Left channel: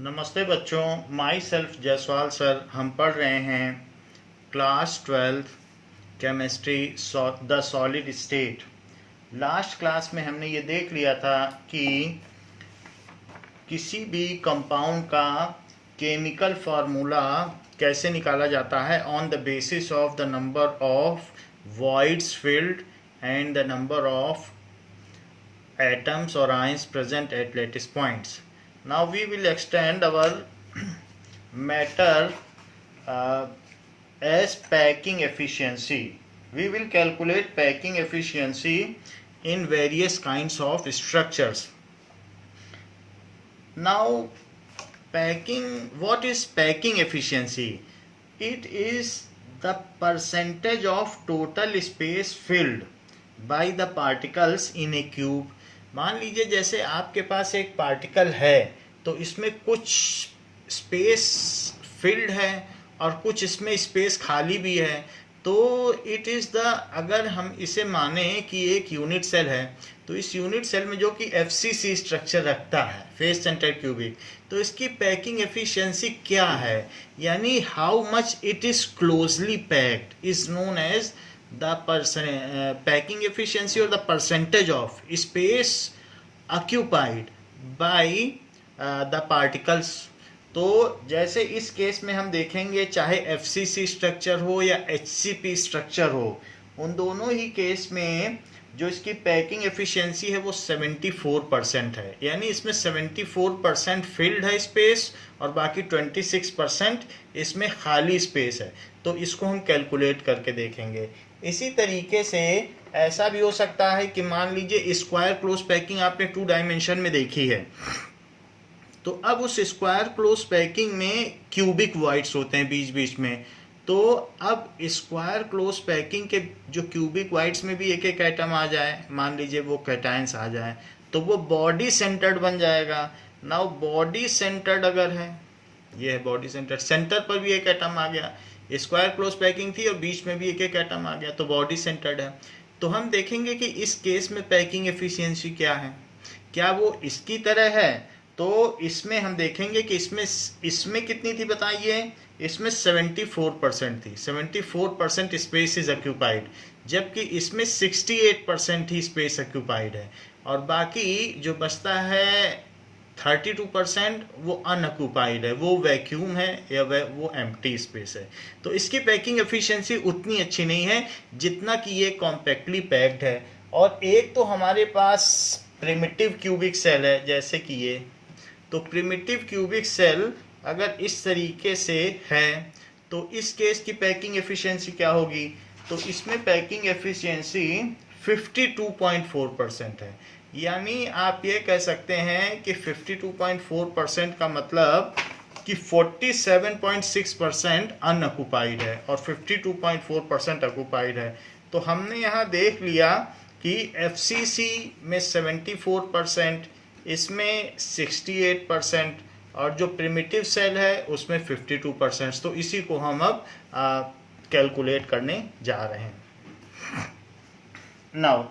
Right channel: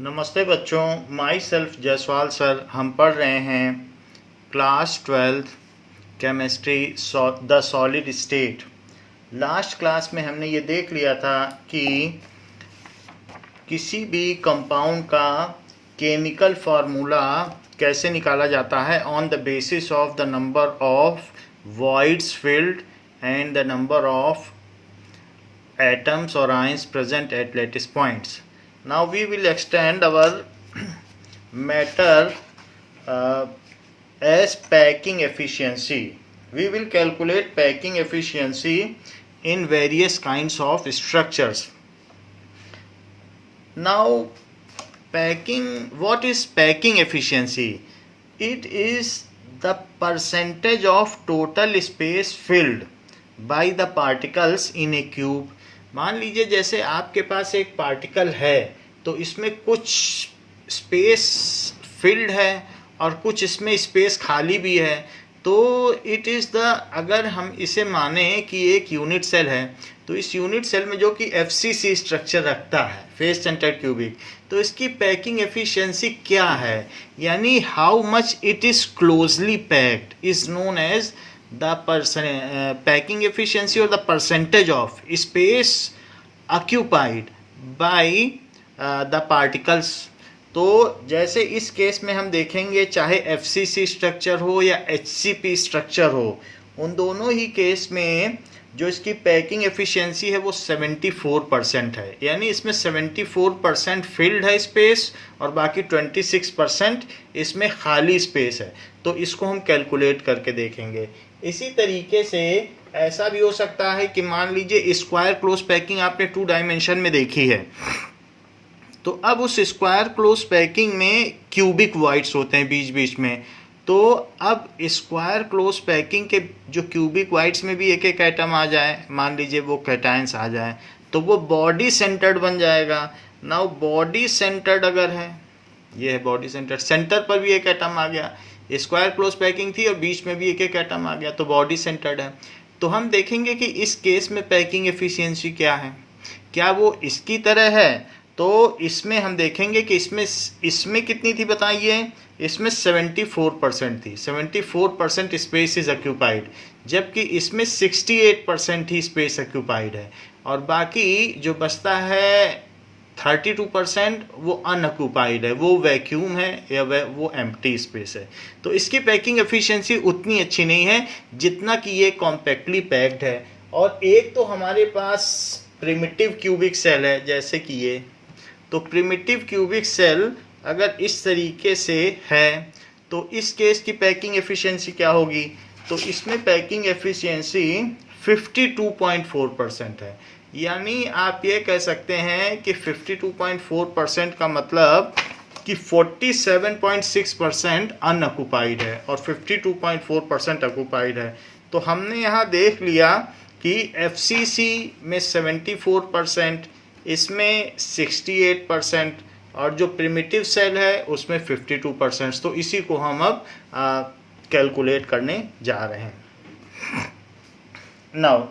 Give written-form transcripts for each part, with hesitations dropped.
नमस्ते बच्चों, my self Jaiswal sir. हम पढ़ रहे हैं class 12th chemistry the solid state. Last class में हमने ये देख लिया था कि किसी भी कंपाउंड का केमिकल फार्मूला कैसे निकाला जाता है on the basis of the number of voids filled and the number of atoms or ions present at lattice points. Now we will extend our matter uh, as packing efficiency. We will calculate packing efficiency in various kinds of structures. Now what is packing efficiency? It is the percentage of total space filled by the particles in a cube. मान लीजिए जैसे आपके पास एक particle है तो इसमें कुछ space field है और कुछ इसमें स्पेस खाली भी है, तो इट इज़ द, अगर हम इसे माने कि एक यूनिट सेल है तो इस यूनिट सेल में जो कि FCC स्ट्रक्चर रखता है, फेस सेंटर्ड क्यूबिक, तो इसकी पैकिंग एफिशिएंसी क्या है, यानी how much it is closely packed is known as the packing efficiency or the percentage of space occupied by the particles. तो जैसे इस केस में हम देखेंगे, चाहे FCC स्ट्रक्चर हो या HCP स्ट्रक्चर हो, उन दोनों ही केस में जो इसकी पैकिंग एफिशिएंसी है वो 74% है, यानी इसमें 74% फिल्ड है स्पेस और बाकी 26% इसमें खाली स्पेस है। तो इसको हम कैलकुलेट करके देखेंगे। इसी तरीके से ऐसा भी हो सकता है कि मान लीजिए स्क्वायर क्लोज पैकिंग आपने 2 डायमेंशन में देखी है, तो अब उस स्क्वायर क्लोज पैकिंग में क्यूबिक वाइड्स होते हैं बीच बीच में, तो अब स्क्वायर क्लोज पैकिंग के जो क्यूबिक वाइड्स में भी एक एक एटम आ जाए, मान लीजिए वो कैटायंस आ जाए, तो वो बॉडी सेंटर्ड बन जाएगा। नाउ बॉडी सेंटर्ड अगर है, ये है बॉडी सेंटर्ड, सेंटर पर भी एक एटम आ गया, स्क्वायर क्लोज पैकिंग थी और बीच में भी एक एक एटम आ गया, तो बॉडी सेंटर्ड है। तो हम देखेंगे कि इस केस में पैकिंग एफिशिएंसी क्या है, क्या वो इसकी तरह है। तो इसमें हम देखेंगे कि इसमें कितनी थी बताइए, इसमें 74% थी, 74% स्पेस इज ऑक्यूपाइड, जबकि इसमें 68% ही स्पेस ऑक्यूपाइड है और बाकी जो बचता है 32% वो अनऑक्यूपाइड है, वो वैक्यूम है या वो एम्प्टी स्पेस है। तो इसकी पैकिंग एफिशिएंसी उतनी अच्छी नहीं है जितना कि ये कॉम्पैक्टली पैक्ड है। और एक तो हमारे पास प्रिमिटिव क्यूबिक सेल है जैसे कि ये, तो प्रिमिटिव क्यूबिक सेल अगर इस तरीके से है तो इस केस की पैकिंग एफिशिएंसी क्या होगी, तो इसमें पैकिंग एफिशिएंसी 52.4% है, यानी आप ये कह सकते हैं कि 52.4% का मतलब कि 47.6% अनऑक्युपाइड है और 52.4% ऑक्युपाइड है। तो हमने यहाँ देख लिया कि FCC में 74%, इसमें 68% और जो प्रिमिटिव सेल है उसमें 52%। तो इसी को हम अब कैलकुलेट करने जा रहे हैं। Now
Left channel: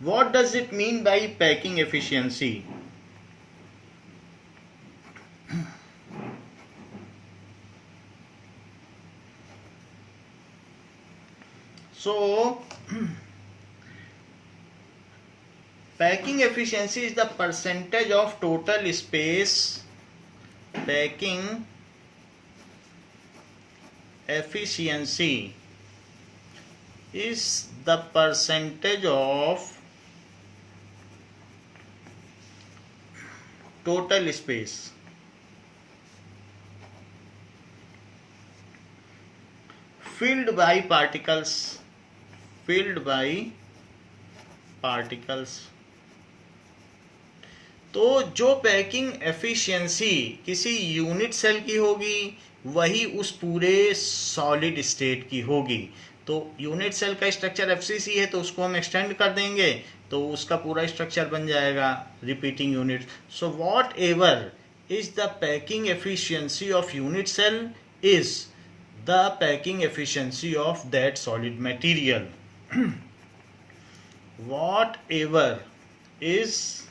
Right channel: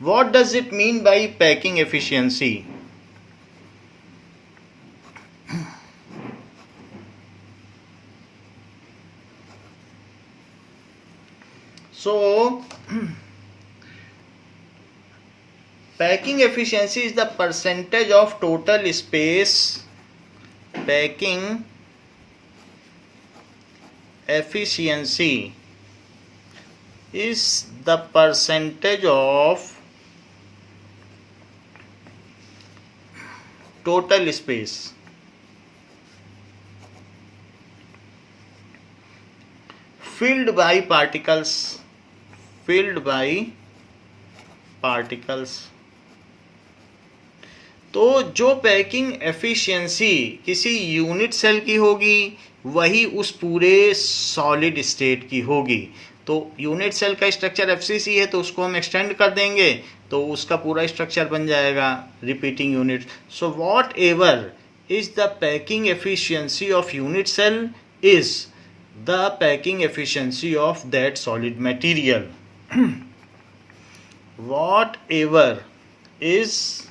what does it mean by packing efficiency? So packing efficiency is the percentage of total space. Packing efficiency is the percentage of total space filled by particles, तो जो पैकिंग एफिशिएंसी किसी unit cell की होगी वही उस पूरे solid state की होगी। तो यूनिट सेल का स्ट्रक्चर FCC है तो उसको हम एक्सटेंड कर देंगे तो उसका पूरा स्ट्रक्चर बन जाएगा repeating unit. So whatever is the packing efficiency of unit cell is the packing efficiency of that solid material. Whatever is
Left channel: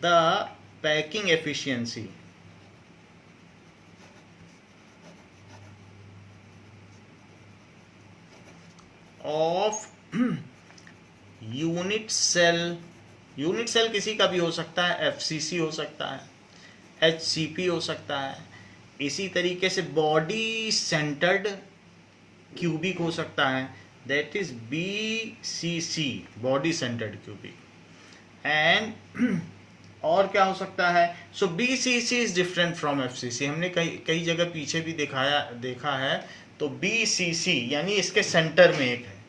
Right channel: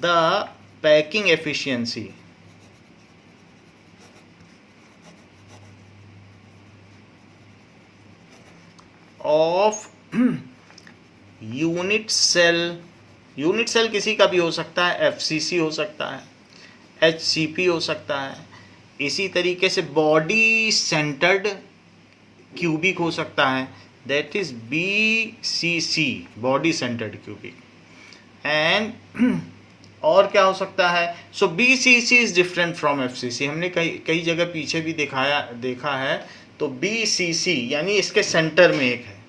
the packing efficiency of unit cell, unit cell किसी का भी हो सकता है, FCC हो सकता है, HCP हो सकता है, इसी तरीके से बॉडी सेंटर्ड क्यूबिक हो सकता है, that is BCC, body centred cubic. And और क्या हो सकता है? So BCC is different from FCC, हमने कई जगह पीछे भी देखा है। तो बीसीसी यानी इसके सेंटर में एक है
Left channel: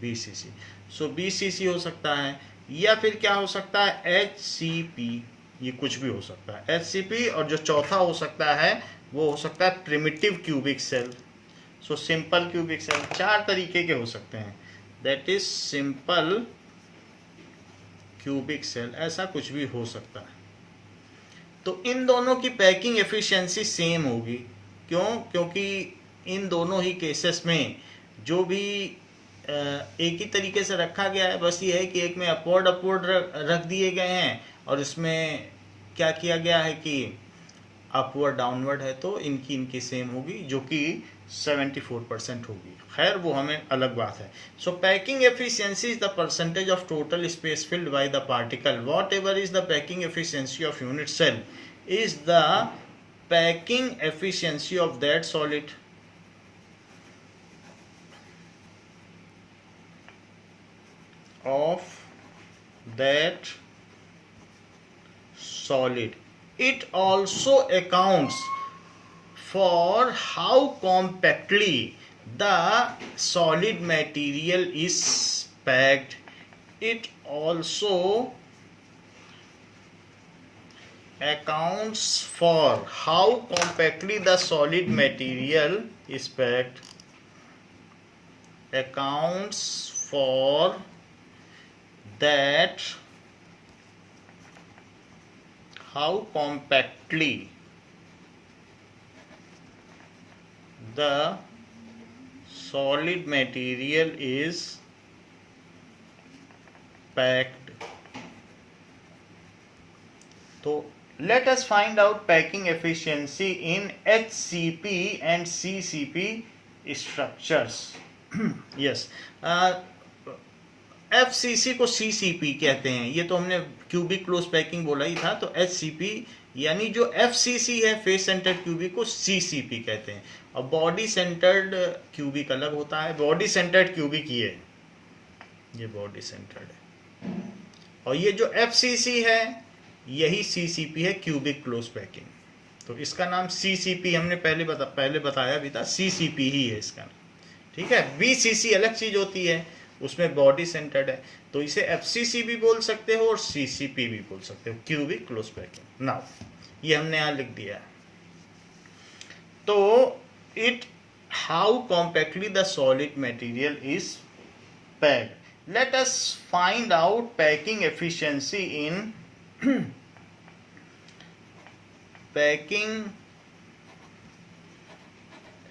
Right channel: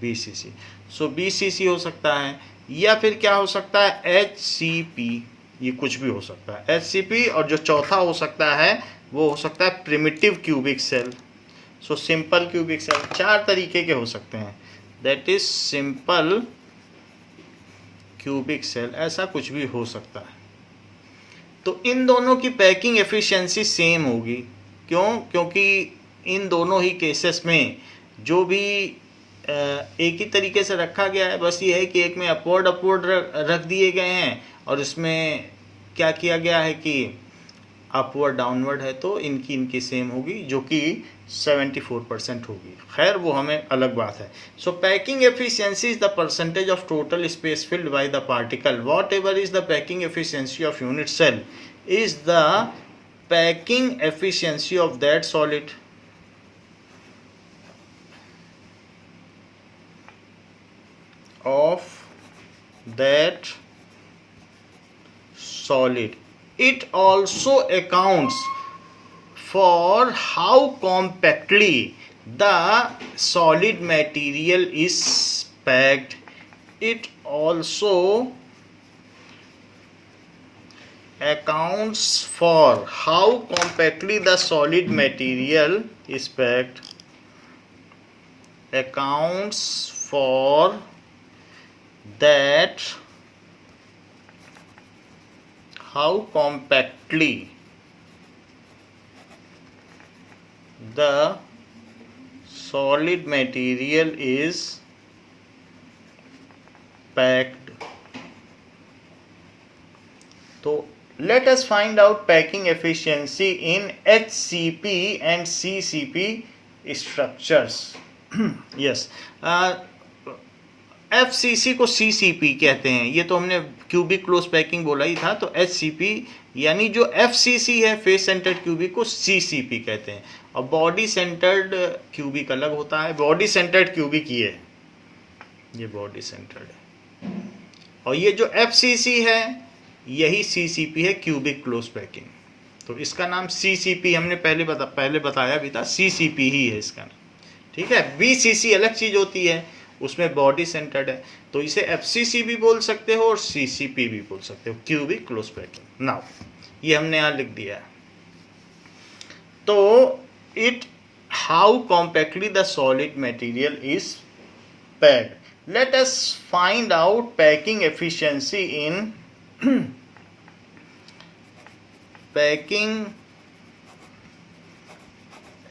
बीसीसी, सो बीसीसी हो सकता है, या फिर क्या हो सकता है? एचसीपी, ये कुछ भी हो सकता है एचसीपी। और जो चौथा हो सकता है वो हो सकता है primitive cubic cell, so simple cubic cell. 4 तरीके के हो सकते हैं, that is simple cubic cell, ऐसा कुछ भी हो सकता है। तो इन दोनों की पैकिंग एफिशिएंसी सेम होगी। क्यों? क्योंकि इन दोनों ही केसेस में जो भी एक ही तरीके से रखा गया है, बस ये है कि एक में अपवर्ड रख दिए गए हैं और इसमें क्या किया गया है कि अपवर्ड डाउनवर्ड है, तो इनकी सेम होगी, जो कि 74% होगी। खैर वो हमें अलग बात है। So packing efficiency is the percentage of total space filled by the particle, whatever is the packing efficiency of unit cell is the packing efficiency of that solid. of that solid. It also accounts for how compactly the solid material is packed. It also accounts for how compactly the solid material is packed. Accounts for that how compactly the solid material is packed. So let us find out packing efficiency in HCP and CCP structures. Yes. FCC को CCP कहते हैं, ये तो हमने cubic close packing बोला ही था। तो HCP यानी जो एफसीसी है, फेस सेंटर्ड क्यूबिक, को सीसीपी कहते हैं। और बॉडी सेंटर्ड क्यूबिक अलग होता है। बॉडी सेंटर्ड क्यूबिक ये बॉडी सेंटर्ड है, और ये जो एफसीसी है यही सीसीपी है, क्यूबिक क्लोज पैकिंग। तो इसका नाम सीसीपी हमने पहले बताया भी था, सीसीपी ही है इसका नाम। ठीक है, बीसीसी अलग चीज होती है, उसमें बॉडी सेंटर्ड है, तो इसे एफसीसी भी बोल सकते हो और सीसीपी भी बोल सकते हो, क्यूबिक क्लोज पैकिंग। नाउ ये हमने यहां लिख दिया। तो it how compactly the solid material is packed. Late us find out packing efficiency in packing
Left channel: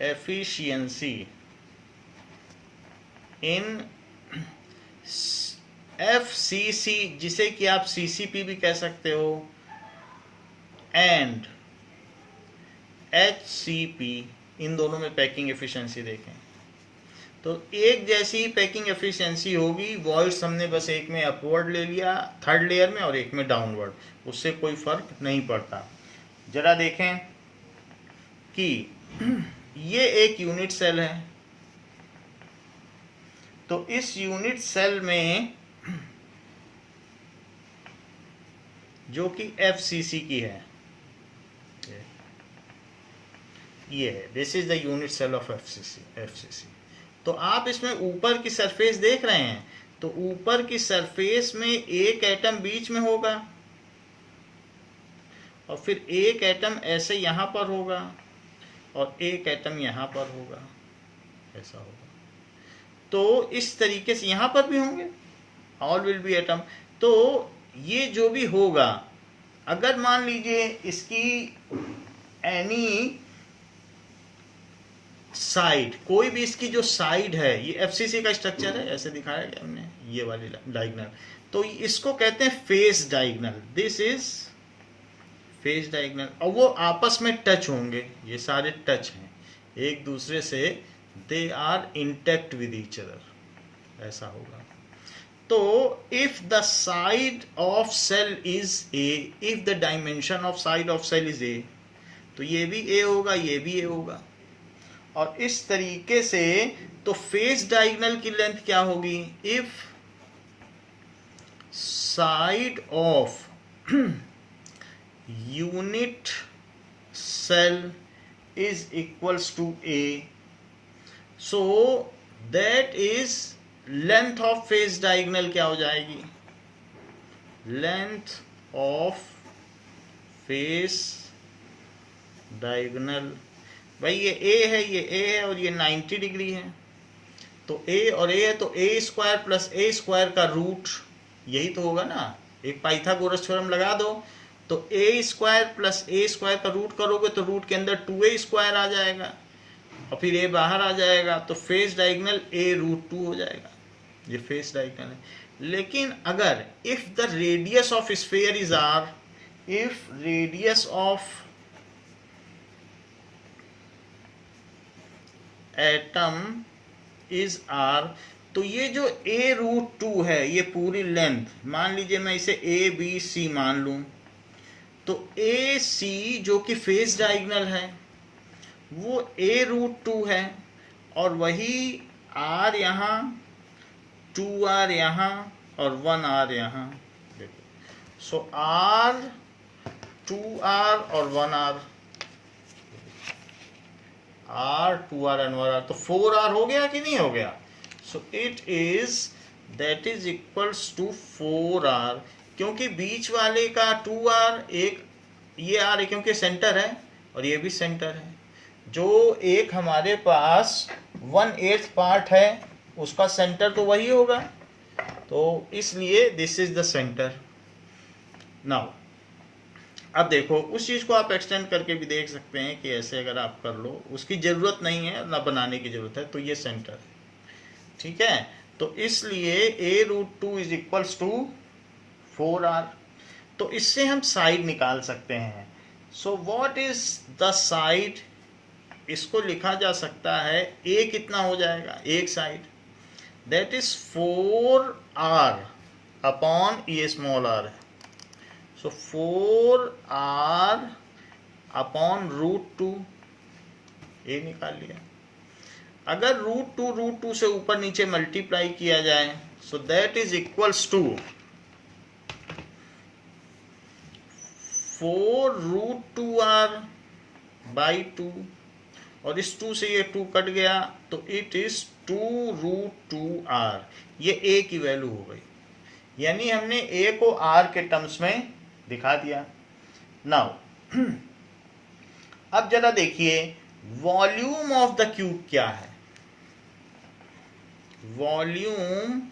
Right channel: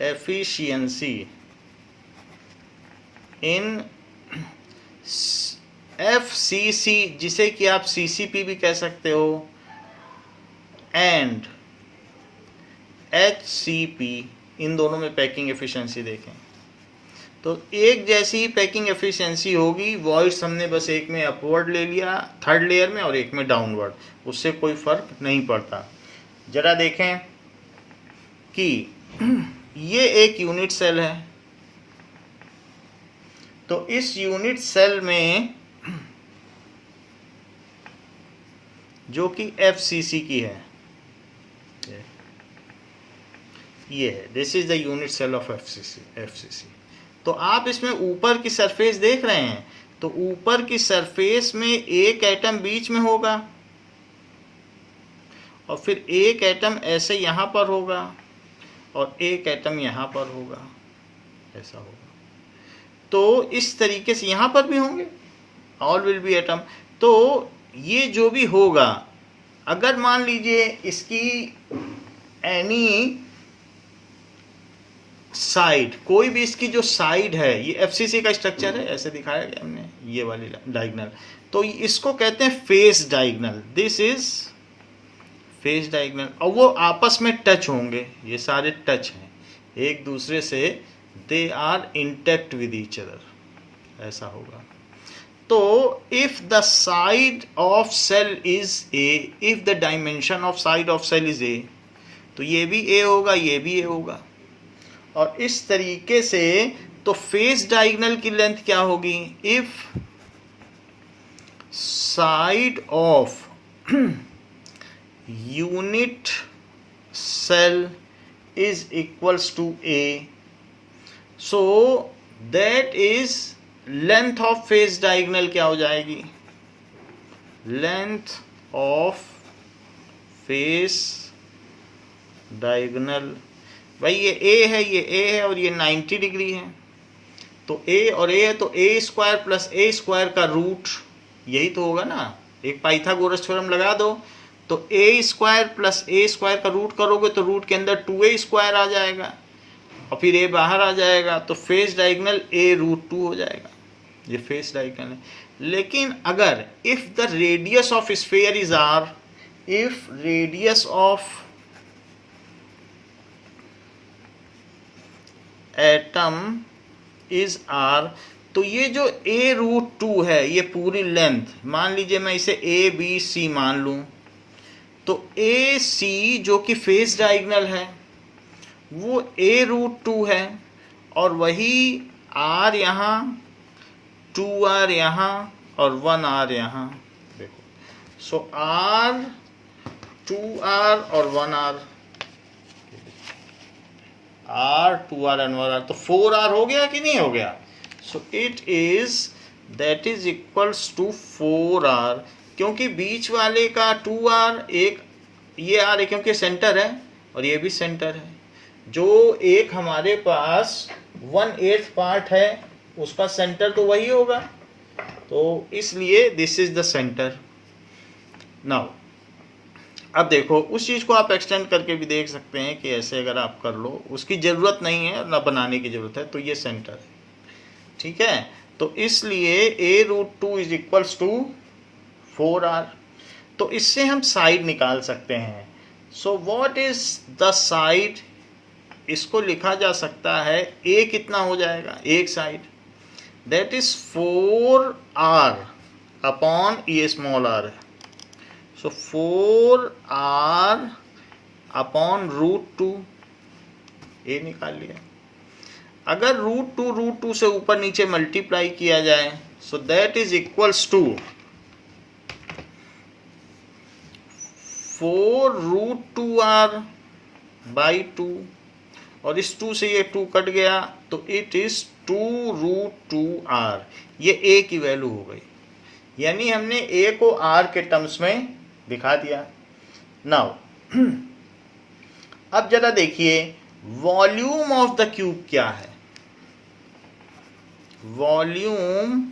efficiency in FCC, जिसे कि आप सीसीपी भी कह सकते हो, एंड एचसीपी, इन दोनों में पैकिंग एफिशिएंसी देखें तो एक जैसी ही पैकिंग एफिशिएंसी होगी। वॉइड्स हमने बस एक में अपवर्ड ले लिया थर्ड लेयर में और एक में डाउनवर्ड, उससे कोई फर्क नहीं पड़ता। जरा देखें कि ये एक यूनिट सेल है, तो इस यूनिट सेल में जो कि एफसीसी की है, ये है, this is the unit cell of FCC. तो आप इसमें ऊपर की सरफेस देख रहे हैं, तो ऊपर की सरफेस में एक एटम बीच में होगा और फिर एक एटम ऐसे यहां पर होगा और एक एटम यहां पर होगा, ऐसा होगा। तो इस तरीके से यहां पर भी होंगे, ऑल विल बी एटम। तो ये जो भी होगा, अगर मान लीजिए इसकी एनी साइड, कोई भी इसकी जो साइड है, ये एफसीसी का स्ट्रक्चर है, ऐसे दिखाया गया हमने, ये वाली डायगोनल, तो इसको कहते हैं face diagonal. This is face diagonal, और वो आपस में टच होंगे, ये सारे टच हैं एक दूसरे से, they are intact with each other. ऐसा होगा। तो if the side of cell is a, if the dimension of side of cell is a, तो ये भी ए होगा, ये भी ए होगा। और इस तरीके से तो फेस डायगोनल की लेंथ क्या होगी? If side of unit cell is equals to A, so that is length of face diagonal क्या हो जाएगी? Length of face diagonal, भाई ये A है, ये A है और ये 90 डिग्री है, तो A और A है तो A square plus A square का रूट यही तो होगा ना। एक पाइथागोरस थ्योरम लगा दो, तो ए स्क्वायर प्लस ए स्क्वायर का रूट करोगे तो रूट के अंदर 2a स्क्वायर आ जाएगा और फिर ए बाहर आ जाएगा, तो फेस डायगोनल a√2 हो जाएगा। ये फेस डायगोनल है। लेकिन अगर if the radius of sphere is r, if radius of atom is r, तो ये जो a√2 है ये पूरी लेंथ, मान लीजिए मैं इसे ए बी सी मान लूं, तो ए सी जो कि फेस डायगोनल है वो a√2 है और वही r यहाँ, 2r यहाँ और 1r यहाँ। देखो, सो r, 2r और 1r, r, 2r and 1r, तो 4r हो गया कि नहीं हो गया? So it is that is equals to 4r, क्योंकि बीच वाले का 2r, एक ये r है क्योंकि सेंटर है और ये भी सेंटर है। जो एक हमारे पास 1/8 पार्ट है उसका सेंटर तो वही होगा, तो इसलिए this is the centre. Now अब देखो, उस चीज़ को आप एक्सटेंड करके भी देख सकते हैं कि ऐसे अगर आप कर लो, उसकी ज़रूरत नहीं है ना बनाने की ज़रूरत है, तो ये सेंटर है, ठीक है। तो इसलिए a√2 is equals to 4r, तो इससे हम साइड निकाल सकते हैं। So what is the side? इसको लिखा जा सकता है a कितना हो जाएगा, एक side, that is 4r upon ये स्मॉल r है, सो 4r अपॉन √2, a निकाल लिया। अगर √2 से ऊपर नीचे मल्टीप्लाई किया जाए, so that is equals to 4√2r by 2, और इस 2 से ये 2 कट गया तो इट इज 2√2r। ये a की वैल्यू हो गई, यानी हमने a को r के टर्म्स में दिखा दिया। नाउ अब जरा देखिए वॉल्यूम ऑफ द क्यूब क्या है। वॉल्यूम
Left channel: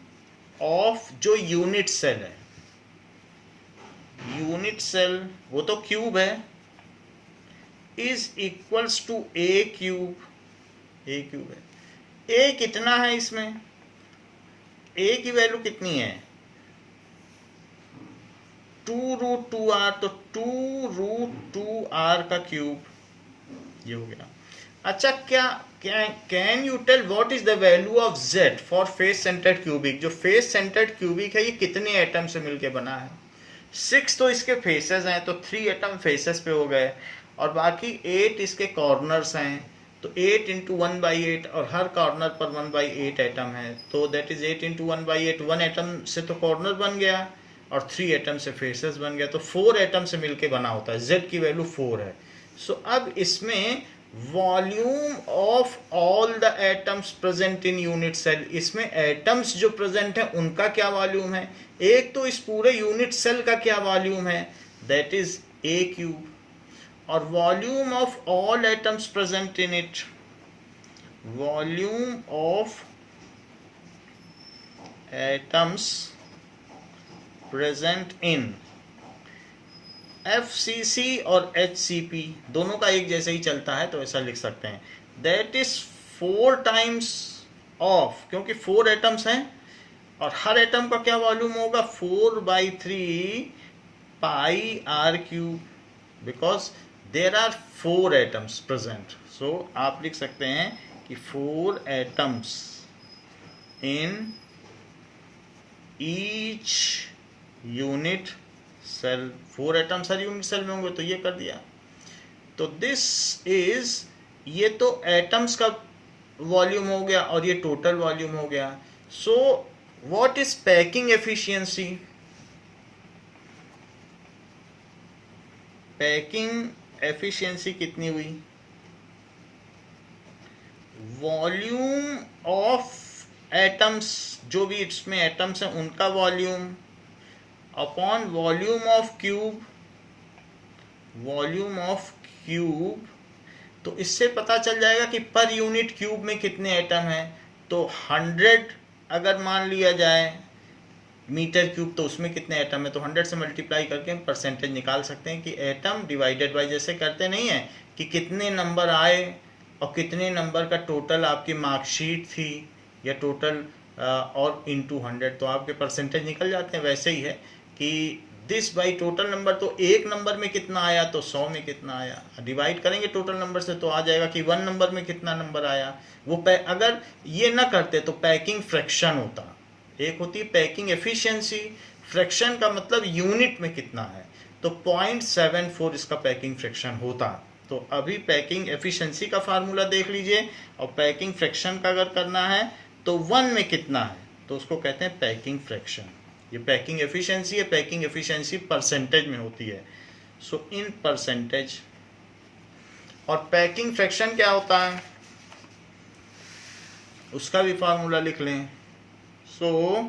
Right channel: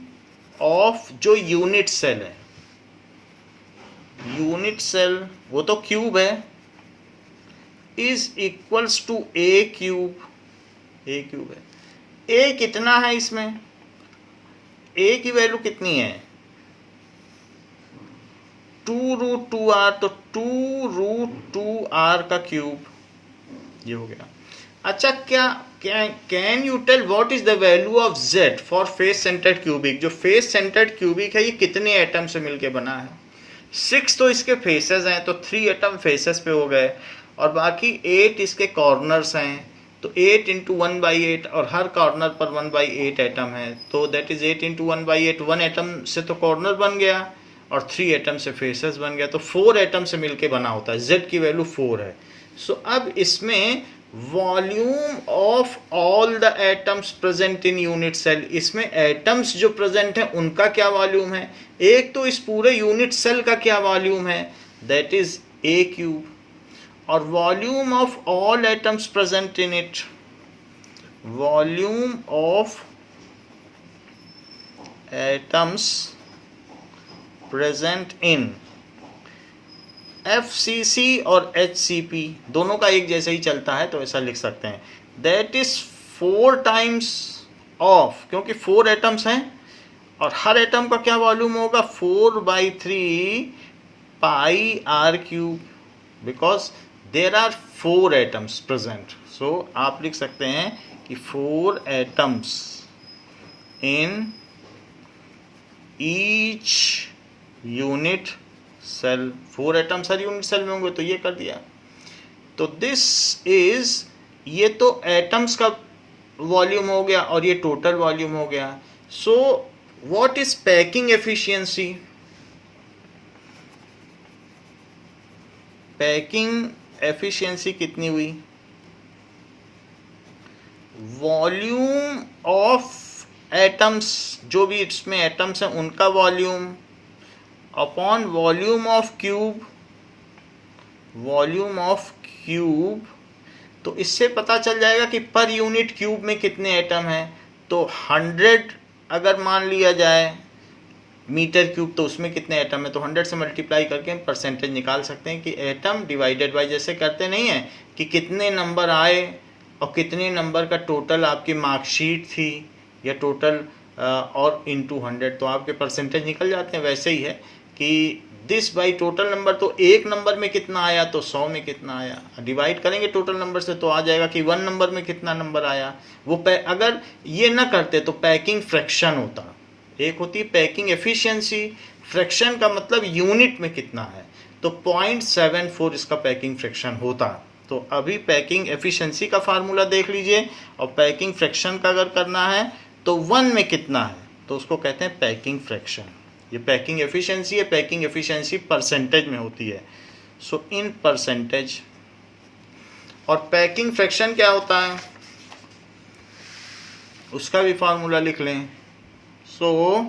ऑफ जो यूनिट सेल है, यूनिट सेल वो तो क्यूब है, is equals to a cube. A cube है, ए कितना है इसमें, ए की वैल्यू कितनी है 2√2r, तो 2√2r का क्यूब, ये हो गया। अच्छा, क्या can you tell what is the value of z for face centred cubic? जो फेस सेंटर्ड क्यूबिक है ये कितने एटम से मिलके बना है? 6 तो इसके फेसेस हैं, तो 3 एटम फेसेस पे हो गए, और बाकी 8 इसके कॉर्नर्स हैं, तो 8 इंटू 1/8, और हर कॉर्नर पर 1/8 एटम है, तो दैट इज 8 इंटू 1/8। 1 एटम से तो कॉर्नर बन गया और 3 एटम से फेसेस बन गया, तो 4 एटम से मिलके बना होता है। z की वैल्यू 4 है। सो अब इसमें volume of all the atoms present in unit cell, इसमें एटम्स जो प्रेजेंट है उनका क्या वॉल्यूम है, एक तो इस पूरे यूनिट सेल का क्या वॉल्यूम है, दैट इज a क्यूब, और volume of all atoms present in it, volume of atoms present in FCC और HCP दोनों का एक जैसे ही चलता है, तो ऐसा लिख सकते हैं, दैट इज 4 टाइम्स ऑफ, क्योंकि 4 एटम्स हैं और हर एटम का क्या वॉल्यूम होगा 4/3 pi r cube, because there are 4 atoms present. So आप लिख सकते हैं कि 4 atoms in each unit cell, 4 atoms हर यूनिट सेल में होंगे, तो ये कर दिया। तो दिस इज, ये तो एटम्स का वॉल्यूम हो गया और ये टोटल वॉल्यूम हो गया। So what is packing efficiency? Packing efficiency कितनी हुई? वॉल्यूम ऑफ एटम्स, जो भी इसमें एटम्स हैं उनका volume upon volume of cube, volume of cube. तो इससे पता चल जाएगा कि पर यूनिट क्यूब में कितने एटम हैं। तो 100 अगर मान लिया जाए मीटर क्यूब, तो उसमें कितने एटम है, तो 100 से मल्टीप्लाई करके हम परसेंटेज निकाल सकते हैं कि एटम डिवाइडेड बाय, जैसे करते नहीं है कि कितने नंबर आए और कितने नंबर का टोटल आपकी मार्कशीट थी या टोटल और इनटू 100, तो आपके परसेंटेज निकल जाते हैं। वैसे ही है कि दिस बाई टोटल नंबर, तो एक नंबर में कितना आया तो 100 में कितना आया, डिवाइड करेंगे टोटल नंबर से तो आ जाएगा कि 1 नंबर में कितना नंबर आया। वो अगर ये ना करते तो पैकिंग फ्रैक्शन होता। एक होती है पैकिंग एफिशिएंसी, फ्रैक्शन का मतलब यूनिट में कितना है, तो 0.74 इसका पैकिंग फ्रैक्शन होता। तो अभी पैकिंग एफिशिएंसी का फार्मूला देख लीजिए, और पैकिंग फ्रैक्शन का अगर करना है तो 1 में कितना है, तो उसको कहते हैं पैकिंग फ्रैक्शन। ये पैकिंग एफिशिएंसी है, पैकिंग एफिशिएंसी परसेंटेज में होती है, सो इन परसेंटेज। और पैकिंग फ्रैक्शन क्या होता है उसका भी फार्मूला लिख लें। सो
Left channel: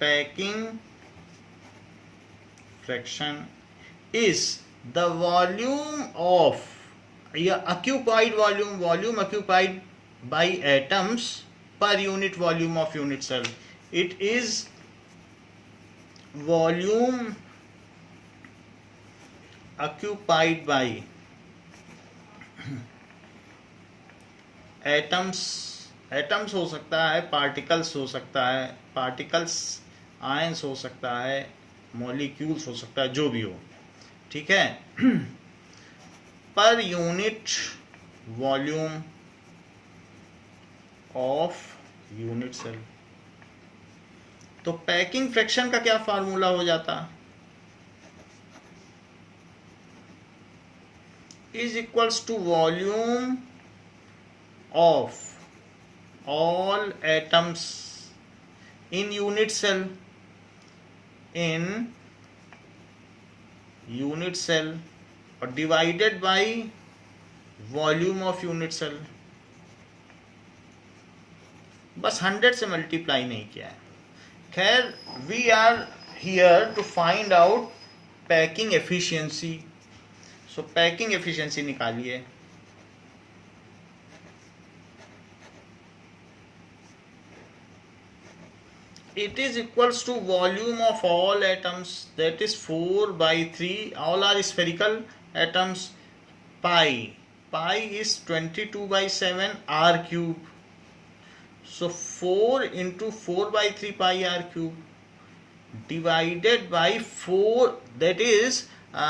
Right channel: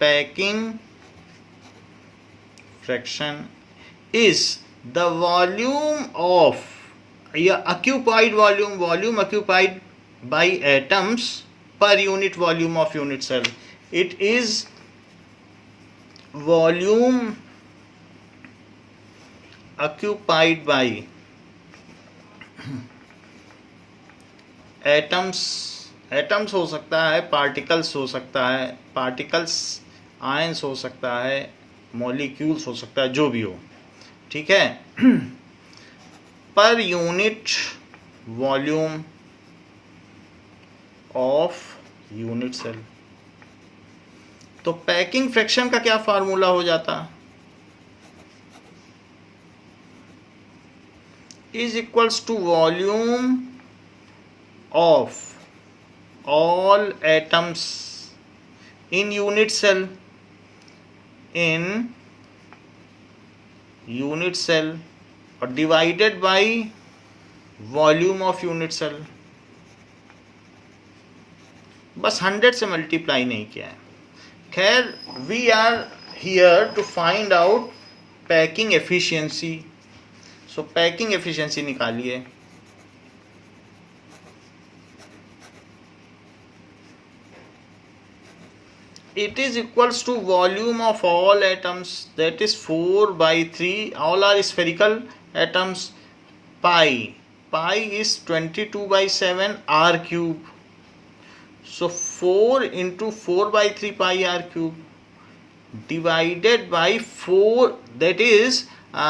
packing fraction is the volume of या occupied volume, volume occupied by atoms per unit volume of unit cell. It is volume occupied by atoms, atoms हो सकता है, पार्टिकल्स हो सकता है, पार्टिकल्स आयंस हो सकता है, मॉलिक्यूल्स हो सकता है, जो भी हो, ठीक है, पर unit volume of unit cell. तो पैकिंग फ्रैक्शन का क्या फार्मूला हो जाता? Is equals to volume of all atoms in unit cell, in unit cell, और divided by volume of unit cell। बस 100 से मल्टीप्लाई नहीं किया है। खैर, we are here to find out packing efficiency. So packing efficiency निकालिए। It is equals to volume of all atoms, that is 4/3, all are spherical atoms. Pi is 22/7 r cube, so 4 into 4/3 pi r cube divided by 4, that is a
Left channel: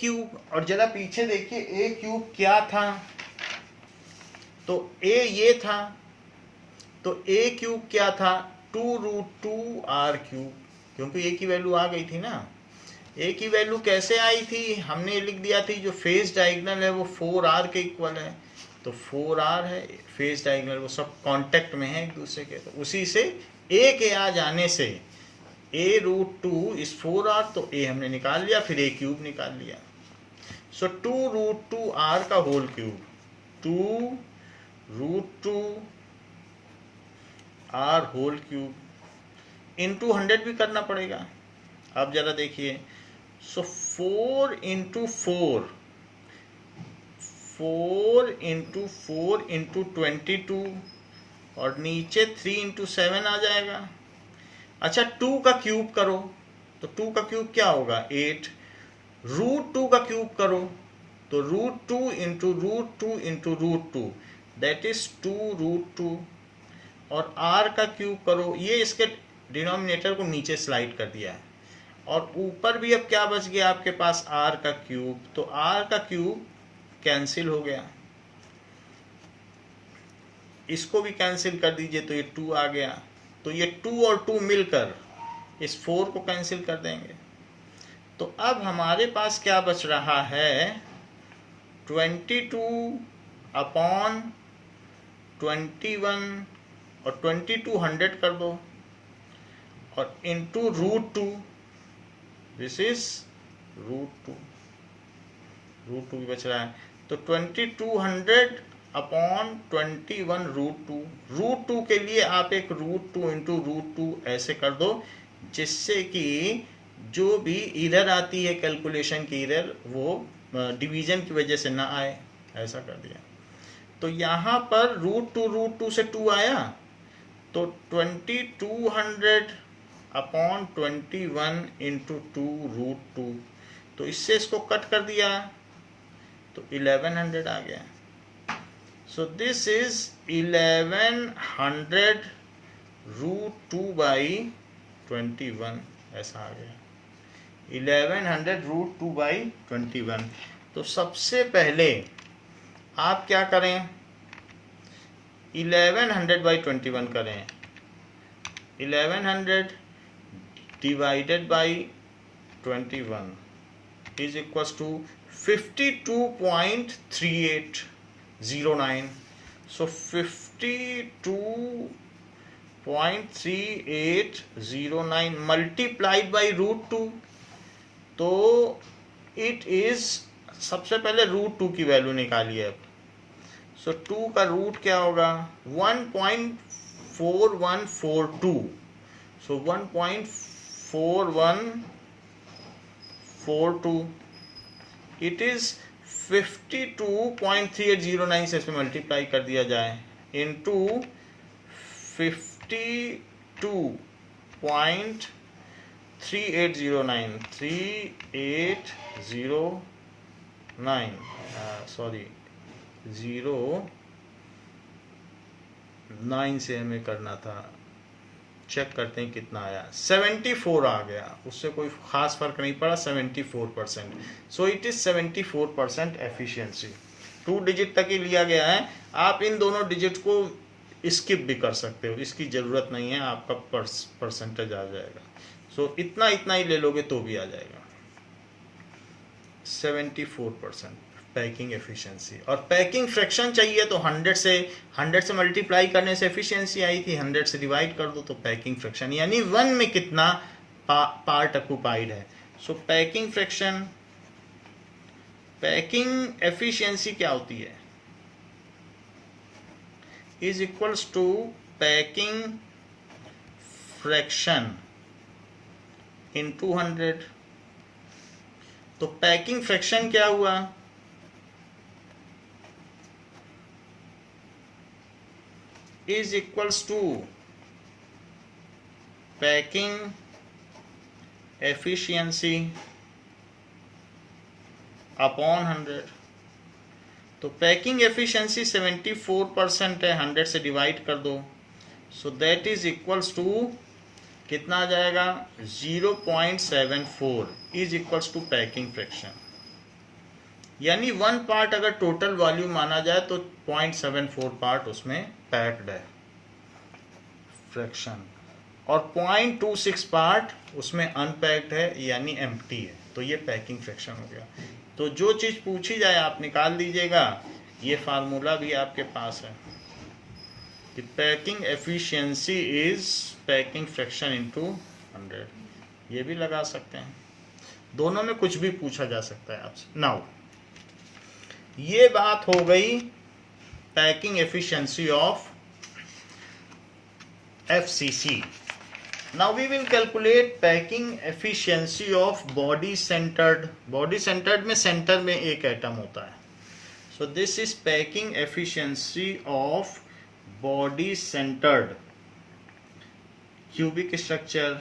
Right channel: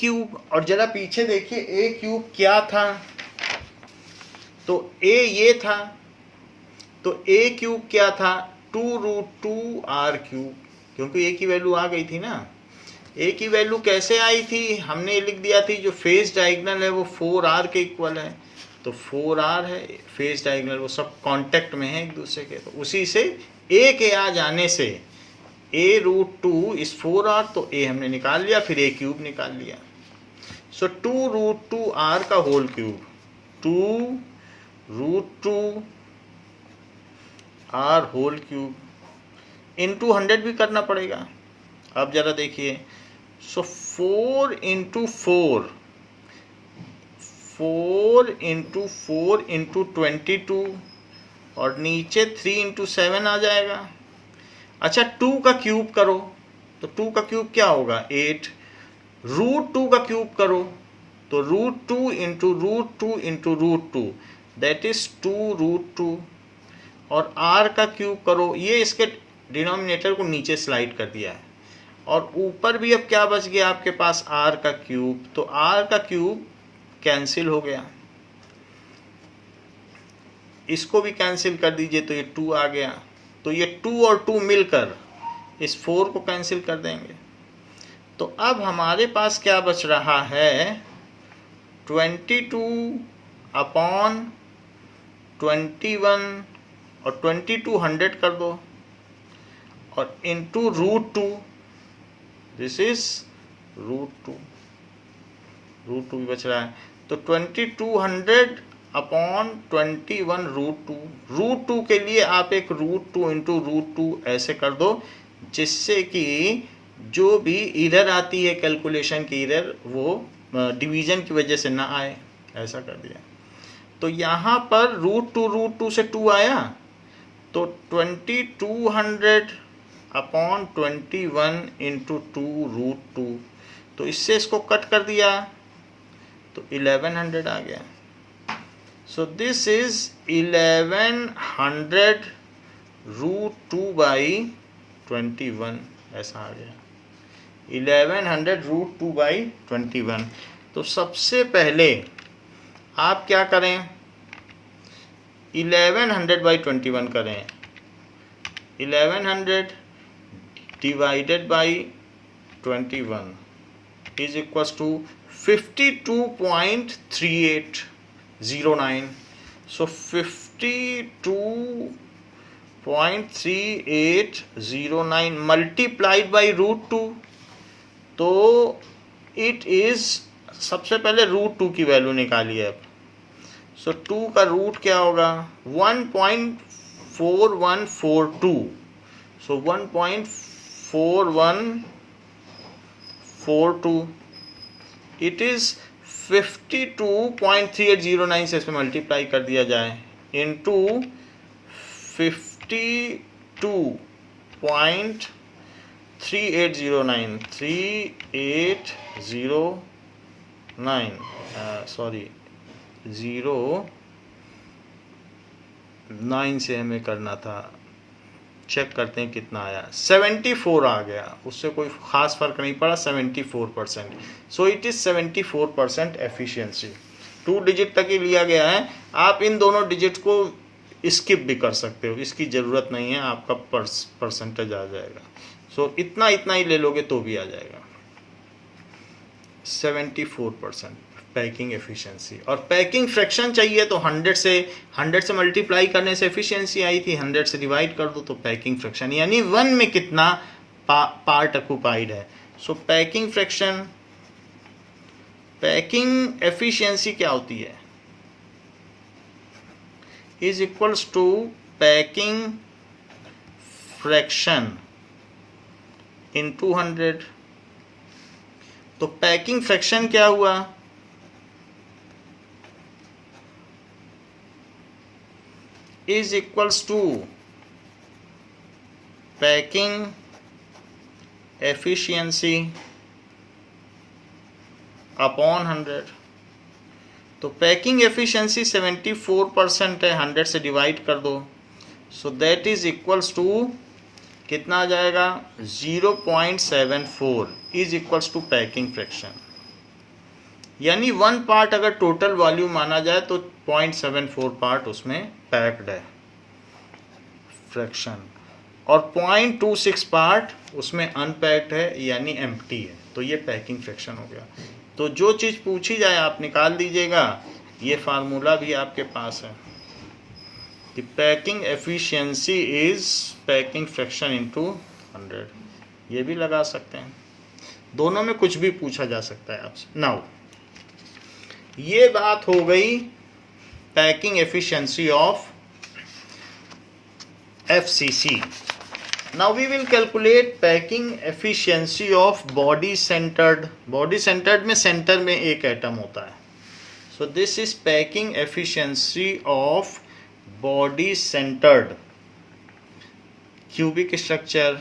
cube। और जरा पीछे देखिए a cube क्या था, तो a ये था, तो a cube क्या था 2√2r क्यूब, क्योंकि ए की वैल्यू आ गई थी ना। ए की वैल्यू कैसे आई थी, हमने लिख दिया थी जो फेस डायगोनल है वो 4r के इक्वल है, तो 4r है फेस डायगोनल, वो सब कांटेक्ट में है एक दूसरे के, तो उसी से ए के आ जाने से a√2 इज 4r, तो ए हमने निकाल लिया, फिर ए क्यूब निकाल लिया। सो 2√2r का whole cube, 2√2 r whole cube into 100 भी करना पड़ेगा। अब जरा देखिए, सो 4 इंटू 4 इंटू 22 और नीचे 3 इंटू 7 आ जाएगा। अच्छा, 2 का क्यूब करो तो 2 का क्यूब क्या होगा 8, √2 का क्यूब करो तो √2 इंटू √2 इंटू √2, दैट इज 2√2, और r का क्यूब करो, ये इसके डिनोमिनेटर को नीचे स्लाइड कर दिया है, और ऊपर भी अब क्या बच गया आपके पास r का क्यूब, तो r का क्यूब कैंसिल हो गया, इसको भी कैंसिल कर दीजिए तो ये 2 आ गया, तो ये 2 और 2 मिलकर इस 4 को कैंसिल कर देंगे। तो अब हमारे पास क्या बच रहा है, 22 अपॉन 21 और 22 100 कर दो और इंटू √2, दिस इज √2 भी बच रहा है। तो 2200 अपॉन 21 √2 के लिए आप एक √2 इंटू √2 ऐसे कर दो, जिससे कि जो भी इरर आती है कैलकुलेशन की इरर वो डिवीजन की वजह से ना आए, ऐसा कर दिया। तो यहाँ पर √2 से 2 आया, तो 2200 अपॉन 21 इंटू 2 √2, तो इससे इसको कट कर दिया तो 1100 आ गया। सो दिस इज 1100 √2 बाई 21, ऐसा आ गया 1100 √2 बाई 21। तो सबसे पहले आप क्या करें, 1100 बाई 21 करें, 1100 divided by 21 is equals to 52.3809। So 52.3809 multiplied by √2, तो इट इज, सबसे पहले √2 की वैल्यू निकालिए अब। सो 2 का रूट क्या होगा, 1.4142। सो 1.4142 इट इज 52.3809 से इसमें मल्टीप्लाई कर दिया जाए इंटू 3809 सॉरी 09 से हमें करना था, चेक करते हैं कितना आया, 74 आ गया, उससे कोई खास फर्क नहीं पड़ा, 74%। सो इट इज 74% एफिशिएंसी। 2 डिजिट तक ही लिया गया है, आप इन दोनों डिजिट को स्किप भी कर सकते हो, इसकी ज़रूरत नहीं है, आपका परसेंटेज आ जाएगा। सो इतना ही ले लोगे तो भी आ जाएगा 74% पैकिंग एफिशिएंसी। और पैकिंग फ्रैक्शन चाहिए तो 100 से मल्टीप्लाई करने से एफिशिएंसी आई थी, 100 से डिवाइड कर दो तो पैकिंग फ्रैक्शन, यानी 1 में कितना पार्ट ऑक्युपाइड है। So packing fraction, packing efficiency क्या होती है, is equals to packing fraction in 200। तो पैकिंग फ्रैक्शन क्या हुआ, is equals to packing efficiency upon 100। तो पैकिंग एफिशिएंसी 74% है, 100 से डिवाइड कर दो, so that is equals to कितना आ जाएगा, 0.74 is equals to packing fraction. यानी 1 पार्ट अगर टोटल वॉल्यूम माना जाए तो 0.74 पार्ट उसमें पैक्ड है फ्रैक्शन, और 0.26 पार्ट उसमें अनपैक्ड है यानी एम्प्टी है। तो ये पैकिंग फ्रैक्शन हो गया। तो जो चीज़ पूछी जाए आप निकाल दीजिएगा, ये फार्मूला भी आपके पास है कि packing efficiency is packing fraction into 100, ये भी लगा सकते हैं, दोनों में कुछ भी पूछा जा सकता है आपसे। नाउ ये बात हो गई packing efficiency of FCC। Now we will calculate packing efficiency of body centered। body centered में सेंटर में एक एटम होता है, so this is packing efficiency of body centered cubic structure।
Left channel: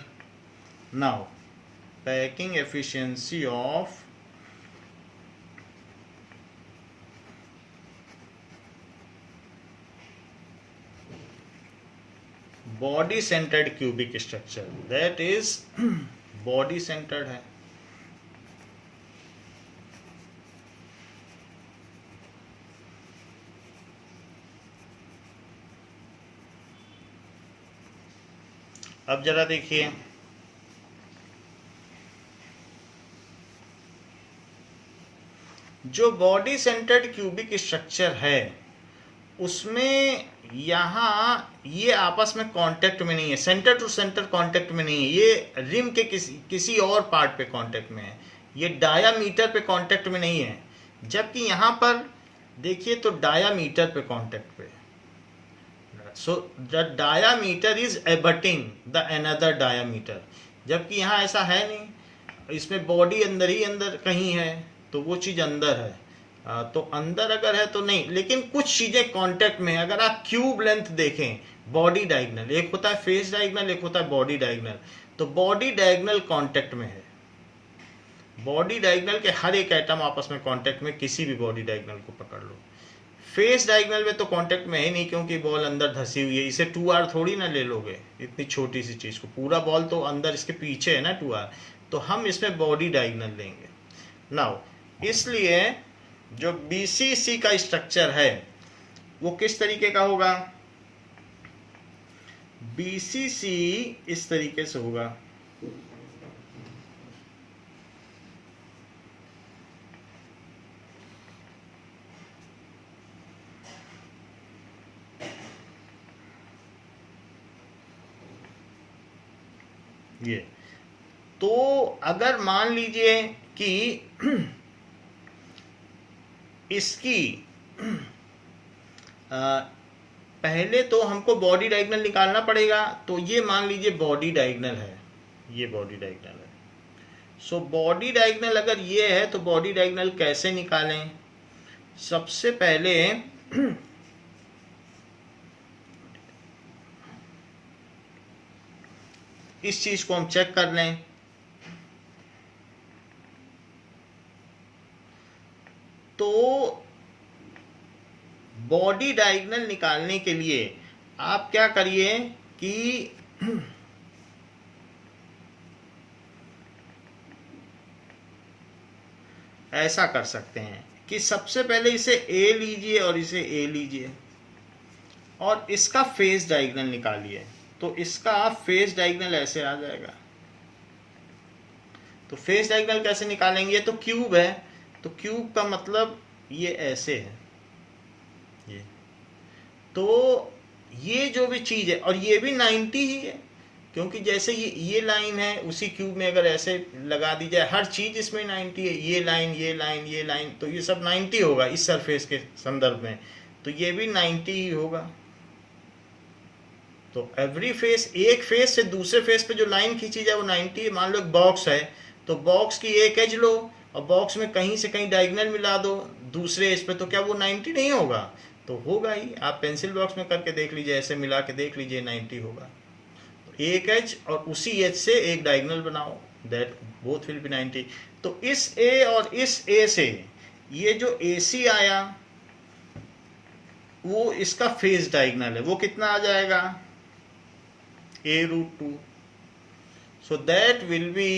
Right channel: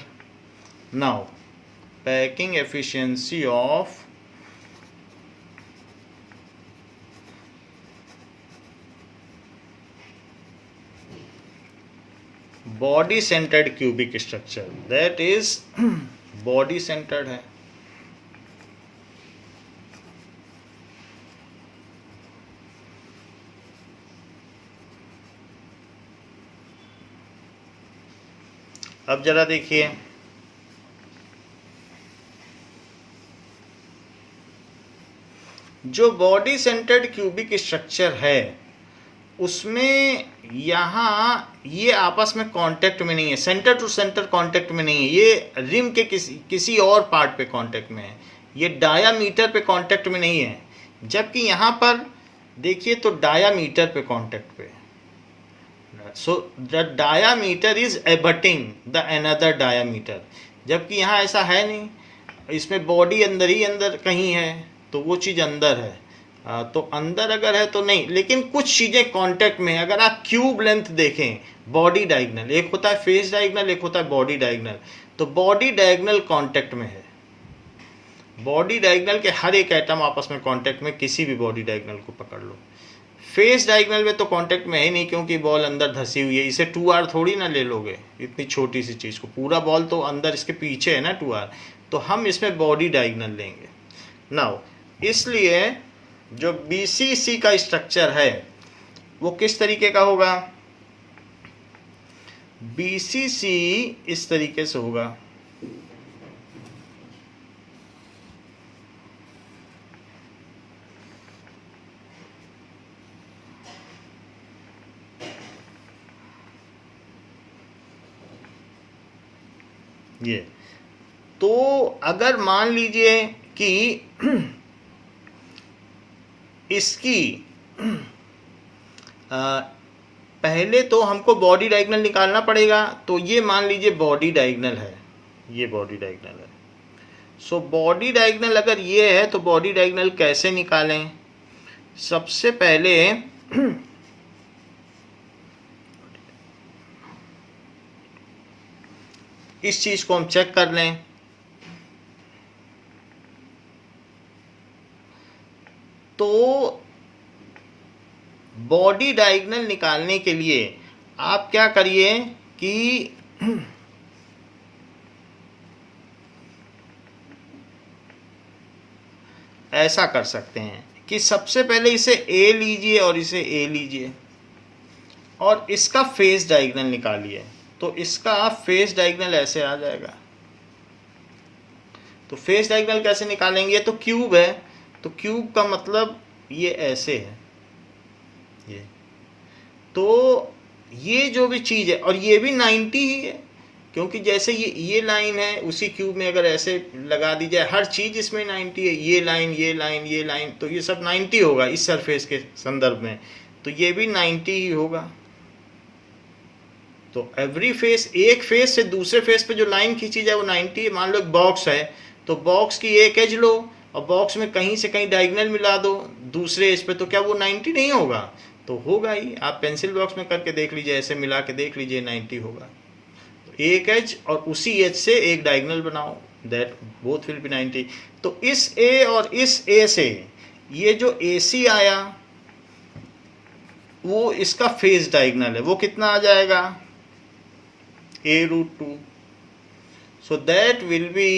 Now packing efficiency of body centred cubic structure, that is body centred है। अब जरा देखिए, जो बॉडी सेंटर्ड क्यूबिक स्ट्रक्चर है उसमें यहाँ ये आपस में कांटेक्ट में नहीं है, सेंटर टू सेंटर कांटेक्ट में नहीं है, ये रिम के किसी और पार्ट पे कांटेक्ट में है, ये डायामीटर पे कांटेक्ट में नहीं है। जबकि यहाँ पर देखिए तो डायामीटर पे कांटेक्ट पे, so the diameter is abutting the another diameter, जबकि यहाँ ऐसा है नहीं, इसमें बॉडी अंदर ही अंदर कहीं है, तो वो चीज़ अंदर है। तो अंदर अगर है तो नहीं, लेकिन कुछ चीज़ें कांटेक्ट में है। अगर आप क्यूब लेंथ देखें, बॉडी डायगोनल, एक होता है फेस डायगोनल, एक होता है बॉडी डायगोनल, तो बॉडी डायगोनल कांटेक्ट में है। बॉडी डायगोनल के हर एक एटम आपस में कांटेक्ट में, किसी भी बॉडी डायगोनल को पकड़ लो। फेस डायगोनल में तो कांटेक्ट में है नहीं, क्योंकि बॉल अंदर धसी हुई है, इसे 2R थोड़ी ना ले लोगे, इतनी छोटी सी चीज़ को, पूरा बॉल तो अंदर इसके पीछे है ना 2R, तो हम इसमें बॉडी डायगोनल लेंगे। नाउ इसलिए जो BCC का स्ट्रक्चर है वो किस तरीके का होगा, BCC इस तरीके से होगा। ये तो अगर मान लीजिए कि इसकी पहले तो हमको बॉडी डायगोनल निकालना पड़ेगा, तो ये मान लीजिए बॉडी डायगोनल है, ये बॉडी डायगोनल है। सो बॉडी डायगोनल अगर ये है तो बॉडी डायगोनल कैसे निकालें, सबसे पहले इस चीज को हम चेक कर लें। तो बॉडी डायगोनल निकालने के लिए आप क्या करिए कि ऐसा कर सकते हैं कि सबसे पहले इसे A लीजिए और इसे A लीजिए और इसका फेस डायगोनल निकालिए। तो इसका फेस डायगोनल ऐसे आ जाएगा। तो फेस डायगोनल कैसे निकालेंगे, तो क्यूब है, तो क्यूब का मतलब ये ऐसे है, ये तो ये जो भी चीज़ है, और ये भी 90 ही है, क्योंकि जैसे ये लाइन है उसी क्यूब में अगर ऐसे लगा दी जाए, हर चीज़ इसमें 90 है, ये लाइन ये लाइन ये लाइन, तो ये सब 90 होगा इस सरफेस के संदर्भ में, तो ये भी 90 ही होगा। तो एवरी फेस, एक फेस से दूसरे फेस पे जो लाइन खींची जाए वो 90 है। मान लो एक बॉक्स है, तो बॉक्स की एक एज लो और बॉक्स में कहीं से कहीं डायगोनल मिला दो दूसरे एज पे, तो क्या वो 90 नहीं होगा, तो होगा ही। आप पेंसिल बॉक्स में करके देख लीजिए, ऐसे मिला के देख लीजिए, 90 होगा। एक एज और उसी एज से एक डायगोनल बनाओ, दैट बोथ विल बी 90। तो इस ए और इस ए से ये जो AC आया वो इसका फेस डायगोनल है, वो कितना आ जाएगा, A√2, so that will be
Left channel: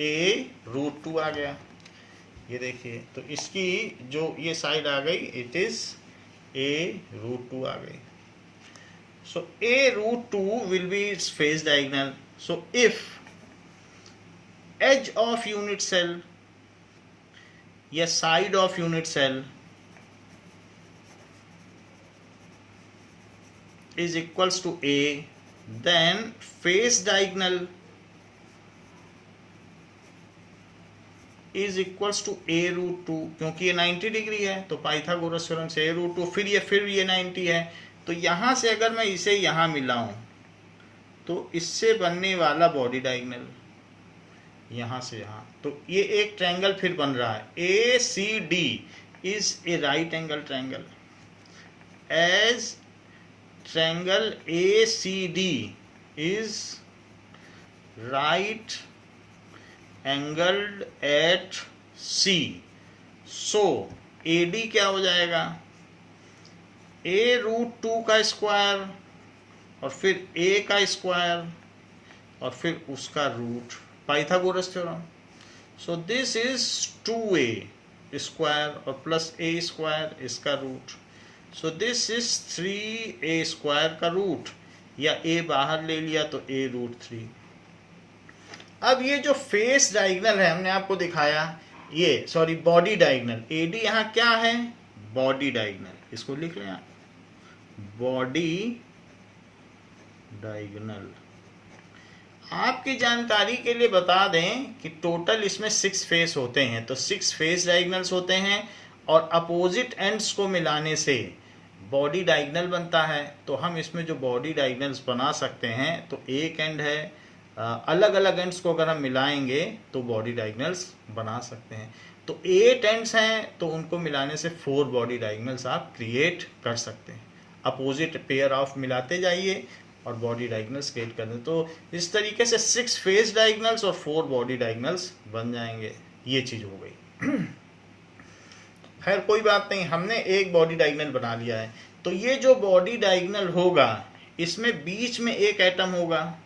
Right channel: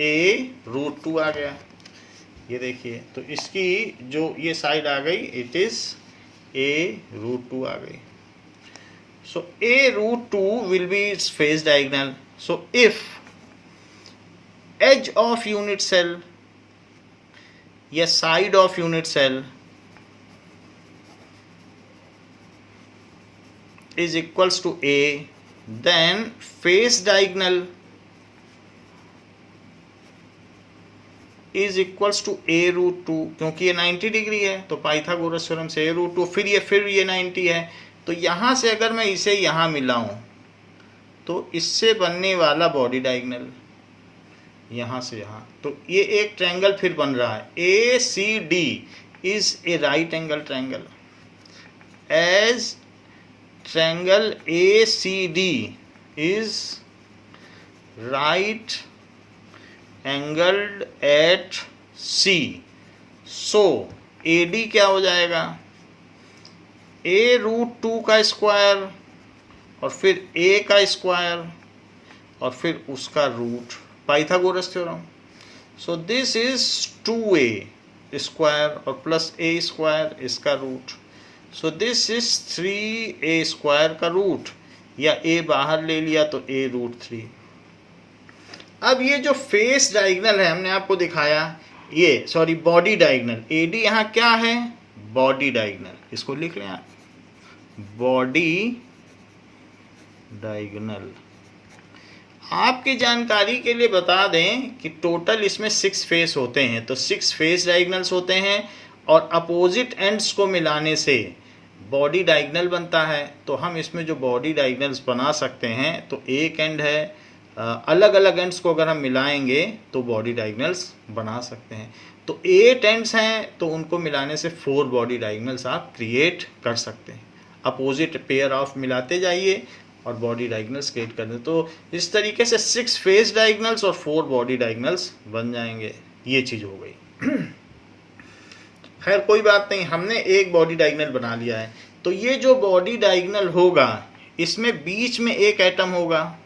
A√2 आ गया। ये देखिए, तो इसकी जो ये साइड आ गई, इट इज A√2 आ गई। So A√2 will be its phase diagonal. So if edge of unit cell या side of unit cell is equals to A, then face diagonal is equals to A√2, क्योंकि ये 90 degree है तो Pythagoras theorem से A√2, फिर ये 90 है, तो यहाँ से अगर मैं इसे यहाँ मिलाऊं तो इससे बनने वाला बॉडी डायगोनल यहाँ से यहाँ, तो ये एक ट्रायंगल फिर बन रहा है। ACD is a right angle triangle, as triangle ACD is right angled at C, so AD क्या हो जाएगा, A√2 का स्क्वायर और फिर A का स्क्वायर और फिर उसका root, Pythagoras theorem. So this is 2A square और प्लस A स्क्वायर इसका root, so this is 3A square का रूट। या ए बाहर ले लिया तो a√3। अब ये जो फेस डायगोनल है हमने आपको दिखाया, ये सॉरी बॉडी डायगोनल, AD यहाँ क्या है, बॉडी डायगोनल, इसको लिख लें आप, बॉडी डायगोनल। आपकी जानकारी के लिए बता दें कि टोटल इसमें 6 फेस होते हैं, तो 6 फेस डायगोनल्स होते हैं और अपोजिट एंड्स को मिलाने से बॉडी डायगोनल बनता है। तो हम इसमें जो बॉडी डायगोनल्स बना सकते हैं, तो एक एंड है, अलग अलग एंड्स को अगर हम मिलाएंगे तो बॉडी डायगोनल्स बना सकते हैं। तो 8 एंड्स हैं तो उनको मिलाने से 4 बॉडी डायगोनल्स आप क्रिएट कर सकते हैं। अपोजिट पेयर ऑफ मिलाते जाइए और बॉडी डायगोनल्स क्रिएट कर दें, तो इस तरीके से 6 फेस डायगोनल्स और 4 बॉडी डायगोनल्स बन जाएंगे। ये चीज़ हो गई। खैर कोई बात नहीं, हमने एक बॉडी डायगोनल बना लिया है। तो ये जो बॉडी डायगोनल होगा इसमें बीच में एक एटम होगा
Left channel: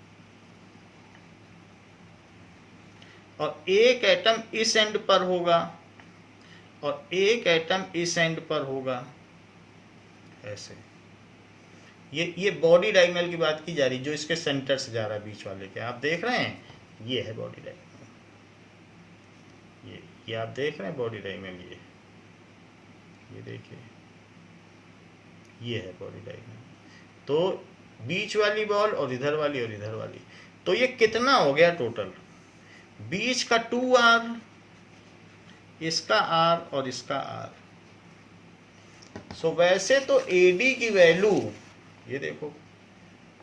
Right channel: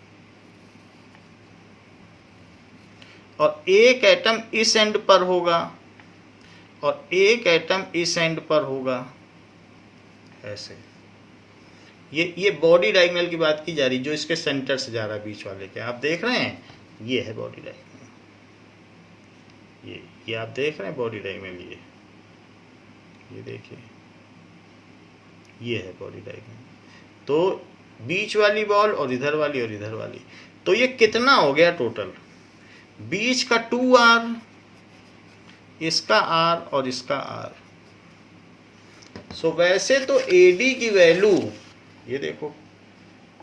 और एक एटम इस एंड पर होगा और एक एटम इस एंड पर होगा, ऐसे। ये बॉडी डायगोनल की बात की जा रही, जो इसके सेंटर से जा रहा है, बीच वाले के, आप देख रहे हैं, ये है बॉडी डायगोनल। ये आप देख रहे हैं बॉडी डायगोनल, ये देखिए, ये है बॉडी डायगोनल। तो बीच वाली बॉल और इधर वाली और इधर वाली, तो ये कितना हो गया टोटल, बीच का 2R, इसका R और इसका R। सो वैसे तो AD की वैल्यू, ये देखो,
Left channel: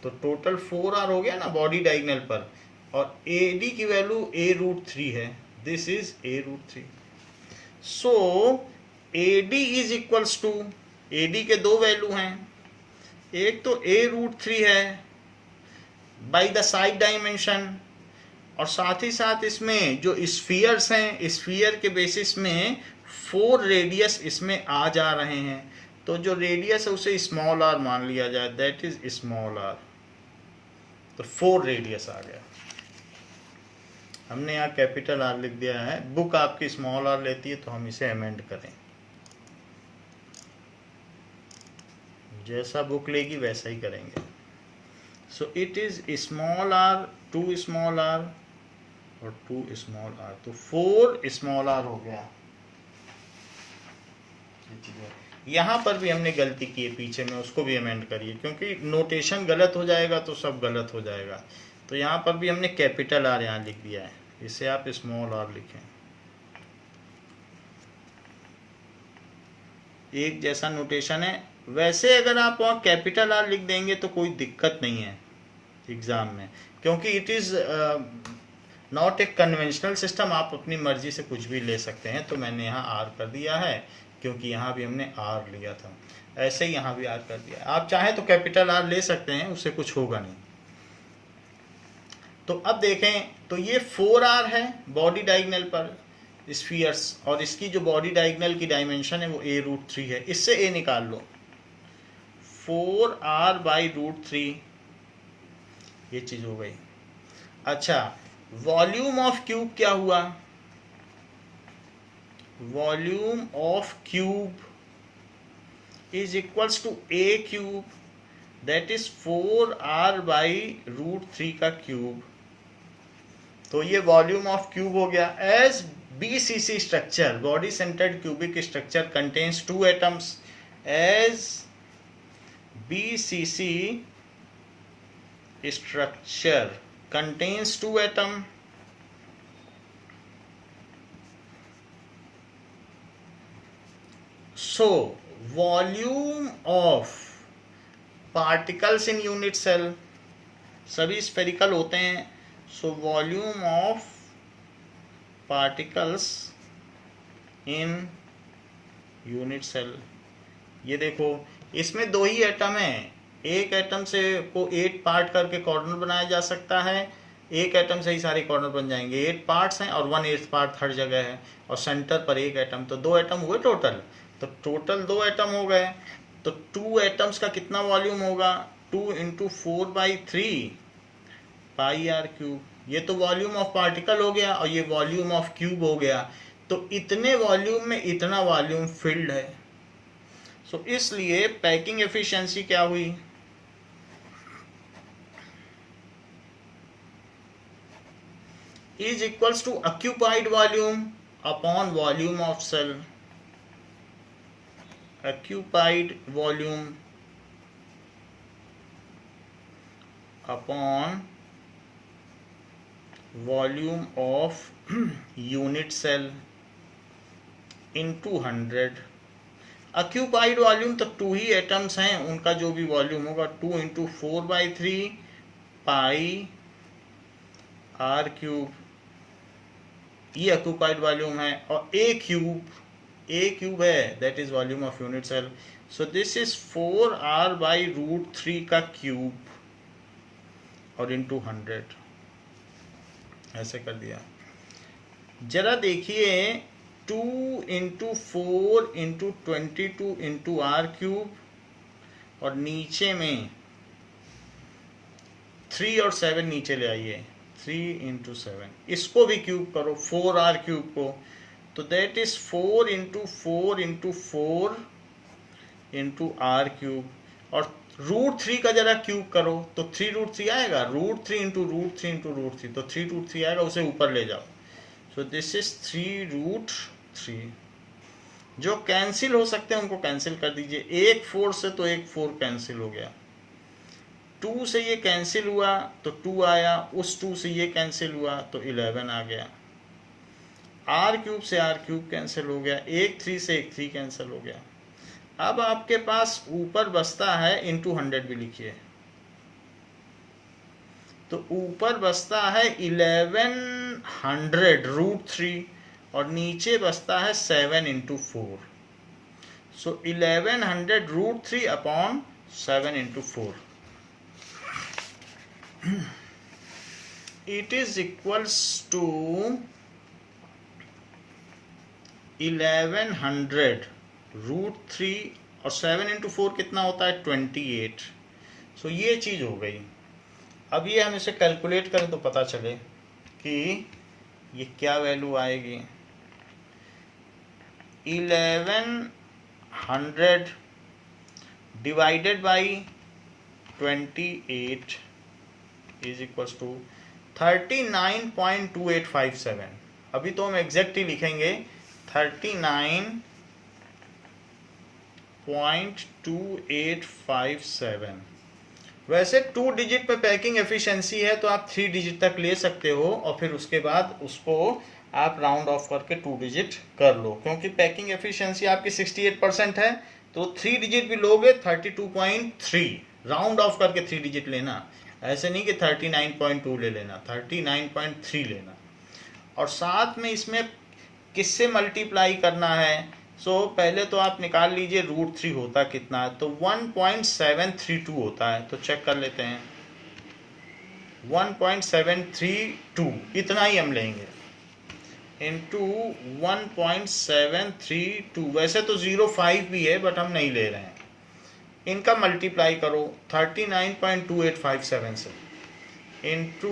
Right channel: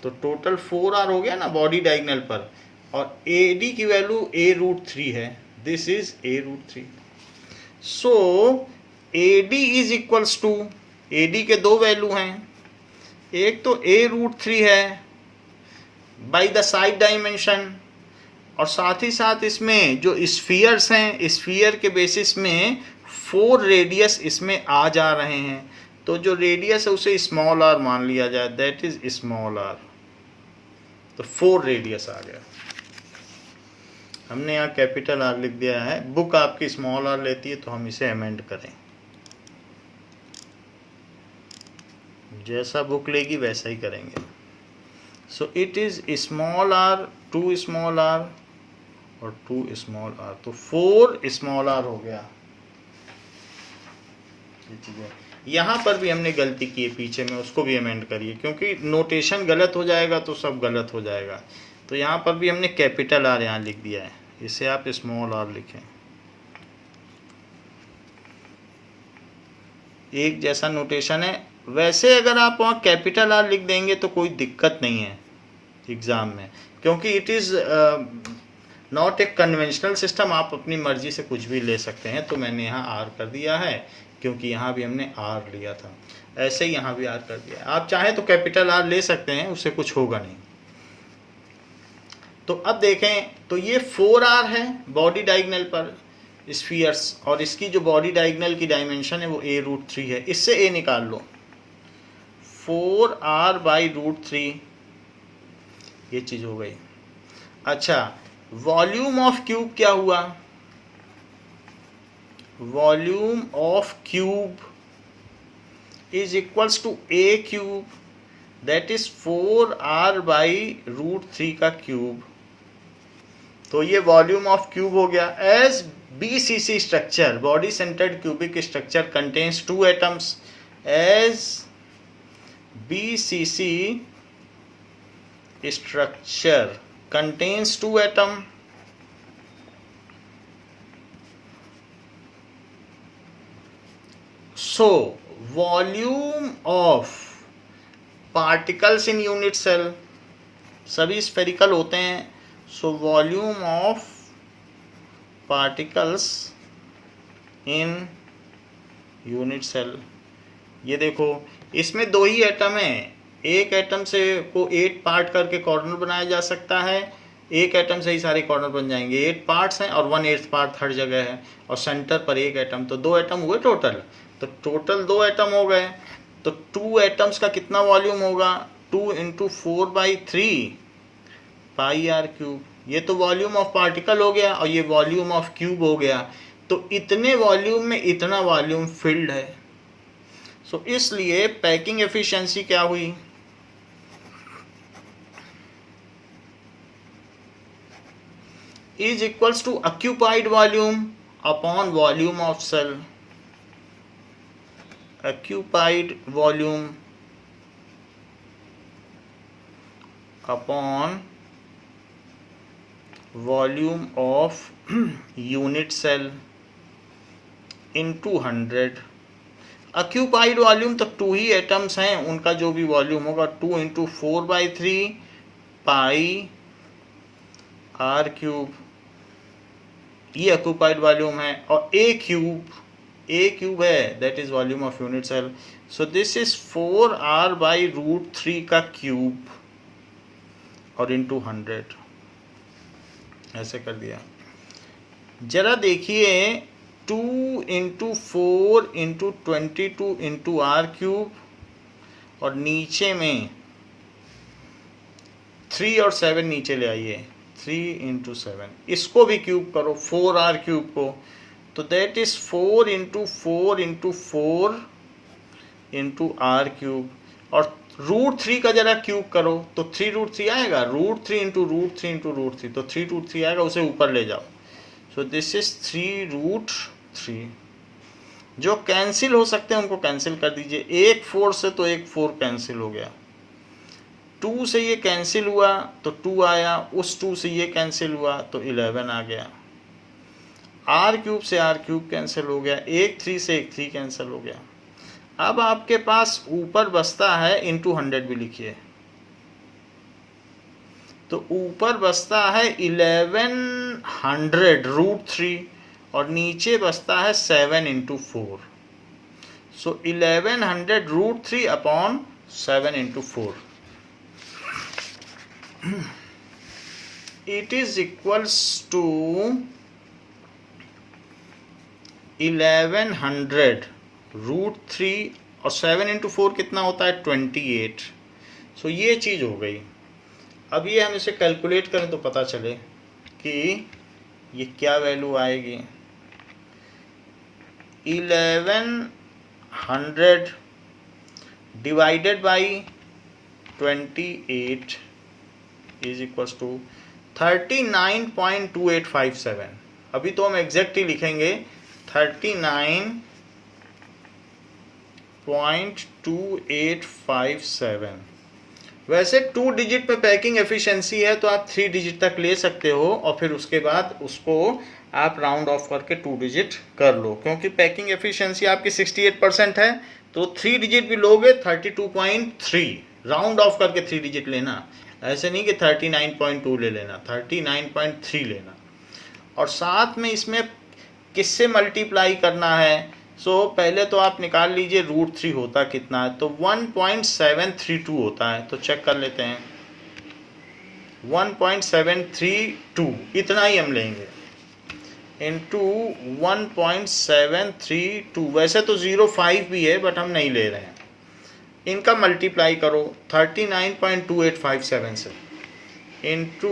तो टोटल 4R हो गया ना बॉडी डायगोनल पर, और AD की वैल्यू a√3 है, this is a√3। So AD is equals to, AD के 2 वैल्यू हैं, एक तो a√3 है बाई द साइड डायमेंशन, और साथ ही साथ इसमें जो स्फीयर्स हैं, स्फीयर के बेसिस में 4 रेडियस इसमें आ जा रहे हैं। तो जो रेडियस है उसे स्मॉल r मान लिया जाए, दैट इज स्मॉल r। तो 4 रेडियस आ गया। हमने यहाँ कैपिटल R लिख दिया है, बुक आपकी स्मॉल r लेती है तो हम इसे अमेंड करें, जैसा बुक लेगी वैसा ही करेंगे। सो it is small r, 2 small r और 2 स्मॉल r, तो 4 स्मॉल r हो गया। यहाँ पर भी हमने गलती की है पीछे में, उसको भी अमेंड करिए, क्योंकि नोटेशन गलत हो जाएगा तो सब गलत हो जाएगा। तो यहाँ पर भी हमने कैपिटल R यहाँ लिख दिया है, इसे आप स्मॉल r लिखें। एक जैसा नोटेशन है। वैसे अगर आप वहाँ कैपिटल R लिख देंगे तो कोई दिक्कत नहीं है एग्ज़ाम में, क्योंकि it is not a conventional system, आप अपनी मर्जी से कुछ भी ले सकते हैं। तो मैंने यहाँ R कर दिया है, क्योंकि यहाँ भी हमने R लिया था, ऐसे ही यहाँ भी R कर दिया। आप चाहें तो कैपिटल R ले सकते हैं, उससे कुछ होगा नहीं। तो अब देखें, तो ये 4R है बॉडी डायगोनल पर स्फीयर्स, और इसकी जो बॉडी डायगोनल की डायमेंशन है वो a√3 है। इससे a निकाल लो, 4R/√3, ये चीज़ हो गई। अच्छा, वॉल्यूम ऑफ क्यूब क्या हुआ, volume of cube is equals to a cube, that is 4R/√3 का क्यूब। तो ये वॉल्यूम ऑफ क्यूब हो गया। As BCC structure, body centred cubic structure contains 2 atoms, as BCC structure contains 2 atoms, so volume of particles in unit cell, सभी spherical होते हैं, so volume of particles in unit cell। ये देखो, इसमें 2 ही atom हैं, एक एटम से को 8 पार्ट करके कॉर्नर बनाया जा सकता है, एक एटम से ही सारे कॉर्नर बन जाएंगे। 8 पार्ट्स हैं और 1/8 पार्ट हर जगह है, और सेंटर पर एक एटम, तो 2 एटम हुए टोटल। तो टोटल 2 एटम हो गए, तो 2 एटम्स का कितना वॉल्यूम होगा, 2 × 4/3 πr³। ये तो वॉल्यूम ऑफ पार्टिकल हो गया और ये वॉल्यूम ऑफ क्यूब हो गया। तो इतने वॉल्यूम में इतना वॉल्यूम फिल्ड है। सो इसलिए पैकिंग एफिशिएंसी क्या हुई, is equals to occupied volume upon volume of cell. Occupied volume upon volume of unit cell into 100. Occupied volume तो 2 ही एटम्स हैं, उनका जो भी वॉल्यूम होगा 2 इंटू 4/3 पाई आर क्यूब, ये ऑक्यूपाइड वॉल्यूम है. और ए क्यूब है, that is volume of unit cell. So this is 4r/√3 का क्यूब और इंटू 100 ऐसे कर दिया. जरा देखिए 2 into 4 into 22 into r cube और नीचे में 3 और 7 नीचे ले आइए, 3 इंटू 7, इसको भी क्यूब करो 4r क्यूब को, तो that is 4 into 4 into 4 into r cube. और √3 का जरा क्यूब करो तो 3√3 आएगा, √3 इंटू √3 इंटू √3, तो 3√3 आएगा, उसे ऊपर ले जाओ. सो दिस इज 3√3. जो कैंसिल हो सकते हैं उनको कैंसिल कर दीजिए. एक 4 से तो एक 4 कैंसिल हो गया, 2 से ये कैंसिल हुआ तो 2 आया, उस 2 से ये कैंसिल हुआ तो 11 आ गया. आर क्यूब से आर क्यूब कैंसिल हो गया, एक 3 से एक 3 कैंसिल हो गया. अब आपके पास ऊपर बचता है, इंटू 100 भी लिखिए, तो ऊपर बचता है 1100 √3 और नीचे बचता है 7 into 4. So 1100 √3 upon 7 into 4. It is equals to 1100 √3 और 7 इंटू 4 कितना होता है 28. सो ये चीज़ हो गई. अब ये हम इसे कैलकुलेट करें तो पता चले कि ये क्या वैल्यू आएगी. 1100 divided by 28 is equals to 39.2857. अभी तो हम एग्जैक्ट ही लिखेंगे 39.2857. वैसे 2 डिजिट पे पैकिंग एफिशिएंसी है तो आप 3 डिजिट तक ले सकते हो और फिर उसके बाद उसको आप राउंड ऑफ करके 2 डिजिट कर लो, क्योंकि पैकिंग एफिशिएंसी आपकी 68% है, तो 3 डिजिट भी लोगे 32.3, राउंड ऑफ करके 3 डिजिट लेना, ऐसे नहीं कि 39.2 ले लेना, 39.3 लेना. और साथ में इसमें किससे मल्टीप्लाई करना है. सो पहले तो आप निकाल लीजिए √3 होता कितना है, तो 1.732 होता है, तो चेक कर लेते हैं. 1.732 इतना ही हम लेंगे इंटू 1.732. वैसे तो 0.5 भी है बट हम नहीं ले रहे हैं. इनका मल्टीप्लाई करो 39.2857 से into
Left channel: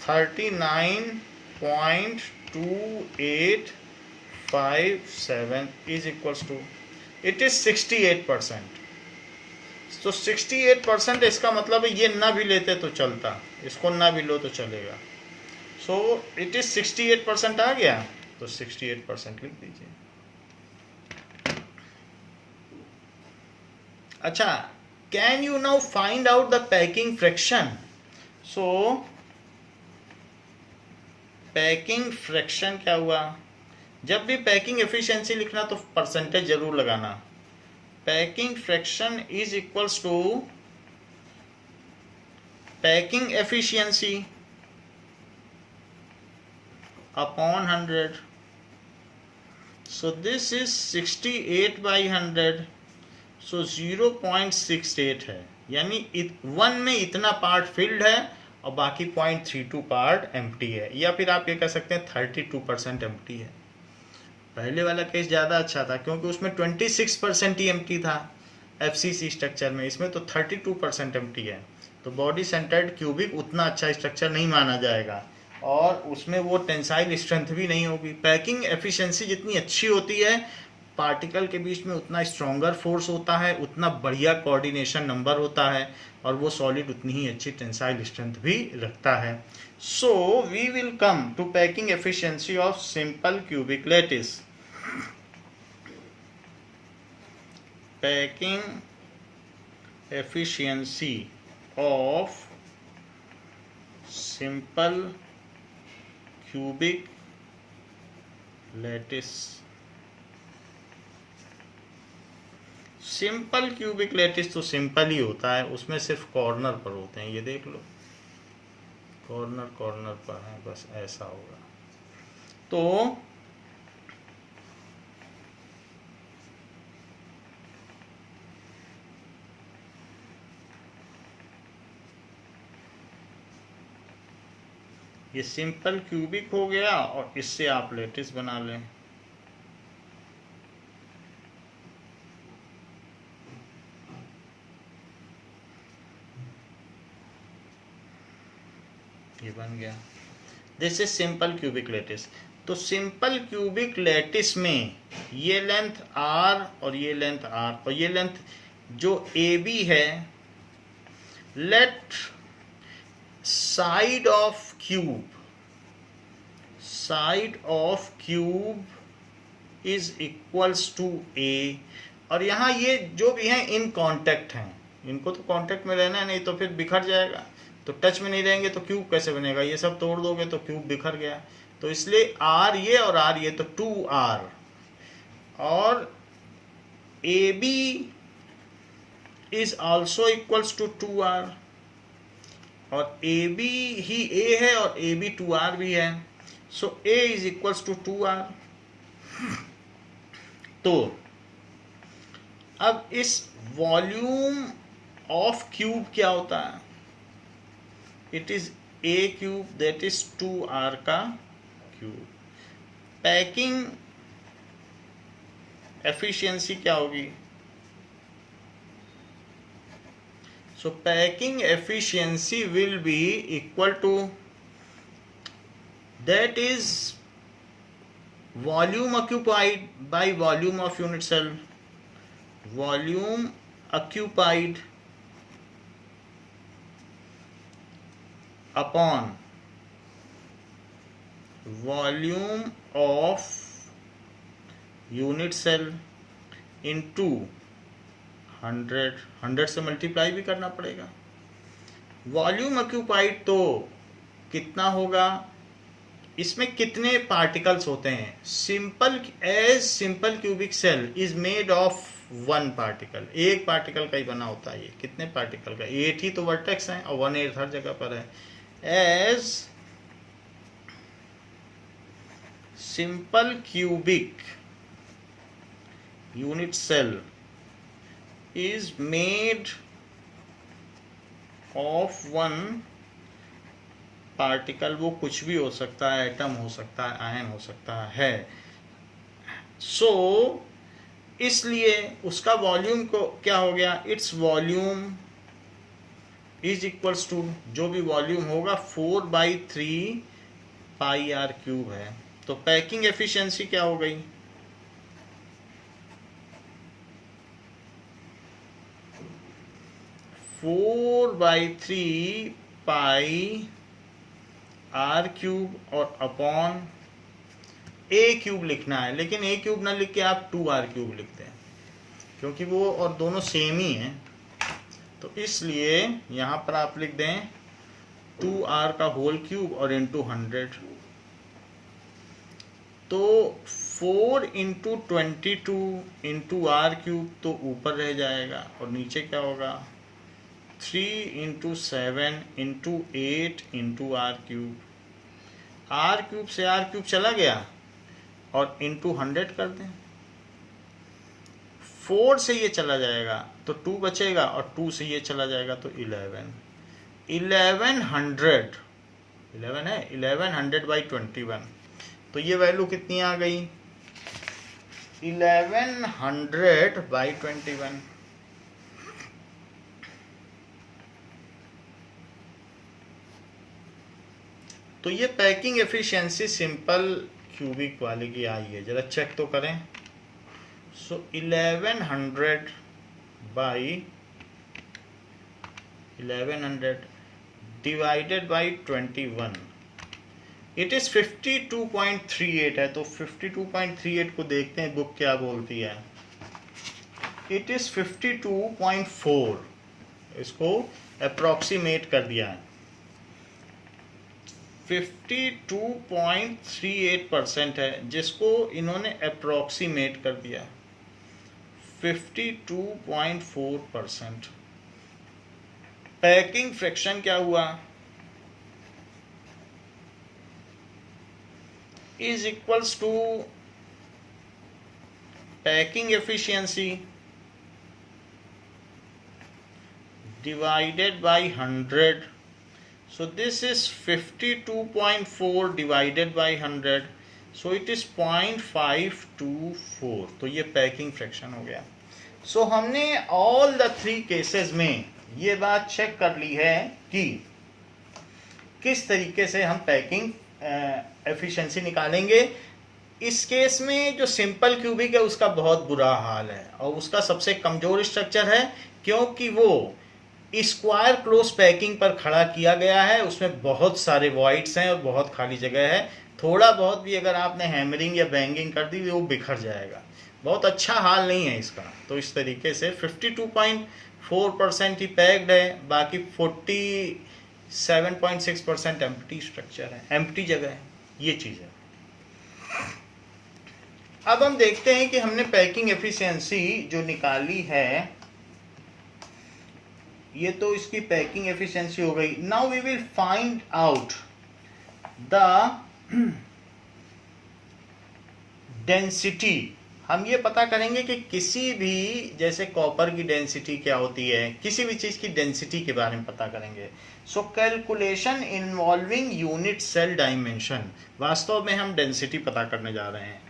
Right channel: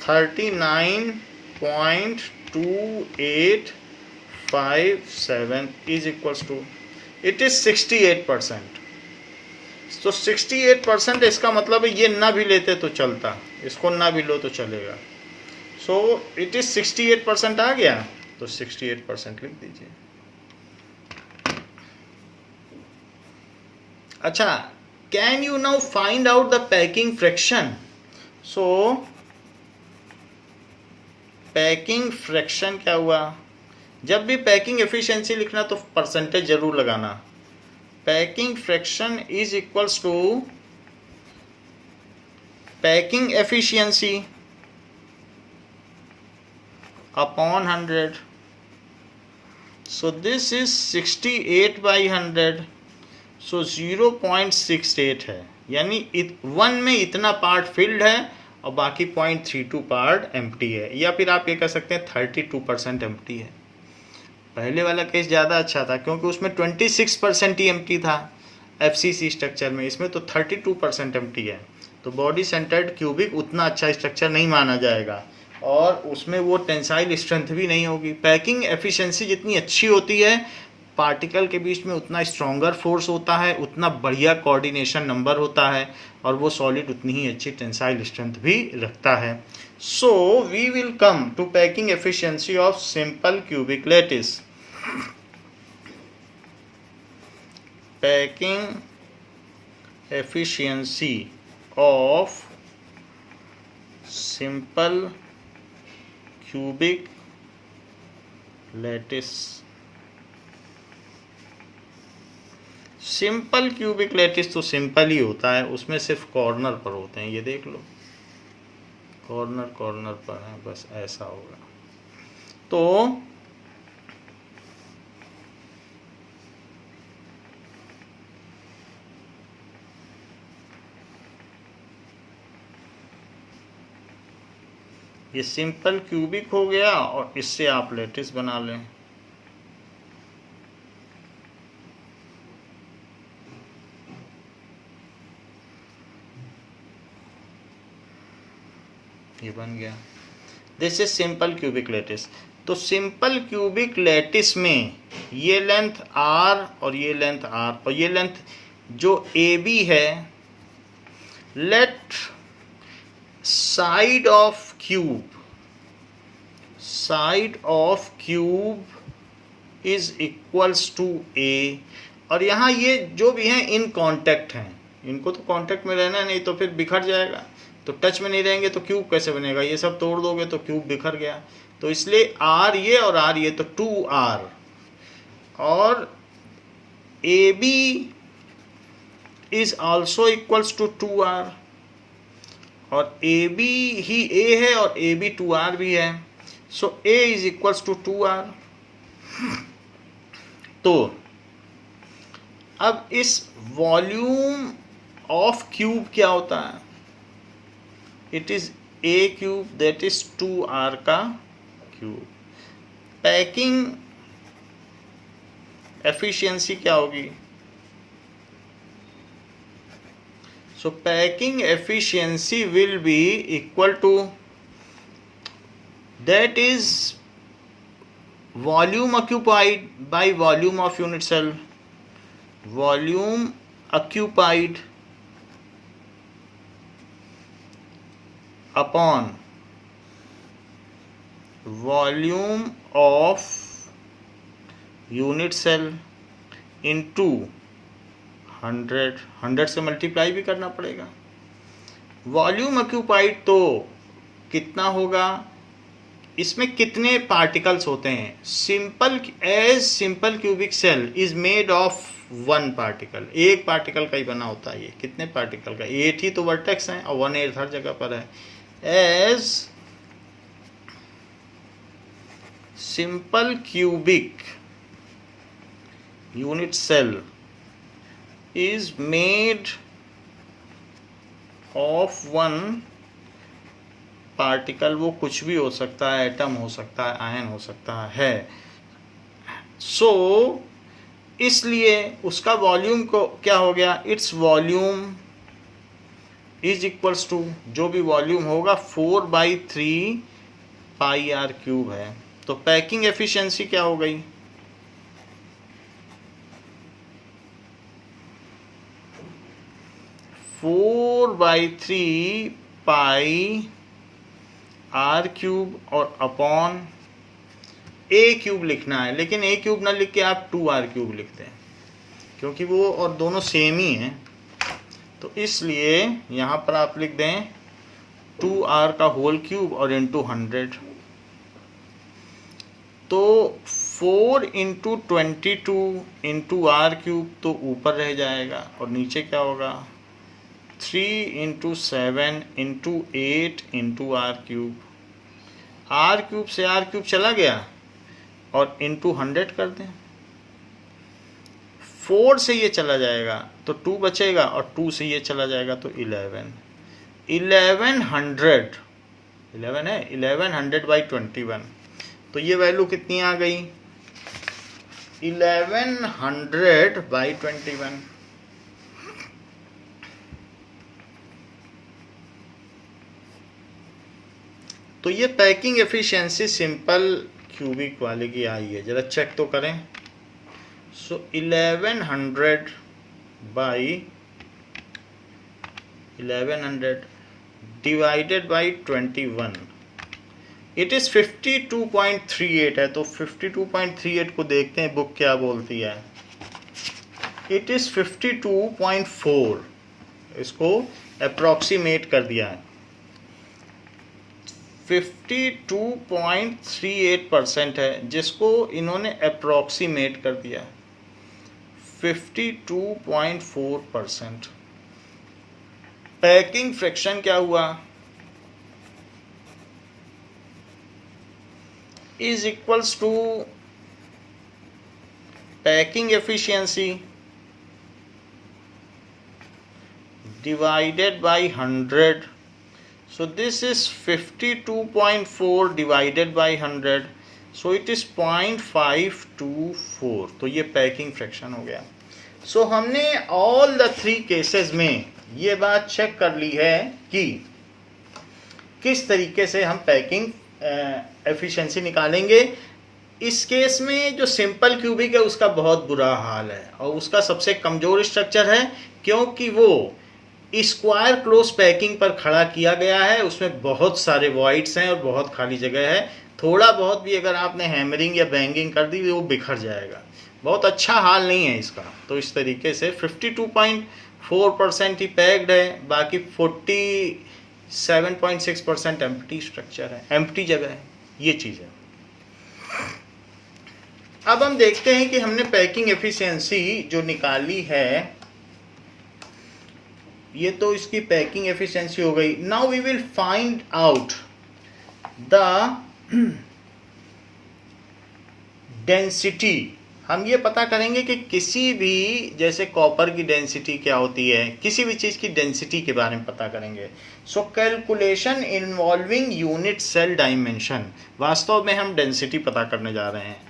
39.2857 is equals to, it is 68%. तो 68% इसका मतलब है ये ना भी लेते तो चलता, इसको ना भी लो तो चलेगा. सो इट इज 68% आ गया, तो 68% लिख दीजिए. अच्छा, can you now find out the packing fraction. So packing fraction क्या हुआ, जब भी पैकिंग एफिशिएंसी लिखना तो परसेंटेज जरूर लगाना. Packing fraction is equals to packing efficiency upon 100. So this is 68/100. So 0.68 है, यानी 1 में इतना पार्ट फिल्ड है और बाकी 0.32 पार्ट एम्प्टी है, या फिर आप ये कह सकते हैं 32% एम्प्टी है. पहले वाला केस ज़्यादा अच्छा था क्योंकि उसमें 26% ही एम्प्टी था एफसीसी स्ट्रक्चर में, इसमें तो 32% एम्प्टी है. तो बॉडी सेंटर्ड क्यूबिक उतना अच्छा स्ट्रक्चर नहीं माना जाएगा और उसमें वो टेंसाइल स्ट्रेंथ भी नहीं होगी. पैकिंग एफिशिएंसी जितनी अच्छी होती है पार्टिकल के बीच में उतना स्ट्रॉन्गर फोर्स होता है, उतना बढ़िया कोऑर्डिनेशन नंबर होता है, और वो सॉलिड उतनी ही अच्छी टेंसाइल स्ट्रेंथ भी रखता है. So we will come to packing efficiency of simple cubic lattice. Packing efficiency of simple cubic lattice. Simple cubic lattice तो सिंपल ही होता है, उसमें सिर्फ कॉर्नर पर होते हैं. ये देख लो, कॉर्नर कॉर्नर पर है, बस ऐसा होगा. तो ये सिंपल क्यूबिक हो गया, और इससे आप लैटिस बना लें. ये बन गया. This is simple cubic lattice. तो सिंपल क्यूबिक लैटिस में ये लेंथ r और ये लेंथ r और ये लेंथ जो AB है, let side of cube is equals to A. और यहाँ ये जो भी हैं इन कांटेक्ट हैं, इनको तो कांटेक्ट में रहना नहीं, तो फिर बिखर जाएगा. तो टच में नहीं रहेंगे तो क्यूब कैसे बनेगा? ये सब तोड़ दोगे तो क्यूब बिखर गया. तो इसलिए R ये और R ये, तो 2R. और AB is also equals to 2R. और AB ही A है और AB 2R भी है. So A is equals to 2R. तो अब इस वॉल्यूम ऑफ क्यूब क्या होता है? It is A cube, that is 2R का क्यूब. पैकिंग एफिशिएंसी क्या होगी? So packing efficiency will be equal to, that is volume occupied by volume of unit cell. Volume occupied upon volume of unit cell into 100 से multiply भी करना पड़ेगा. Volume occupied तो कितना होगा? इसमें कितने पार्टिकल्स होते हैं? Simple cubic cell is made of 1 particle. एक पार्टिकल का ही बना होता है. ये कितने पार्टिकल का? 8 ही तो वर्टेक्स हैं और 1/8 हर जगह पर है. As simple cubic unit cell is made of 1 particle. वो कुछ भी हो सकता है, एटम हो सकता है, आयन हो सकता है. सो इसलिए उसका वॉल्यूम को क्या हो गया? Its volume is equals to, जो भी वॉल्यूम होगा 4/3 पाई r क्यूब है. तो पैकिंग एफिशिएंसी क्या हो गई? 4/3 पाई r क्यूब और अपॉन a क्यूब लिखना है. लेकिन a क्यूब ना लिख के आप 2r क्यूब लिखते हैं, क्योंकि वो और दोनों सेम ही हैं. तो इसलिए यहाँ पर आप लिख दें 2r का होल क्यूब और इंटू 100. तो 4 इंटू 22 इंटू r क्यूब तो ऊपर रह जाएगा, और नीचे क्या होगा? 3 into 7 into 8 into r cube. r cube से r क्यूब चला गया और इंटू 100 कर दें. 4 से ये चला जाएगा तो 2 बचेगा, और 2 से ये चला जाएगा तो 11. 1100/21. तो ये वैल्यू कितनी आ गई? 1100/21. तो ये पैकिंग एफिशिएंसी सिंपल क्यूबिक वाले की आई है. जरा चेक तो करें. So 1100 by 1100 divided by 21, it is 52.38 है। तो 52.38 को देखते हैं बुक क्या बोलती है। इट इज 52.4, इसको अप्रोक्सीमेट कर दिया है। 52.38% है जिसको इन्होंने अप्रोक्सीमेट कर दिया 52.4%। पैकिंग फ्रैक्शन क्या हुआ, is equals to packing efficiency divided by 100. So this is 52.4 divided by 100, so it is 0.524. तो ये पैकिंग फ्रैक्शन हो गया। सो हमने ऑल द 3 केसेस में ये बात चेक कर ली है कि किस तरीके से हम पैकिंग एफिशिएंसी निकालेंगे। इस केस में जो सिंपल क्यूबिक है उसका बहुत बुरा हाल है और उसका सबसे कमजोर स्ट्रक्चर है, क्योंकि वो स्क्वायर क्लोज पैकिंग पर खड़ा किया गया है। उसमें बहुत सारे वॉइड्स हैं और बहुत खाली जगह है। थोड़ा बहुत भी अगर आपने हैमरिंग या बैंगिंग कर दी वो बिखर जाएगा। बहुत अच्छा हाल नहीं है इसका। तो इस तरीके से 52.4% ही पैक्ड है, बाकी 47.6% एम्प्टी स्ट्रक्चर है, एम्प्टी जगह है। ये चीज़ है। अब हम देखते हैं कि हमने पैकिंग एफिशिएंसी जो निकाली है, ये तो इसकी पैकिंग एफिशिएंसी हो गई। Now we will find out the density. हम ये पता करेंगे कि किसी भी, जैसे कॉपर की डेंसिटी क्या होती है, किसी भी चीज़ की डेंसिटी के बारे में पता करेंगे। So calculation involving unit cell dimension. वास्तव में हम डेंसिटी पता करने जा रहे हैं।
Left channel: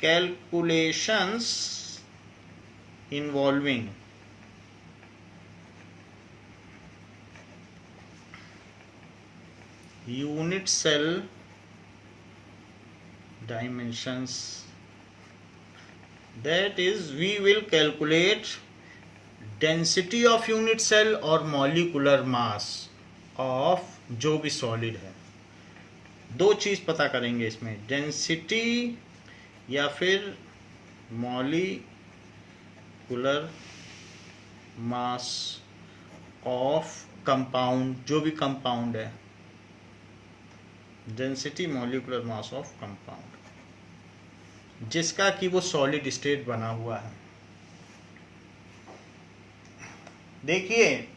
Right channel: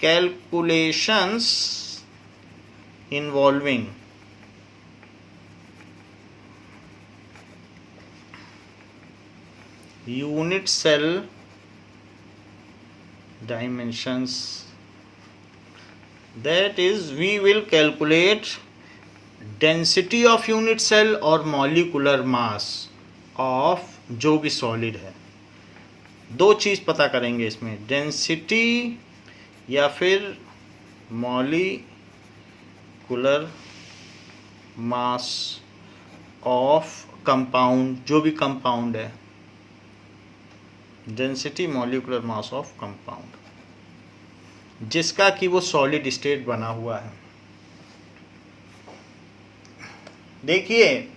Calculations involving unit cell dimensions, that is we will calculate density of unit cell और molecular mass of जो भी solid है। दो चीज़ पता करेंगे इसमें, density या फिर molecular mass of compound, जो भी compound है। Density molecular mass of compound, जिसका कि वो सॉलिड स्टेट बना हुआ है। देखिए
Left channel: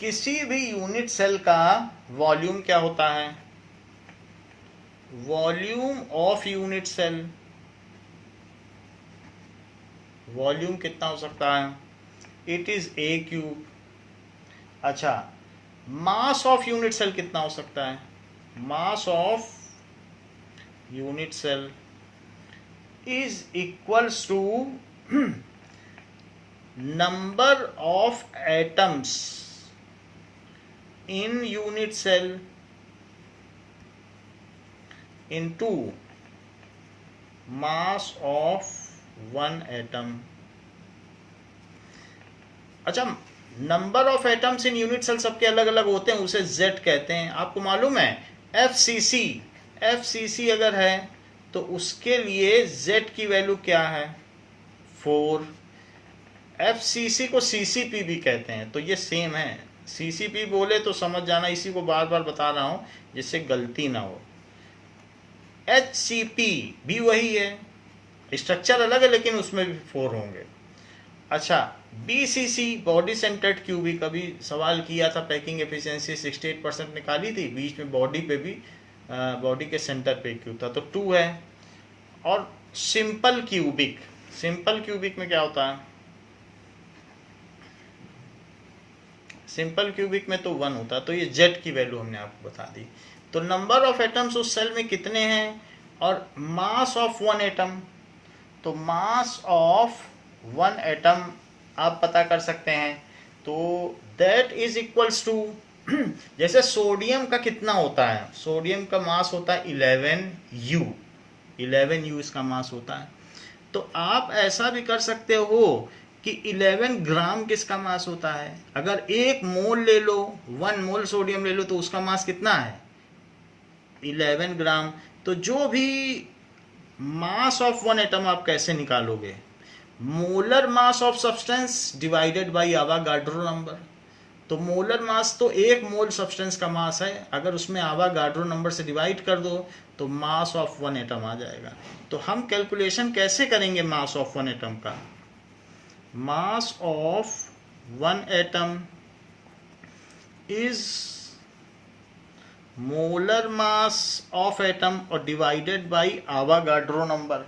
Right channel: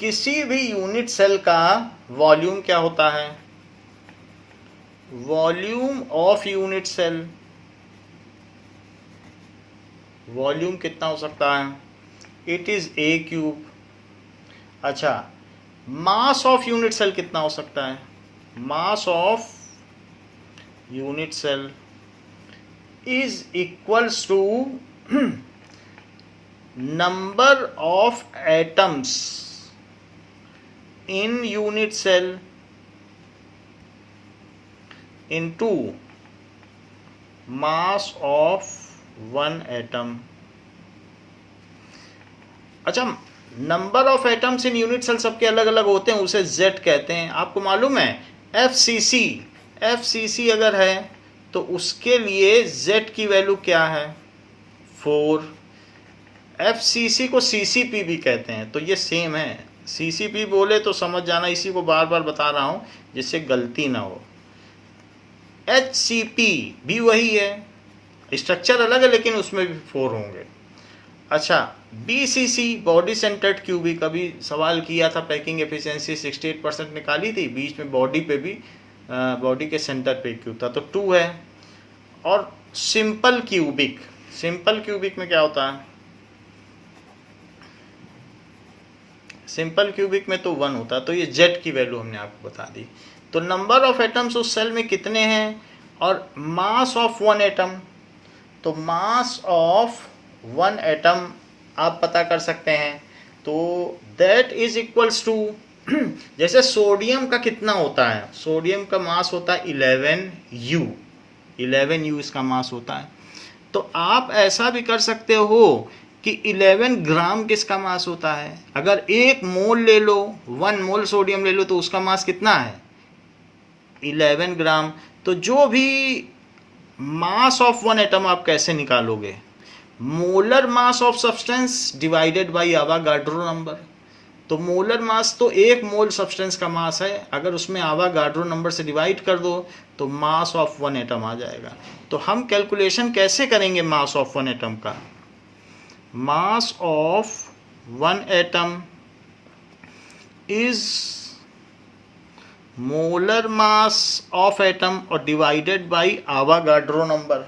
किसी भी यूनिट सेल का वॉल्यूम क्या होता है, volume of unit cell, volume कितना हो सकता है, इट इज ए क्यूब। अच्छा, मास ऑफ यूनिट सेल कितना हो सकता है, mass of unit cell is equals to number of atoms in unit cell into mass of one atom. अच्छा, number of atoms in unit cell सबके अलग अलग होते हैं, उसे जेड कहते हैं। आपको मालूम है एफसीसी अगर है तो उसके लिए जेड की वैल्यू क्या है, 4। एफसीसी को सीसीपी भी कहते हैं, तो ये सेम है। सीसीपी बोले तो समझ जाना, इसी को बार बार बता रहा हूँ जिससे गलती ना हो। एचसीपी भी वही है, स्ट्रक्चर अलग है लेकिन उसमें भी 4 होंगे। अच्छा, बीसीसी बॉडी सेंटर्ड क्यूबिक, अभी सवाल किया था, पैकिंग एफिशिएंसी 68% निकाली थी, बीच में बॉडी पे भी, बॉडी के सेंटर पे क्यूब था, तो 2 है। और सिंपल क्यूबिक, सिंपल क्यूबिक में क्या होता है, सिंपल क्यूबिक में तो 1 होता है, तो ये जेड की वैल्यू हमने आपको बता दी। तो नंबर ऑफ एटम्स उस सेल में कितने हैं और मास ऑफ वन एटम, तो मास ऑफ वन एटम आप पता कर सकते हैं। तो दैट इज इक्वल्स टू, जैसे सोडियम का कितना होता है, सोडियम का मास होता है 11U, 11U इसका मास होता है। तो आप ऐसा भी कर सकते हो कि 11 ग्राम किसका मास होता है। अगर 1 मोल ले लो, 1 मोल सोडियम ले लो, तो उसका मास कितना है 11 ग्राम। तो जो भी मास ऑफ वन एटम आप कैसे निकालोगे, molar mass of substance divided by Avogadro number. तो मोलर मास तो 1 मोल सब्सटेंस का मास है, अगर उसमें आवागाड्रो नंबर से डिवाइड कर दो तो मास ऑफ वन एटम आ जाएगा। तो हम कैलकुलेशन कैसे करेंगे मास ऑफ वन एटम का, मास of one atom is molar mass of atom और डिवाइडेड बाय आवागाड्रो नंबर।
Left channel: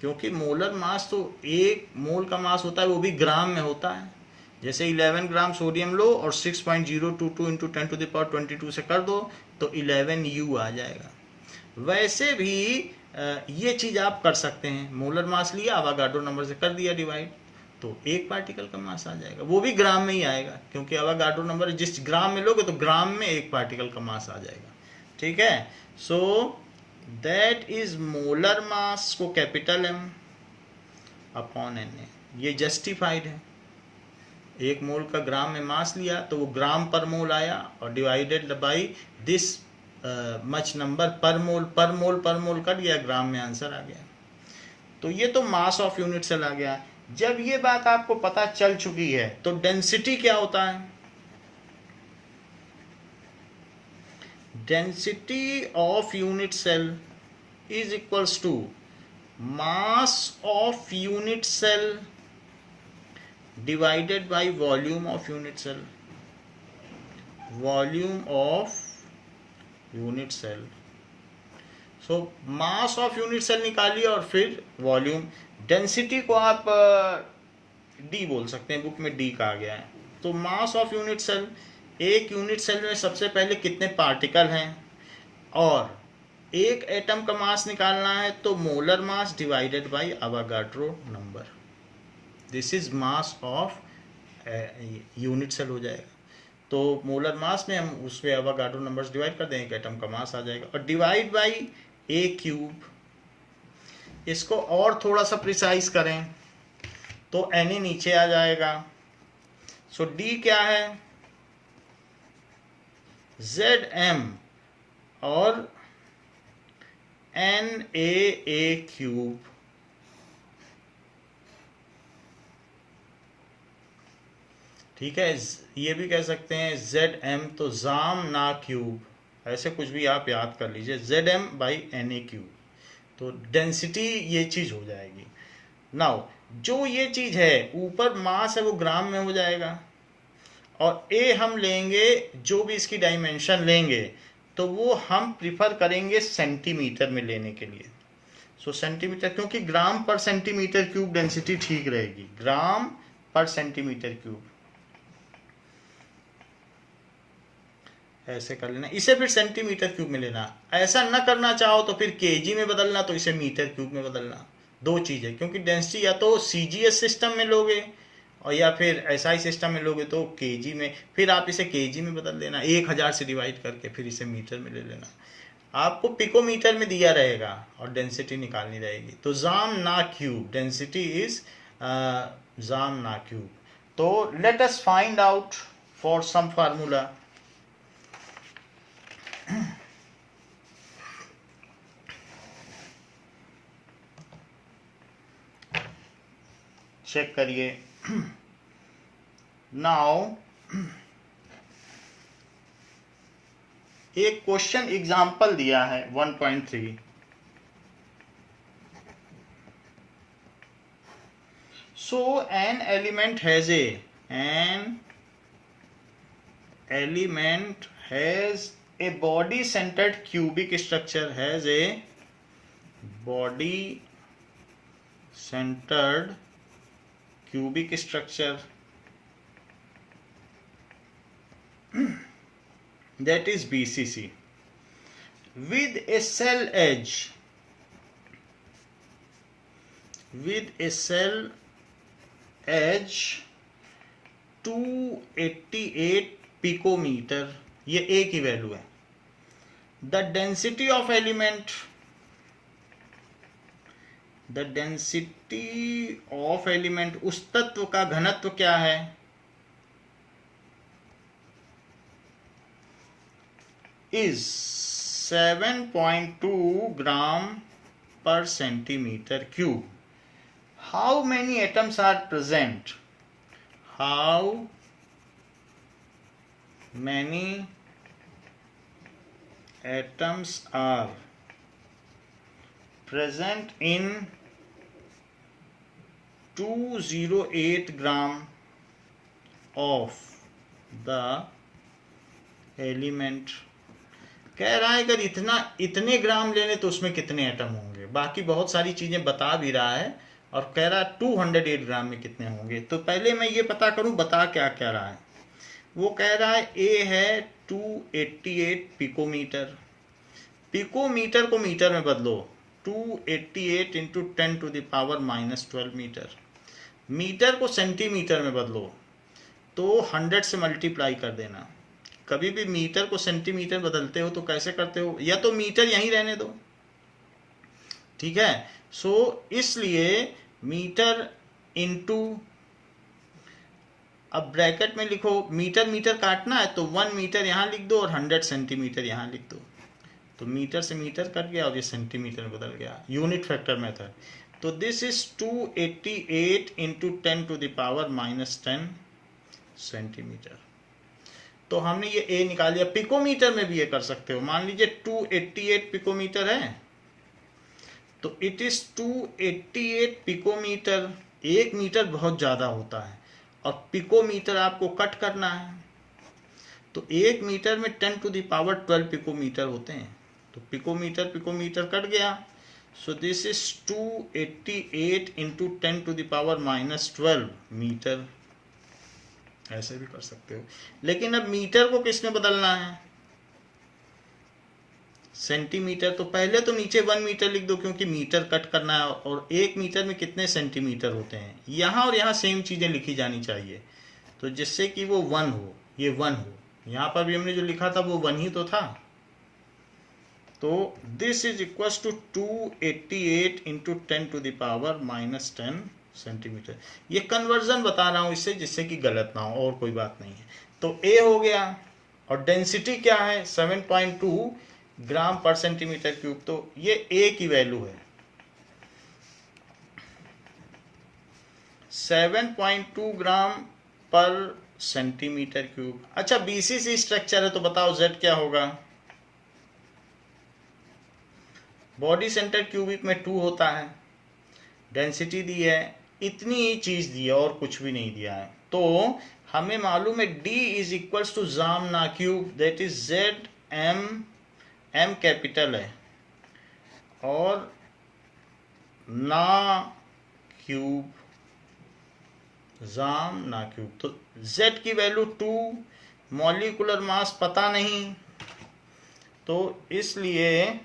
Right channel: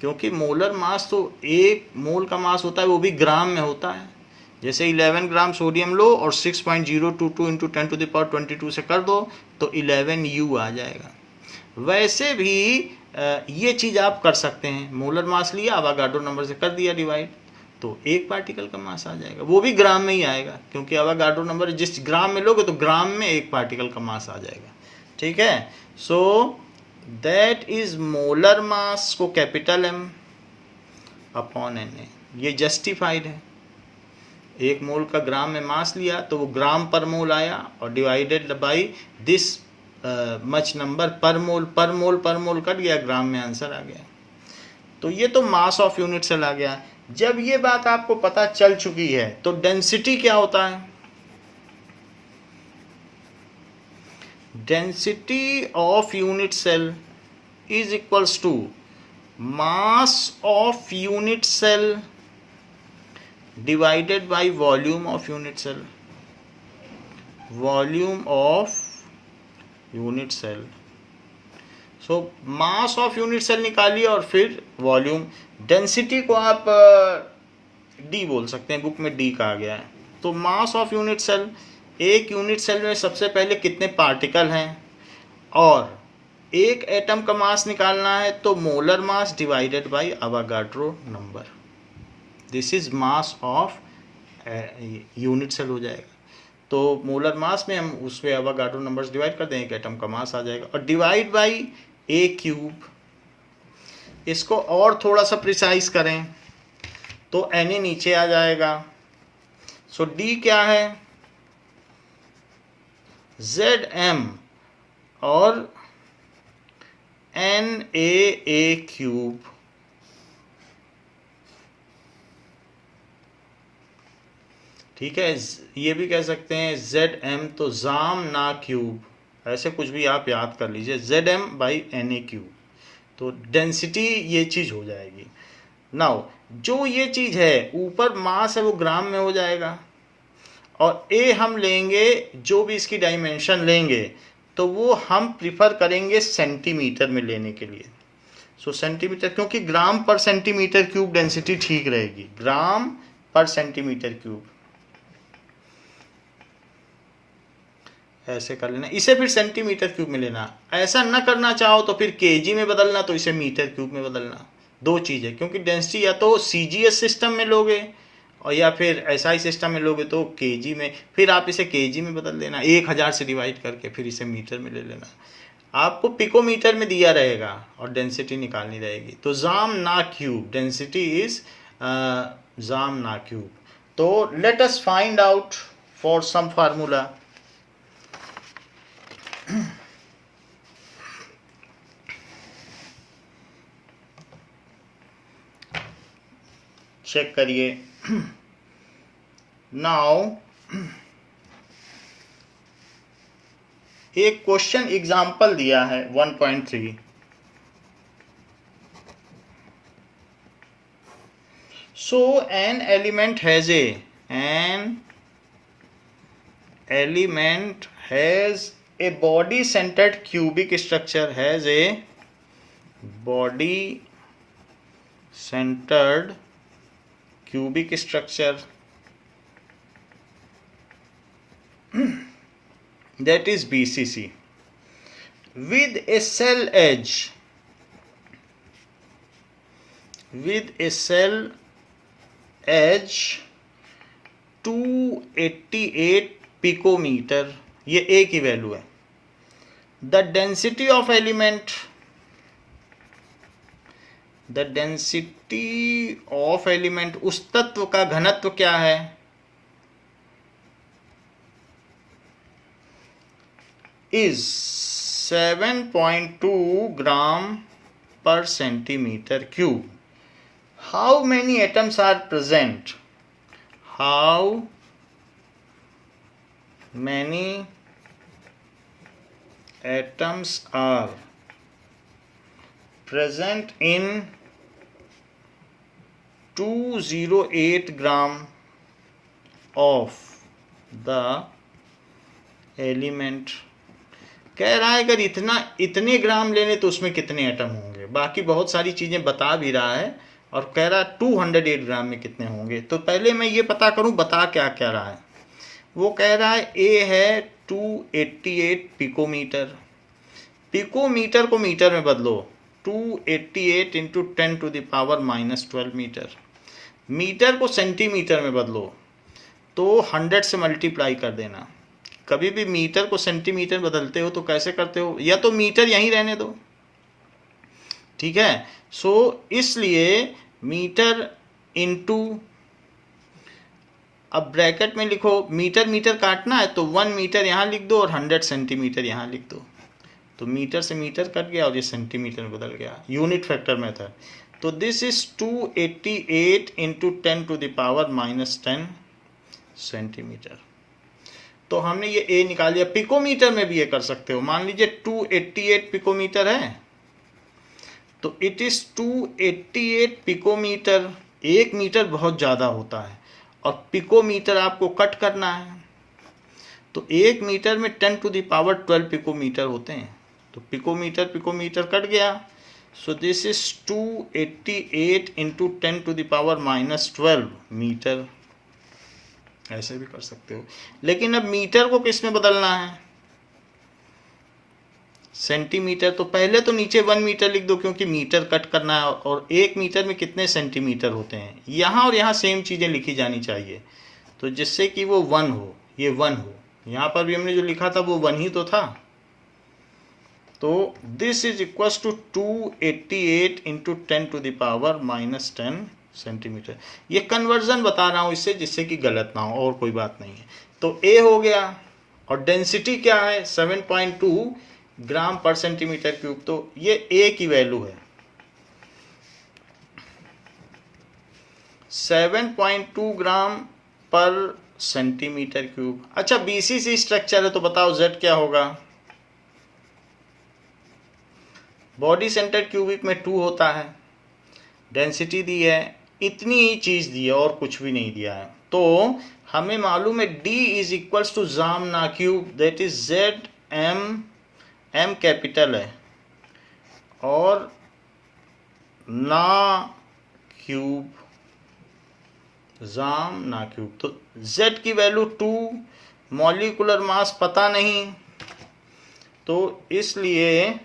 क्योंकि मोलर मास तो 1 मोल का मास होता है, वो भी ग्राम में होता है। जैसे 11 ग्राम सोडियम लो और 6.022 इंटू 10⁻22 से कर दो तो 11 U आ जाएगा। वैसे भी ये चीज़ आप कर सकते हैं, मोलर मास लिया, आवागाड्रो नंबर से कर दिया डिवाइड, तो 1 पार्टिकल का मास आ जाएगा, वो भी ग्राम में ही आएगा, क्योंकि आवागाड्रो नंबर जिस ग्राम में लोगे तो ग्राम में 1 पार्टिकल का मास आ जाएगा। ठीक है, सो दैट इज मोलर मास को कैपिटल M अपॉन Na, ये जस्टिफाइड है। 1 मोल का ग्राम में मास लिया तो वो ग्राम पर मोल आया और divided by this much number पर मोल, पर मोल पर मोल कट गया, ग्राम में आंसर आ गया। तो ये तो मास ऑफ यूनिट सेल आ गया। जब ये बात आपको पता चल चुकी है तो डेंसिटी क्या होता है, density of unit cell is equals to mass of unit cell divided by volume of unit cell, volume of unit cell। so mass of unit cell निकालिए और फिर वॉल्यूम। डेंसिटी को आप D बोल सकते हैं, बुक में D कहा गया है। तो मास ऑफ यूनिट सेल, एक यूनिट सेल में सबसे पहले कितने पार्टिकल हैं और एक एटम का मास निकालना है, तो molar mass divided by Avogadro number, this is mass of unit cell हो जाएगा। तो मोलर मास में हम उसमें आवागाड्रो नंबर्स डिवाइड कर दें, एक एटम का मास आ जाएगा, और डिवाइड बाय A³। इसको और थोड़ा सा प्रिसाइज करें तो Na नीचे आ जाएगा। सो D क्या है Zm और NaA³। ठीक है, ये भी कह सकते हैं Zm तो जाम ना क्यूब, ऐसे कुछ भी आप याद कर लीजिए, Zm बाई Na³। तो डेंसिटी ये चीज़ हो जाएगी। नाउ जो ये चीज़ है ऊपर मास है वो ग्राम में हो जाएगा, और A हम लेंगे, जो भी इसकी डायमेंशन लेंगे तो वो हम प्रिफर करेंगे सेंटीमीटर में लेने के लिए। सो सेंटीमीटर, क्योंकि ग्राम पर सेंटीमीटर क्यूब डेंसिटी ठीक रहेगी, ग्राम पर सेंटीमीटर क्यूब। ऐसे कर लेना, इसे फिर सेंटीमीटर क्यूब में लेना। ऐसा न करना चाहो तो फिर केजी में बदलना, तो इसे मीटर क्यूब में बदलना। दो चीज़ें, क्योंकि डेंसिटी या तो CGS सिस्टम में लोगे और या फिर SI सिस्टम में लोगे तो केजी में, फिर आप इसे केजी में बदल देना 1000 से डिवाइड करके, फिर इसे मीटर में ले लेना। आपको पिकोमीटर में दिया रहेगा और डेंसिटी निकालनी रहेगी। तो जाम ना क्यूब, डेंसिटी इज जाम ना क्यूब। तो let us find out for some formula. Check करिए। नाउ एक क्वेश्चन एग्जाम्पल दिया है 1.3। So an element has a body centered cubic structure, has a body centered cubic structure that is BCC with a cell edge 288 picometre, ये A की value है। The density of element the density of element, उस तत्व का घनत्व क्या है, is 7.2 gram per centimetre cube. How many atoms are present, how many atoms are present in 208 gram of the element. कह रहा है अगर इतने ग्राम लेने तो उसमें कितने एटम होंगे, बाकी बहुत सारी चीजें बता भी रहा है और कह रहा है 208 ग्राम में कितने होंगे. तो पहले मैं ये पता करूं बता क्या कह रहा है. वो कह रहा है ए है 288 पिकोमीटर. पिकोमीटर को मीटर में बदलो, 288 into 10 to the power -12 metre. Metre को सेंटीमीटर में बदलो तो 100 से मल्टीप्लाई कर देना. कभी भी मीटर को सेंटीमीटर बदलते हो तो कैसे करते हो, या तो मीटर यहीं रहने दो, ठीक है. सो इसलिए मीटर इंटू, अब ब्रैकेट में लिखो, मीटर मीटर काटना है तो 1 मीटर यहाँ लिख दो और 100 सेंटीमीटर यहाँ लिख दो. तो मीटर से मीटर कट गया और ये सेंटीमीटर में बदल गया, यूनिट फैक्टर मेथड. तो this is 288 into 10 to the power -10 centimetre. तो हमने ये ए निकाल लिया. पिकोमीटर में भी ये कर सकते हो. मान लीजिए 288 पिकोमीटर है तो इट इज 288 पिकोमीटर. 1 मीटर बहुत ज़्यादा होता है और पिकोमीटर आपको कट करना है, तो 1 मीटर में 10 टू द पावर 12 पिकोमीटर होते हैं. तो पिकोमीटर कट गया. So this is 288 into 10 to the power -12 metre. ऐसे भी कर सकते हो. लेकिन अब मीटर को किस में बदलना है, सेंटीमीटर. तो पहले तो नीचे 1 मीटर लिख दो क्योंकि मीटर कट करना है, और 1 मीटर में कितने सेंटीमीटर होते हैं. यहाँ और यहाँ सेम चीज़ें लिखी जानी चाहिए, तो जिससे कि वो 1 हो, ये 1 हो. यहाँ पर भी हमने जो लिखा था वो 1 ही तो था. तो this is equal to 288 into 10 to the power -10 centimetre. ये कन्वर्जन बता रहा हूँ इससे, जिससे कि गलत ना हो, और कोई बात नहीं है. तो ए हो गया, और डेंसिटी क्या है 7.2 ग्राम पर सेंटीमीटर क्यूब. तो ये ए की वैल्यू है 7.2 ग्राम पर सेंटीमीटर क्यूब. अच्छा, बीसीसी स्ट्रक्चर है तो बताओ जेड क्या होगा. बॉडी सेंटर क्यूबिक में 2 होता है. डेंसिटी दी है, इतनी ही चीज दी है और कुछ भी नहीं दिया है. तो हमें मालूम है D इज इक्वल्स टू जाम ना cube, that is zed M capital है और ना क्यूब, जाम ना क्यूब. तो Z की वैल्यू 2, मॉलिक्यूलर मास पता नहीं, तो इसलिए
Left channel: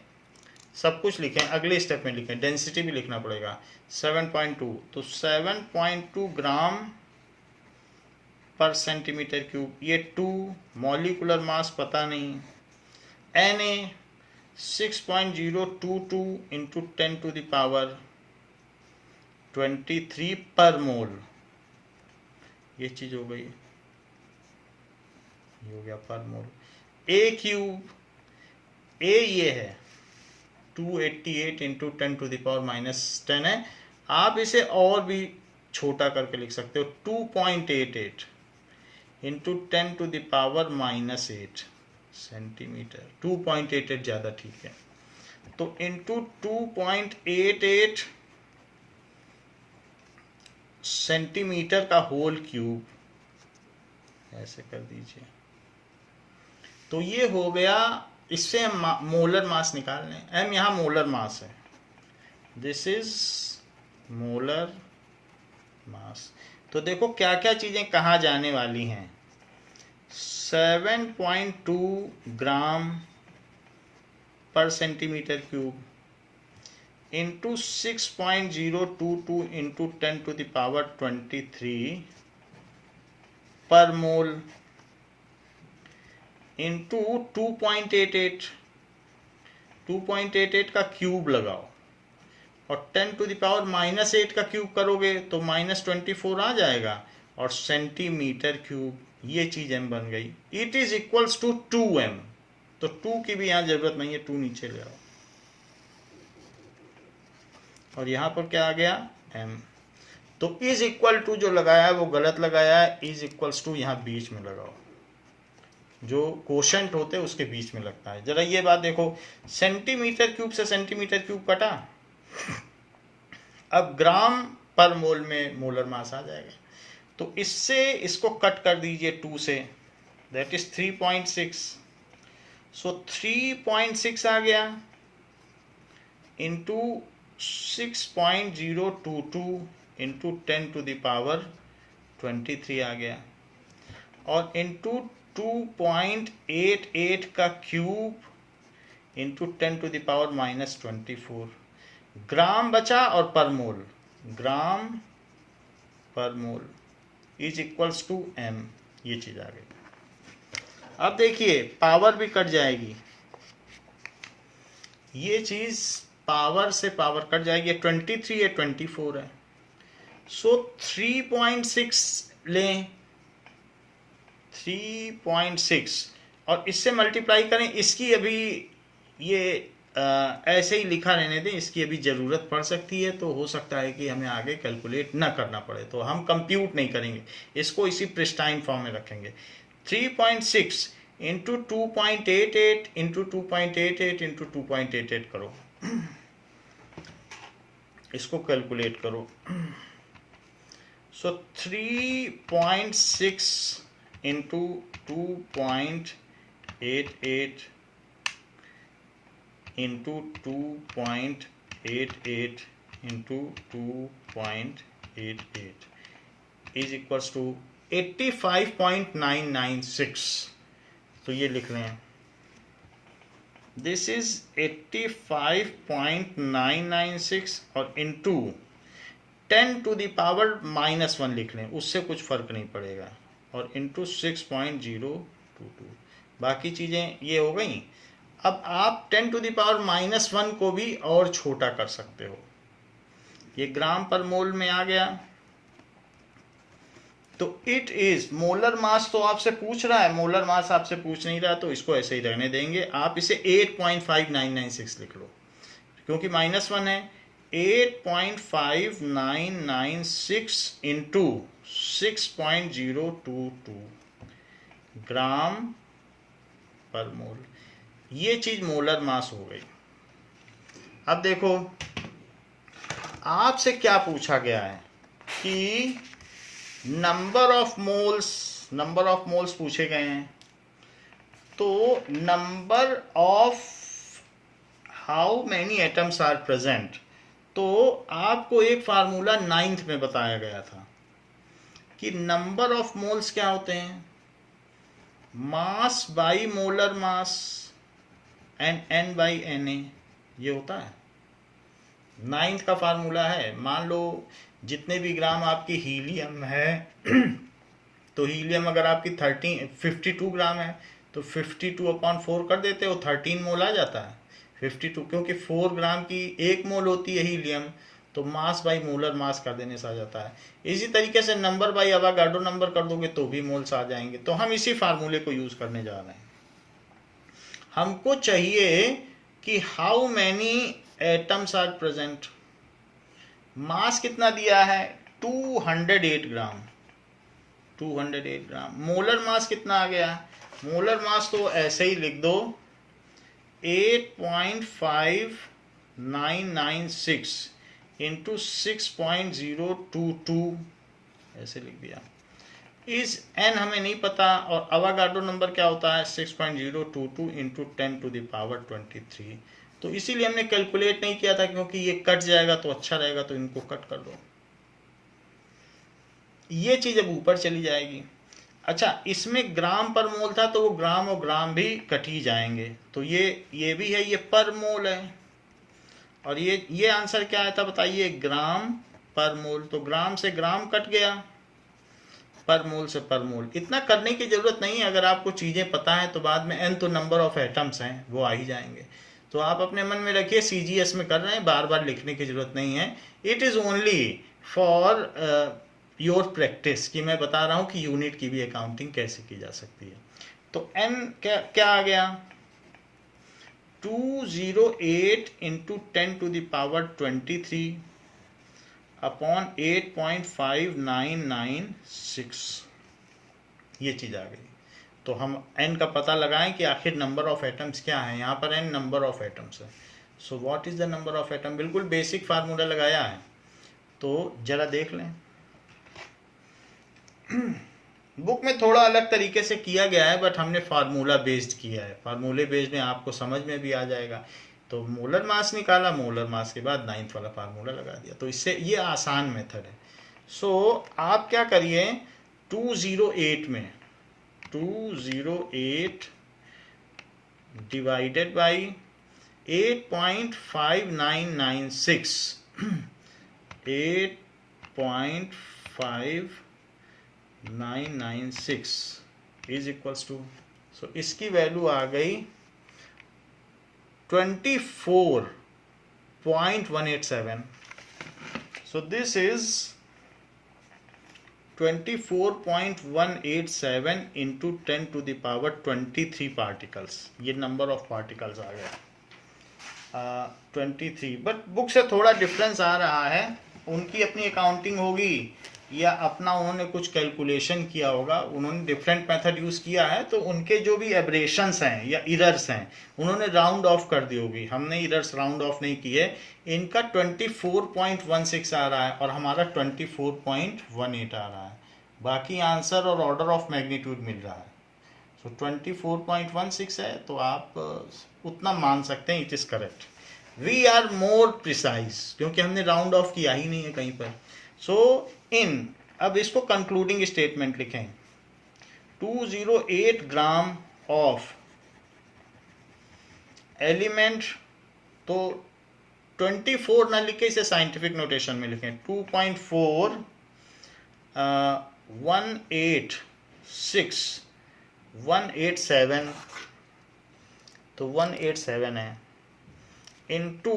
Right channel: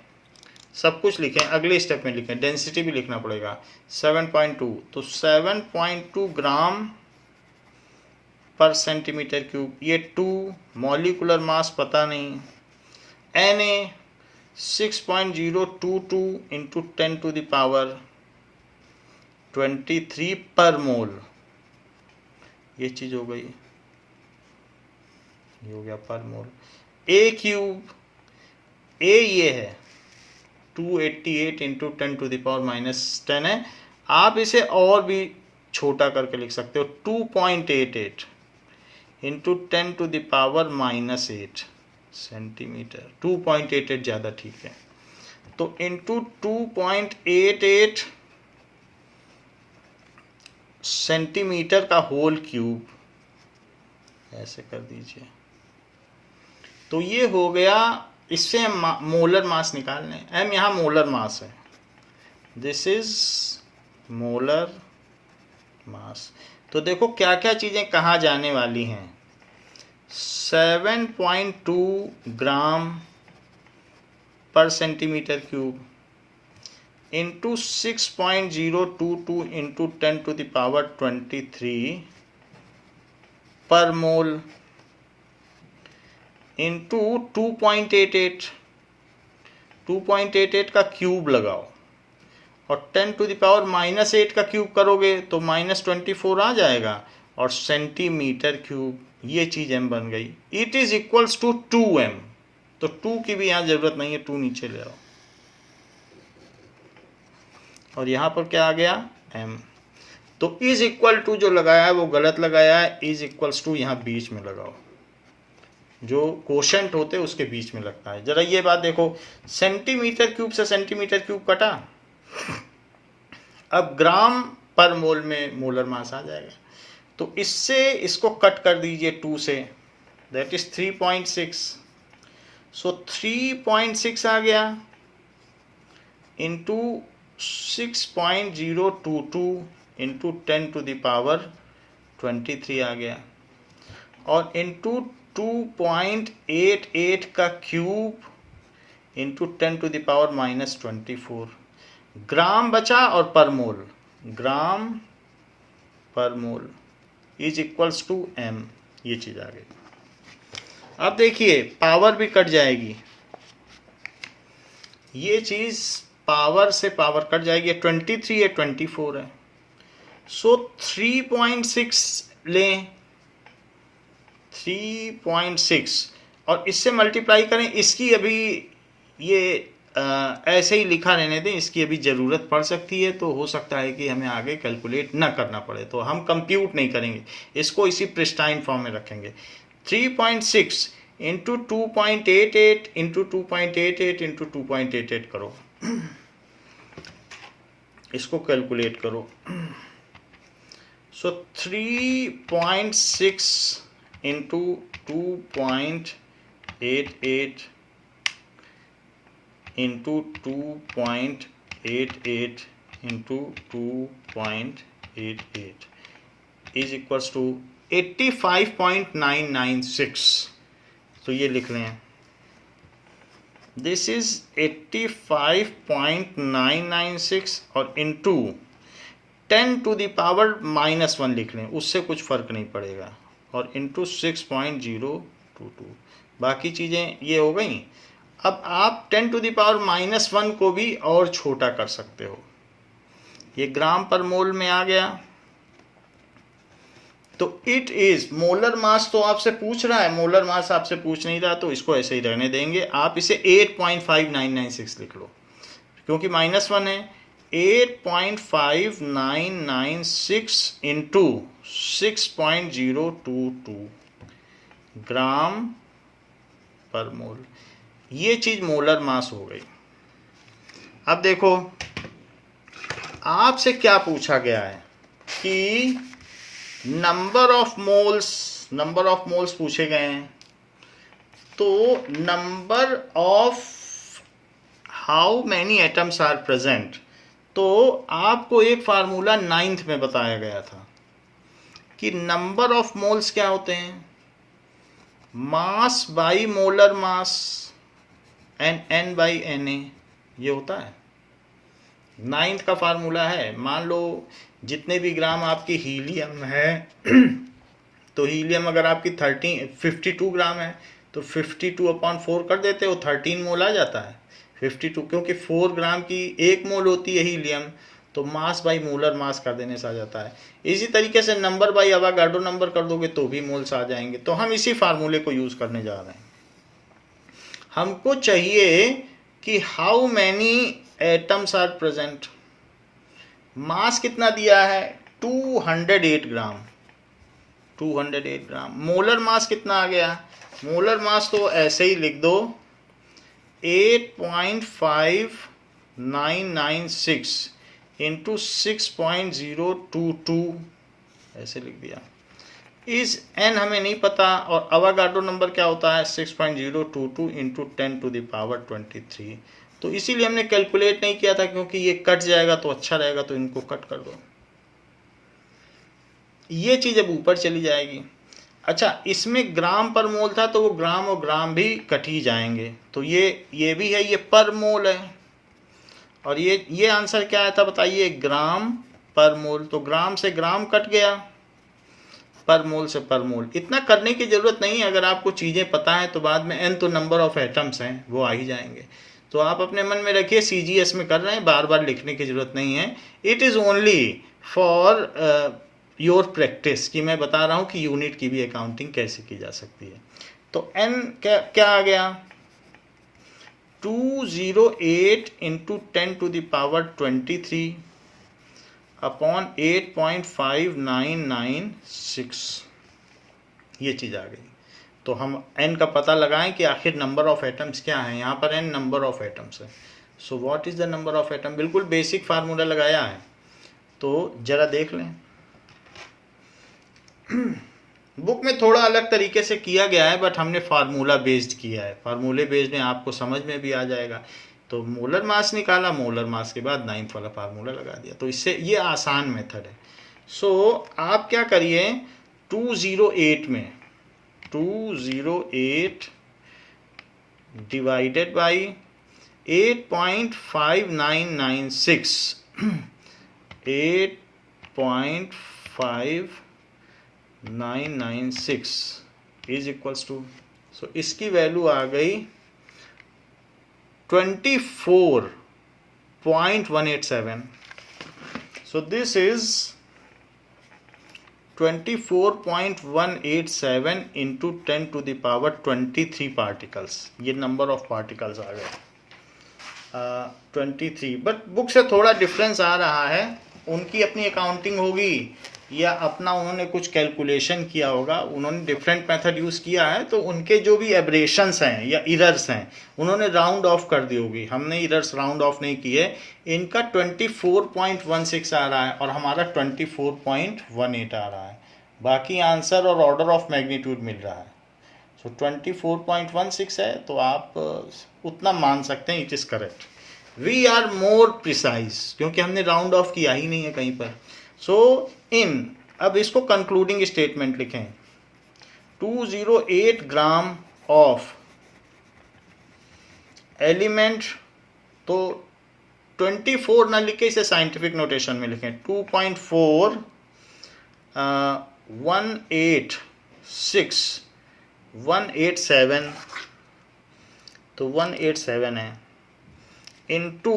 सब कुछ लिखें. अगले स्टेप में लिखें, डेंसिटी भी लिखना पड़ेगा. 7.2, तो 7.2 ग्राम पर सेंटीमीटर क्यूब. ये 2, मॉलिक्यूलर मास पता नहीं. Na 6.022 into 10 to the power 23 per मोल. ये चीज हो गई, ये हो गया पर मोल. ए क्यूब, ए ये है 288 इंटू 10 टू द पावर -10 है. आप इसे और भी छोटा करके लिख सकते हो, 2.88 into 10 to the power -8 centimetre. 2.88 ज़्यादा ठीक है. तो इंटू 2.88 सेंटीमीटर का होल क्यूब, ऐसे कर दीजिए. तो ये हो गया. इससे हम मोलर मास निकाल लें. एम यहाँ मोलर मास है, दिस इज मोलर मास. तो देखो क्या क्या चीज़ें कहाँ जाने वाली हैं. 7.2 gram per centimetre cube into 6.022 into 10 to the power 23 per mole into 2.88 का क्यूब लगाओ और 10 टू द पावर -8 का क्यूब करोगे तो -24 आ जाएगा, और सेंटीमीटर क्यूब, ये चीज़ m बन गई। It is equals to 2m, तो 2 की भी यहाँ जरूरत नहीं है, 2 नीचे ले आओ, और यहाँ पर क्या आ गया m। तो इज इक्वल टू जो लगाया है वो गलत लगाया है, इज इक्वल्स टू यहाँ बीच में लगाओ, जो कोशेंट होते हैं उसके बीच में लगता है। जरा ये बात देखो, सेंटीमीटर क्यूब से सेंटीमीटर क्यूब कटा, अब ग्राम पर मोल में मोलर मास आ जाएगा, तो इससे इसको कट कर दीजिए 2 से, दैट इज 3.6, सो 3.6 आ गया into 6.022 into 10 to the power 23 आ गया, और इंटू 2.88 का cube into 10 to the power -24, gram बचा और per mole, gram per mole is equals to m, ये चीज आ गई। अब देखिए पावर भी कट जाएगी, ये चीज पावर से पावर कट जाएगी, 23 है 24 है, सो 3.6 लें, 3.6 और इससे मल्टीप्लाई करें, इसकी अभी ये ऐसे ही लिखा रहने दें, इसकी अभी ज़रूरत पड़ सकती है, तो हो सकता है कि हमें आगे कैलकुलेट ना करना पड़े, तो हम कंप्यूट नहीं करेंगे, इसको इसी प्रिस्टाइन फॉर्म में रखेंगे। 3.6 इंटू 2.88 इंटू 2.88 इंटू 2.88 करो, इसको कैलकुलेट करो, so 3.6 into 2.88 into 2.88 into 2.88 is equals to 85.996, तो ये लिख लें, दिस इज 85.996 और इंटू 10 टू द पावर -1 लिख लें, उससे कुछ फर्क नहीं पड़ेगा, और इंटू 6.022, बाकी चीज़ें ये हो गई। अब आप 10 टू द पावर -1 को भी और छोटा कर सकते हो, ये ग्राम पर मोल में आ गया, तो इट इज मोलर मास, तो आपसे पूछ रहा है, मोलर मास आपसे पूछ नहीं रहा, तो इसको ऐसे ही रहने देंगे, आप इसे 8.5996 लिख लो, क्योंकि -1 है, 8.5996 इंटू 6.022 ग्राम पर मोल, ये चीज मोलर मास हो गई। अब देखो आपसे क्या पूछा गया है कि नंबर ऑफ मोल्स पूछे गए हैं, तो number of how many atoms are present, तो आपको एक फार्मूला 9th में बताया गया था कि नंबर ऑफ मोल्स क्या होते हैं, mass by molar mass and n by Na, ये होता है 9th का फार्मूला है। मान लो जितने भी ग्राम आपकी हीलियम है तो हीलियम अगर आपकी 52 ग्राम है तो 52/4 कर देते हो, 13 मोल आ जाता है 52, क्योंकि 4 ग्राम की 1 मोल होती है हीलियम, तो मास बाई मोलर मास कर देने से आ जाता है। इसी तरीके से नंबर बाई अवागाड्रो नंबर कर दोगे तो भी मोल्स आ जाएंगे, तो हम इसी फार्मूले को यूज करने जा रहे हैं। हमको चाहिए कि how many atoms are present, mass कितना दिया है 208 ग्राम, 208 ग्राम, मोलर मास कितना आ गया, मोलर मास तो ऐसे ही लिख दो 8.5996 इंटू 6.022 ऐसे लिख दिया। इस n हमें नहीं पता, और अवागाड्रो नंबर क्या होता है 6.022 इंटू 10 टू द पावर 23, तो इसीलिए हमने कैलकुलेट नहीं किया था, क्योंकि ये कट जाएगा तो अच्छा रहेगा, तो इनको कट कर दो, ये चीज अब ऊपर चली जाएगी। अच्छा, इसमें ग्राम पर मोल था तो वो ग्राम और ग्राम भी कट ही जाएंगे, तो ये भी है, ये पर मोल है, और ये आंसर क्या आया था बताइए, ग्राम पर मोल, तो ग्राम से ग्राम कट गया, पर मोल से पर मोल। इतना करने की जरूरत नहीं है, अगर आपको चीजें पता है तो बाद में n तो नंबर ऑफ एटम्स हैं वो आ ही जाएंगे। तो आप अपने मन में रखिए, CGS में कर रहे हैं, बार बार लिखने की जरूरत नहीं है। It is only for your practice कि मैं बता रहा हूँ कि यूनिट की भी अकाउंटिंग कैसे की जा सकती है। तो n क्या आ गया, 208 इंटू 10⁻23 अपॉन 8.5996, ये चीज़ आ गई। तो हम n का पता लगाएं कि आखिर नंबर ऑफ एटम्स क्या है। यहाँ पर n नंबर ऑफ एटम्स है। So what is the number of atom, बिल्कुल बेसिक फार्मूला लगाया है, तो जरा देख लें। बुक में थोड़ा अलग तरीके से किया गया है, बट हमने फार्मूला बेस्ड किया है। फार्मूले बेस्ड में आपको समझ में भी आ जाएगा। तो मोलर मास निकाला, मोलर मास के बाद 9th वाला फार्मूला लगा दिया, तो इससे ये आसान मेथड है। सो आप क्या करिए, 208 में 208 divided by 8.5996 8.596 is equals to, so इसकी वैल्यू आ गई 24.187। So this is 24.187 into 10⁻23 particles. ये नंबर ऑफ पार्टिकल्स आ गए 23, बट बुक से थोड़ा डिफरेंस आ रहा है। उनकी अपनी अकाउंटिंग होगी या अपना उन्होंने कुछ कैलकुलेशन किया होगा, उन्होंने डिफरेंट मेथड यूज़ किया है, तो उनके जो भी एब्रेशंस हैं या इरर्स हैं उन्होंने राउंड ऑफ कर दी होगी। हमने इरर्स राउंड ऑफ नहीं किए। इनका 24.16 आ रहा है और हमारा 24.18 आ रहा है। बाकी आंसर और ऑर्डर ऑफ मैग्नीट्यूड मिल रहा है। सो 24.16 है, तो आप उतना मान सकते हैं, it is correct. We are more precise क्योंकि हमने राउंड ऑफ किया ही नहीं है कहीं पर। सो अब इसको कंक्लूडिंग स्टेटमेंट लिखें, 208 ग्राम ऑफ एलिमेंट, तो 24 ना लिखे, इसे साइंटिफिक नोटेशन में लिखें, 2.4 187 तो 187 है, इंटू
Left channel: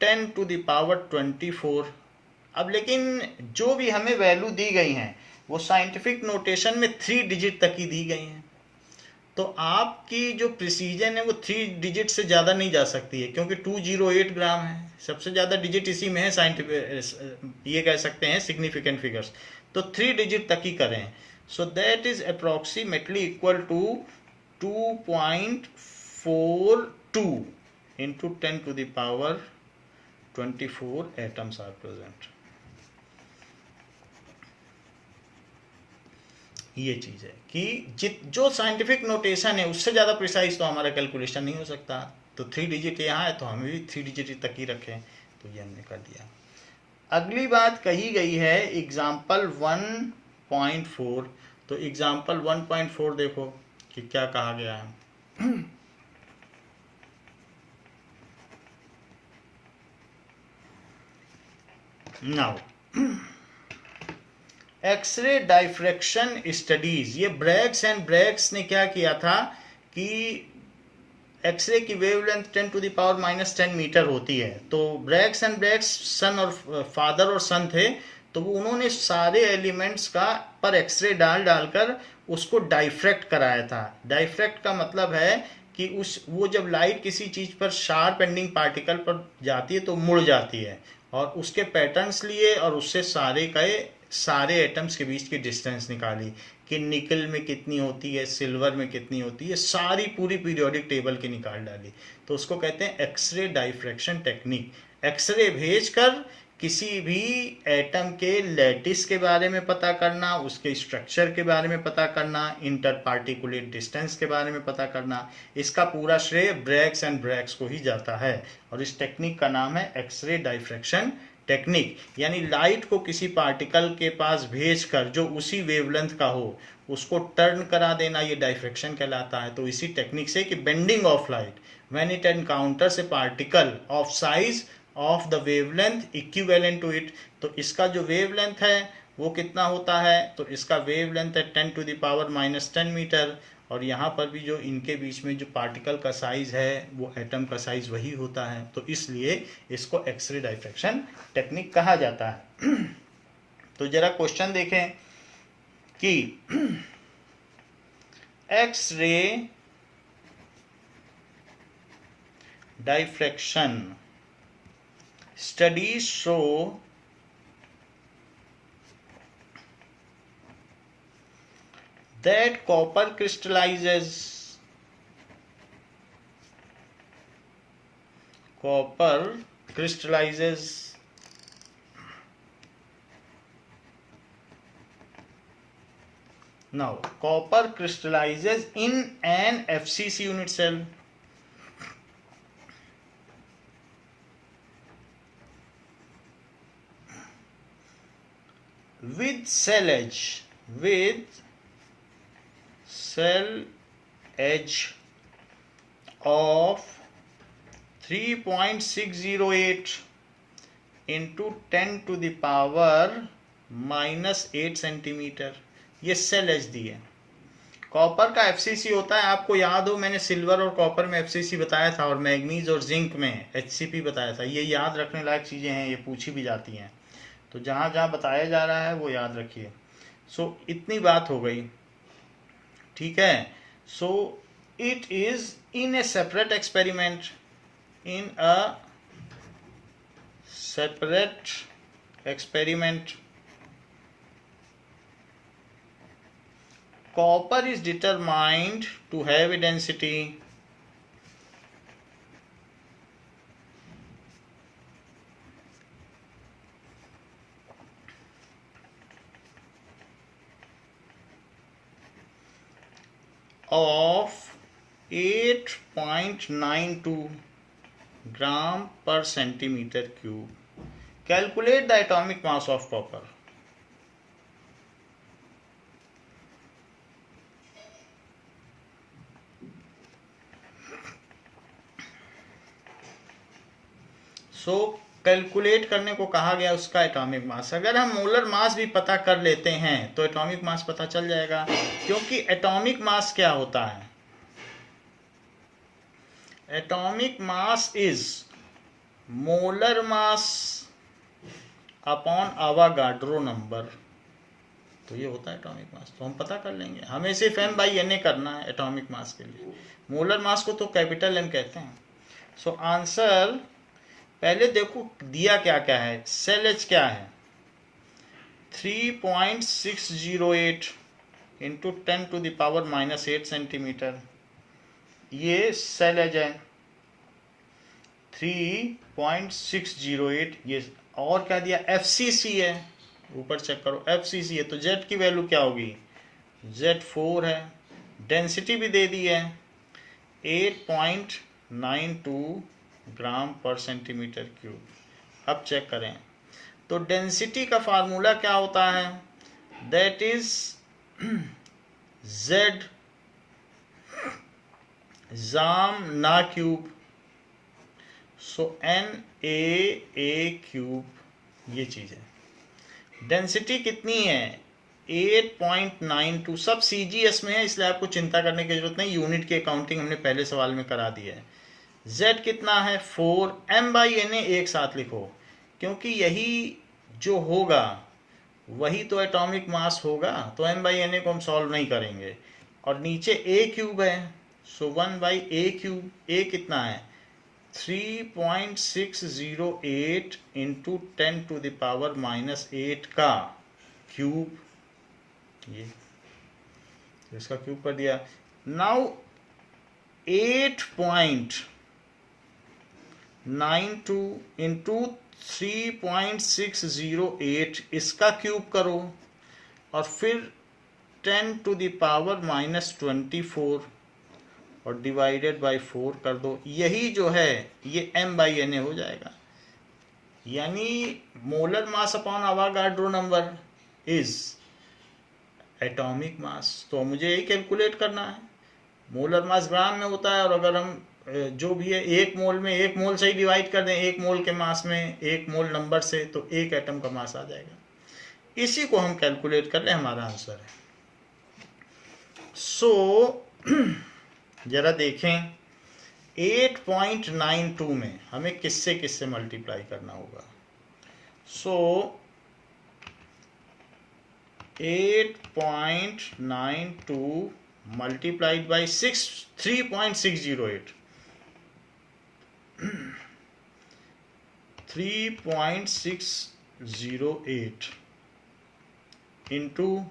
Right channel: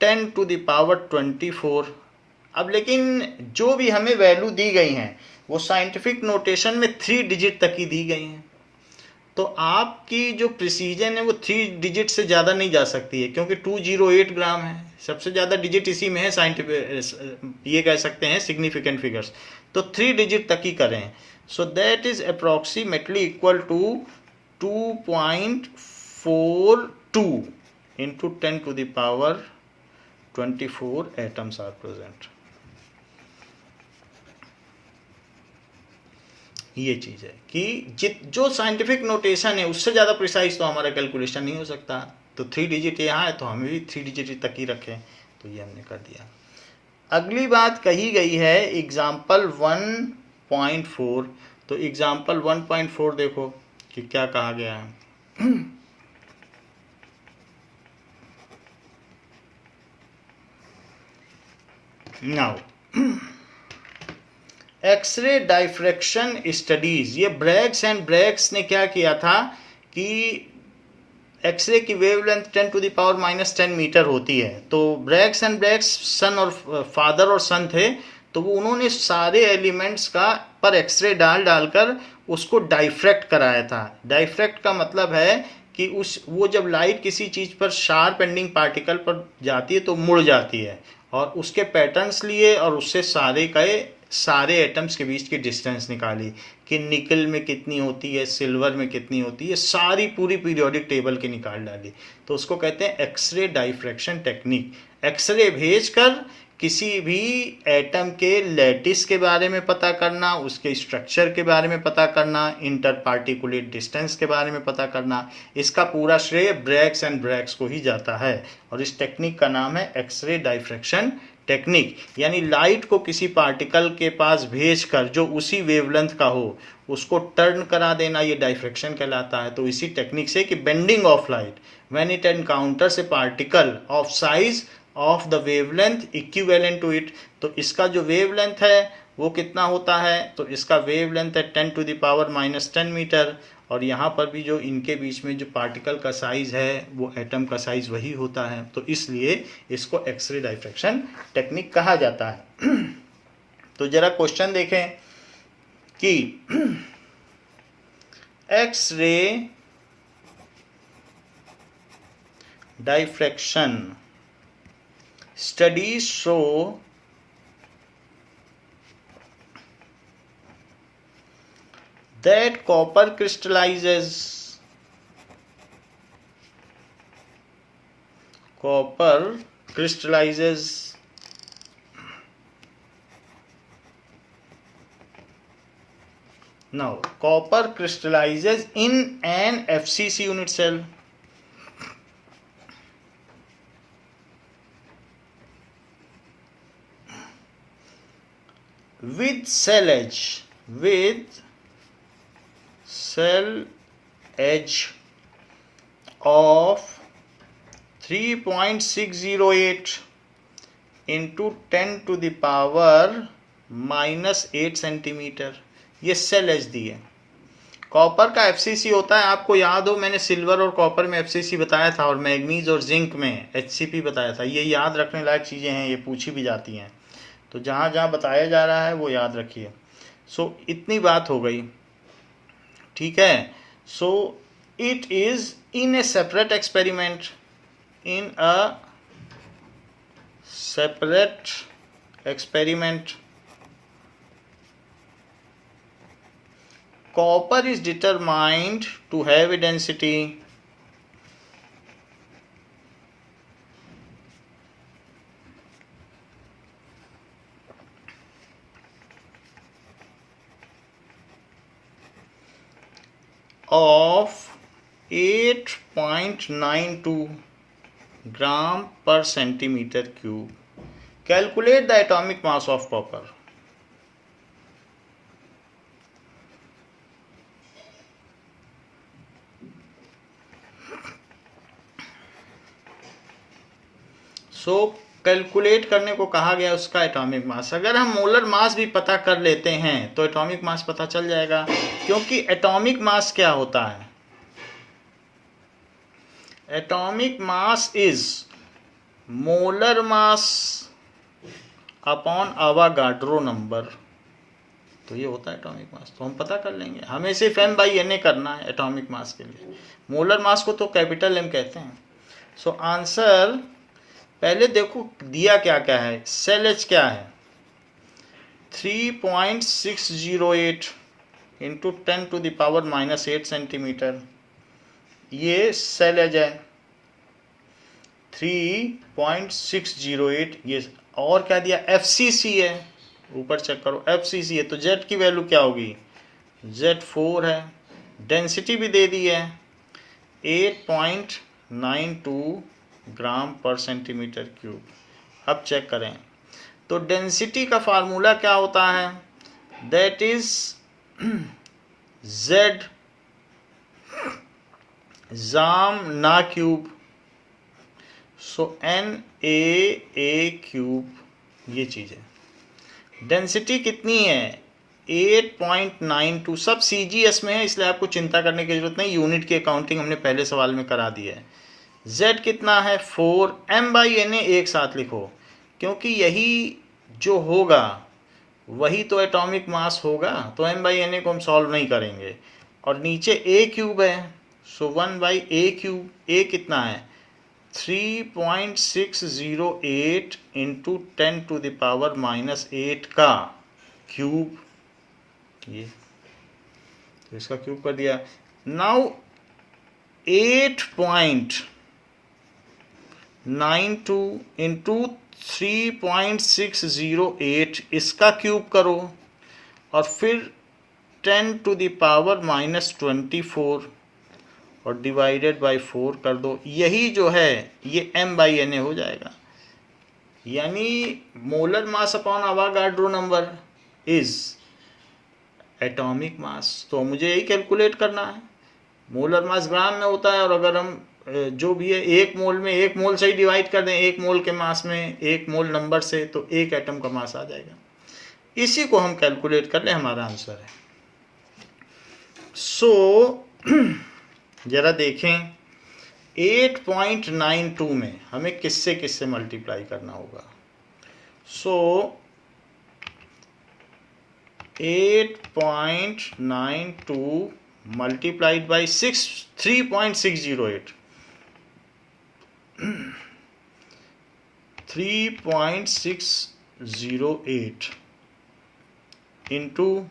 10⁻24। अब लेकिन जो भी हमें वैल्यू दी गई हैं वो साइंटिफिक नोटेशन में 3 डिजिट तक ही दी गई हैं। तो आपकी जो प्रिसीजन है वो 3 डिजिट से ज़्यादा नहीं जा सकती है, क्योंकि 208 ग्राम है, सबसे ज़्यादा डिजिट इसी में है। साइंटिफिक ये कह सकते हैं सिग्निफिकेंट फिगर्स, तो 3 डिजिट तक ही करें। So that is approximately equal to 2.42 into 10⁻24 atoms are present. ये चीज़ है कि जो साइंटिफिक नोटेशन है उससे ज़्यादा प्रिसाइज तो हमारा कैलकुलेशन नहीं हो सकता। तो 3 डिजिट यहाँ है तो हमें भी 3 डिजिट तक ही रखें, तो ये हमने कर दिया। अगली बात कही गई है एग्जाम्पल 1.4। तो एग्जाम्पल 1.4 देखो कि क्या कहा गया है। नाउ एक्सरे डाइफ्रैक्शन स्टडीज, ये ब्रैग्स एंड ब्रैग्स ने क्या किया था कि एक्सरे की वेवलेंथ 10⁻⁻10 मीटर होती है। तो ब्रैग्स एंड ब्रैग्स सन और फादर और सन थे, तो वो उन्होंने सारे एलिमेंट्स का पर एक्सरे डालकर उसको डाइफ्रैक्ट कराया था। डाइफ्रैक्ट का मतलब है कि वो जब लाइट किसी चीज़ पर शार्प एंडिंग पार्टिकल पर जाती है तो मुड़ जाती है, और उसके पैटर्न्स लिए और उससे सारे एटम्स के बीच की डिस्टेंस निकाली कि निकल में कितनी होती है, सिल्वर में कितनी होती है, सारी पूरी पीरियोडिक टेबल की निकाल डाली। तो उसको कहते हैं एक्सरे डाइफ्रैक्शन टेक्निक। एक्सरे भेजकर किसी भी एटम के लैटिस के बारे में पता करना, उसके स्ट्रक्चर के बारे में पता करना, इंटर पार्टिकुलेट डिस्टेंस के बारे में पता करना, इसका पूरा श्रेय ब्रैग्स एंड ब्रैग्स को ही जाता है। और इस टेक्निक का नाम है एक्सरे डाइफ्रैक्शन टेक्निक। यानी लाइट को किसी पार्टिकल के पास भेजकर जो उसी वेवलेंथ का हो उसको टर्न करा देना, ये डाइफ्रैक्शन कहलाता है। तो इसी टेक्निक से कि bending of light when it encounters a particle of size of the wavelength equivalent to इट। तो इसका जो वेवलेंथ है वो कितना होता है, तो इसका वेवलेंथ है 10⁻⁻10 मीटर, और यहाँ पर भी जो इनके बीच में जो पार्टिकल का साइज है वो एटम का साइज वही होता है, तो इसलिए इसको एक्सरे डाइफ्रैक्शन टेक्निक कहा जाता है। तो जरा क्वेश्चन देखें कि X-ray diffraction studies show that copper crystallizes now copper crystallizes in an FCC unit cell with cell edge of 3.608 into 10 to the power -8 centimetre. ये सेल एज दी है। Copper का एफसीसी होता है, आपको याद हो मैंने सिल्वर और कॉपर में एफसीसी बताया था और मैग्नीज और जिंक में एचसीपी बताया था। ये याद रखने लायक चीज़ें हैं, ये पूछी भी जाती हैं, तो जहाँ जहाँ बताया जा रहा है वो याद रखिए। सो इतनी बात हो गई, ठीक है। सो it is in A separate experiment, in a separate experiment copper is determined to have a density of 8.92 gram per centimeter cube. Calculate the atomic mass of copper. So calculate करने को कहा गया उसका एटॉमिक मास। अगर हम molar mass भी पता कर लेते हैं तो एटॉमिक मास पता चल जाएगा, क्योंकि एटॉमिक मास क्या होता है? Atomic mass is molar mass upon Avogadro number, तो ये होता है एटॉमिक मास। तो हम पता कर लेंगे, हमें सिर्फ M/Na करना है एटॉमिक मास के लिए। मोलर मास को तो कैपिटल M कहते हैं। सो आंसर पहले देखो दिया क्या क्या है। सेल एच क्या है? 3.608 into 10 to the power -8 centimetre, ये सेल एज है 3.608। ये और क्या दिया? FCC है, ऊपर चेक करो FCC है, तो Z की वैल्यू क्या होगी? Z4 है। डेंसिटी भी दे दी है 8.92 ग्राम पर सेंटीमीटर क्यूब। अब चेक करें तो डेंसिटी का फार्मूला क्या होता है? दैट इज Z जाम ना क्यूब, सो NaA क्यूब, ये चीज़ है। डेंसिटी कितनी है? 8.92। सब CGS में है, इसलिए आपको चिंता करने की जरूरत नहीं, यूनिट की अकाउंटिंग हमने पहले सवाल में करा दी है। Z कितना है? 4। M/Na एक साथ लिखो, क्योंकि यही जो होगा वही तो एटॉमिक मास होगा, तो M/Na को हम सॉल्व नहीं करेंगे। और नीचे A क्यूब है, सो 1/A क्यूब। A कितना है? 3.608 इंटू 10 to the power -8 का क्यूब, ये इसका क्यूब कर दिया। नाउ 8.92 इंटू 3.608 इसका क्यूब करो, और फिर 10 to the power -24 और डिवाइडेड बाय 4 कर दो। यही जो है ये M/Na हो जाएगा, यानी molar mass upon Avogadro number is atomic mass. तो मुझे यही कैलकुलेट करना है। मोलर मास ग्राम में होता है, और अगर हम जो भी है 1 मोल में 1 मोल से ही डिवाइड कर दें, 1 मोल के मास में 1 मोल नंबर से, तो 1 एटम का मास आ जाएगा। इसी को हम कैलकुलेट कर लें, हमारा आंसर है। सो जरा देखें 8.92 में हमें किससे किससे मल्टीप्लाई करना होगा। सो 8.92 multiplied by 3.608 3.608 into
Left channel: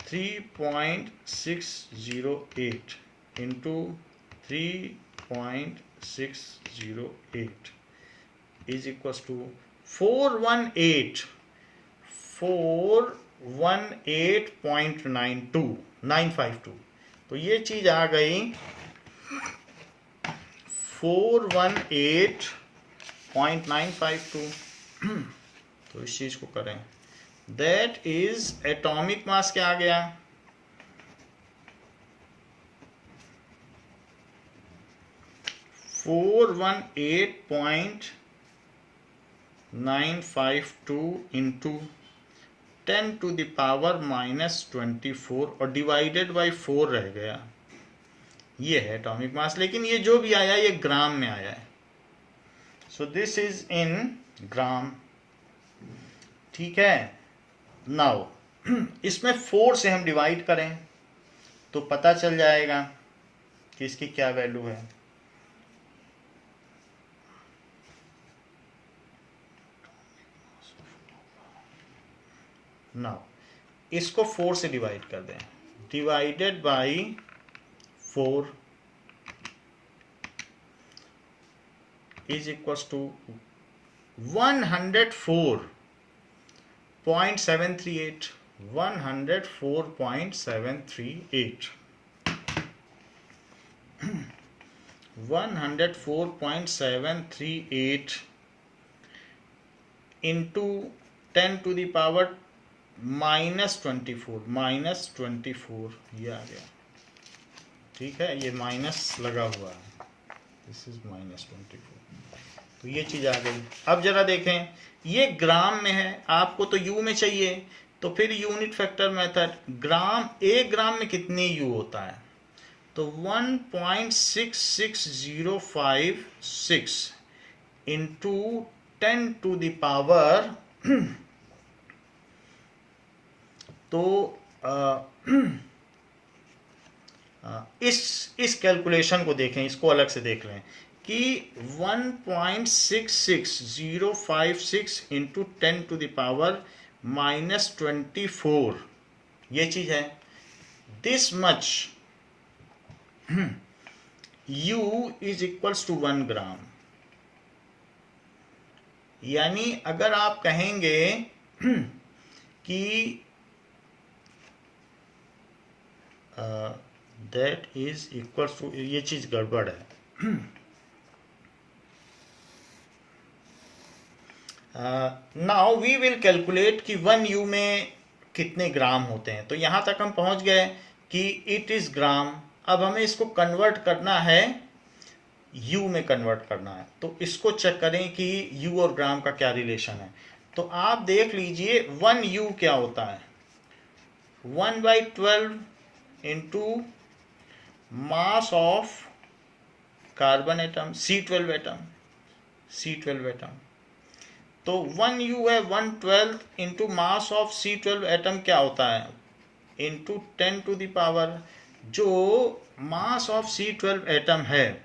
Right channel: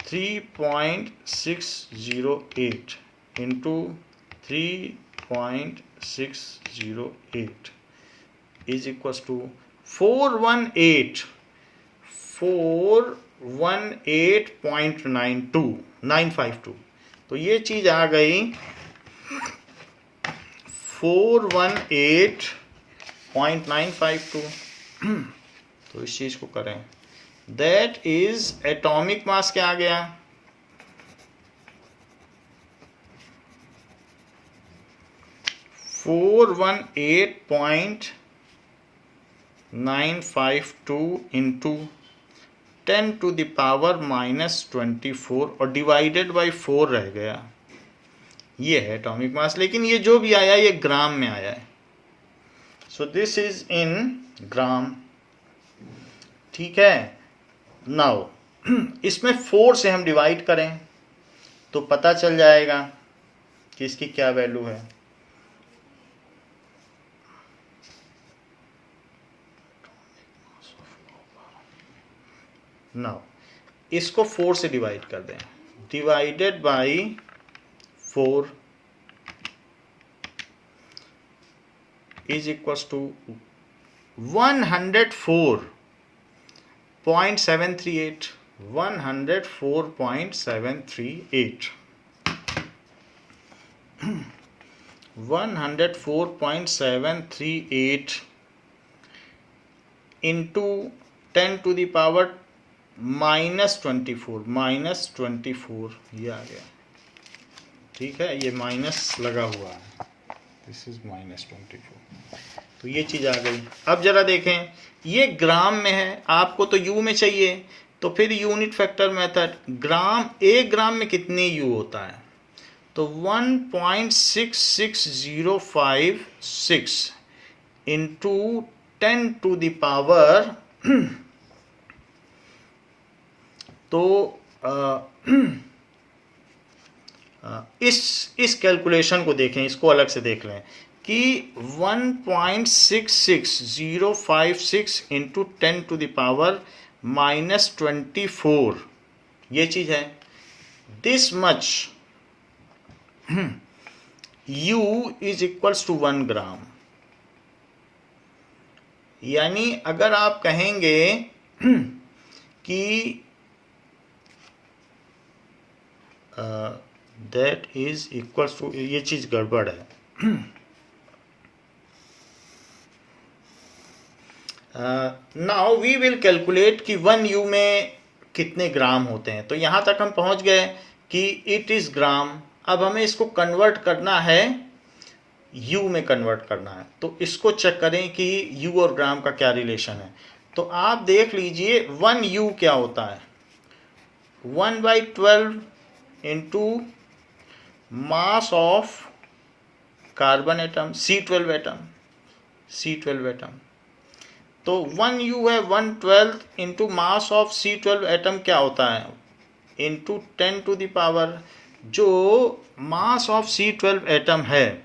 3.608 into 3.608 is equals to 418.952 तो ये चीज आ गई 418.952। तो इस चीज को करें, दैट इज एटॉमिक मास क्या आ गया 418.952 into 10 to the power -24 और डिवाइडेड बाई 4 रह गया। ये है एटॉमिक मास, लेकिन ये जो भी आया ये ग्राम में आया है। सो दिस इज इन ग्राम। ठीक है, नाउ इसमें 4 से हम डिवाइड करें तो पता चल जाएगा कि इसकी क्या वैल्यू है। नाउ इसको 4 से डिवाइड कर दें, divided by 4 is equals to 104.738 104.738 104.738 into 10 to the power -24 ये आ गया। ठीक है, ये माइनस लगा हुआ है, दिस इज -24। तो ये चीज आ गई। अब जरा देखें, ये ग्राम में है, आपको तो यू में चाहिए, तो फिर यूनिट फैक्टर मेथड, ग्राम एक ग्राम में कितने यू होता है, तो 1.66056 इंटू 10 to the power तो इस कैलकुलेशन को देखें, इसको अलग से देख लें कि 1.66056 इंटू 10 to the power -24 ये चीज है। This much U is equals to 1 gram. यानी अगर आप कहेंगे कि दैट इज इक्वल्स टू, ये चीज गड़बड़ है। नाउ वी विल कैलकुलेट कि 1 U में कितने ग्राम होते हैं। तो यहां तक हम पहुंच गए कि इट इज ग्राम। अब हमें इसको कन्वर्ट करना है, U में कन्वर्ट करना है। तो इसको चेक करें कि U और ग्राम का क्या रिलेशन है। तो आप देख लीजिए 1 U क्या होता है, 1/12 into mass of carbon atom C12 atom. तो 1 U है 1/12 into mass of C12 atom क्या होता है, इंटू 10 to the power, जो मास ऑफ C12 एटम है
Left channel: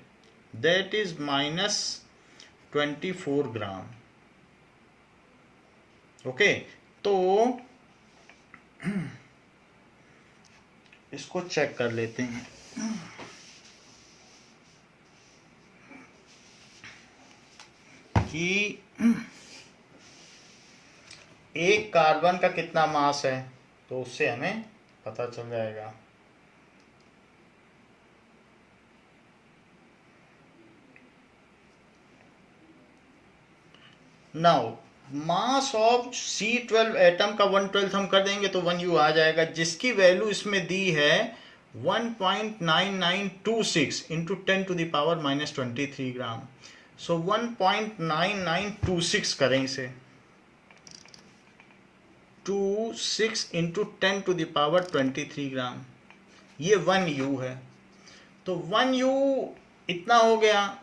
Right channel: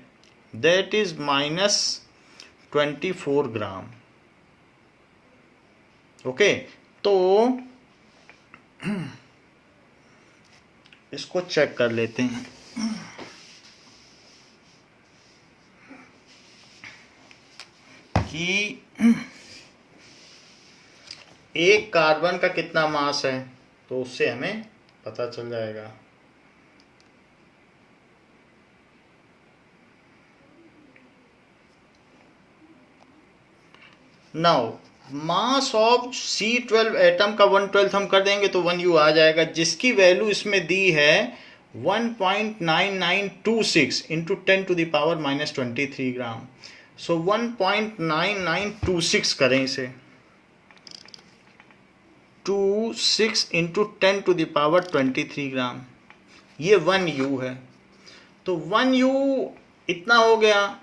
दैट इज -24 ग्राम। ओके, तो इसको चेक कर लेते हैं कि एक कार्बन का कितना मास है, तो उससे हमें पता चल जाएगा। Now mass of C12 atom का 1/12 हम कर देंगे तो 1 U आ जाएगा, जिसकी वैल्यू इसमें दी है 1.9926 इंटू 10 to the power -23 ग्राम। सो 1.9926 करें इसे, 26 इंटू 10 to the power 23 ग्राम। ये 1U है, तो 1U इतना हो गया।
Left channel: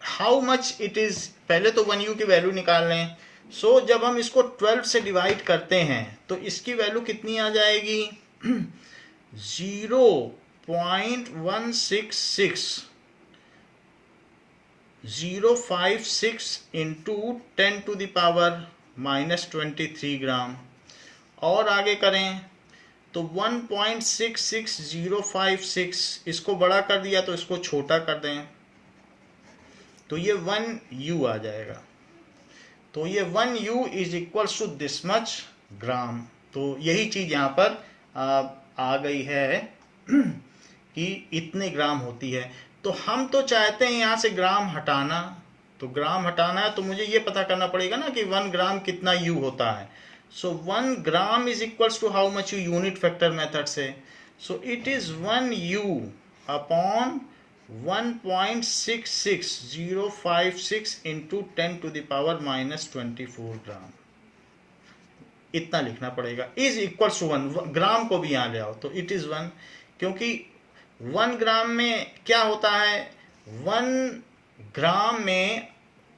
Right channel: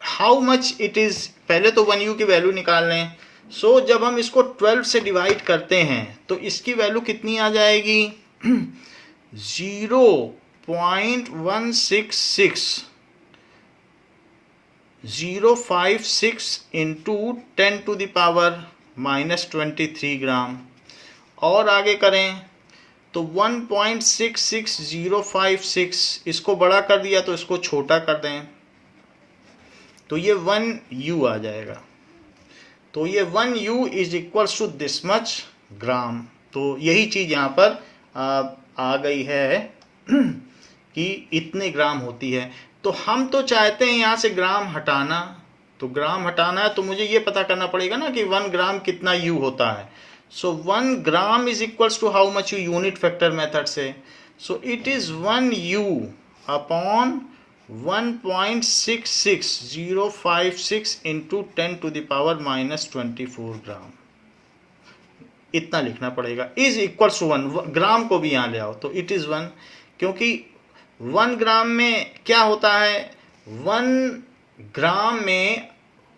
हाउ मच इट इज, पहले तो 1U की वैल्यू निकाल लें। सो जब हम इसको 12 से डिवाइड करते हैं तो इसकी वैल्यू कितनी आ जाएगी 0.166 इंटू 10⁻⁻23 ग्राम। और आगे करें तो 1.66056, इसको बड़ा कर दिया तो इसको छोटा कर दें तो ये 1U आ जाएगा। तो ये 1U is equals to this much gram. तो यही चीज़ यहाँ पर आ गई है कि इतने ग्राम होती है। तो हम तो चाहते हैं यहाँ से ग्राम हटाना, तो ग्राम हटाना है तो मुझे ये पता करना पड़ेगा ना कि 1 ग्राम कितना U होता है। So 1 gram is equals to how much U, unit factor method से। So it is 1U upon 1.66056 into 10⁻⁻24 gram, इतना लिखना पड़ेगा। इज इक्वल टू 1, ग्राम को भी यहाँ ले आओ तो इट इज 1, क्योंकि 1 ग्राम में क्या होता है, 1 ग्राम में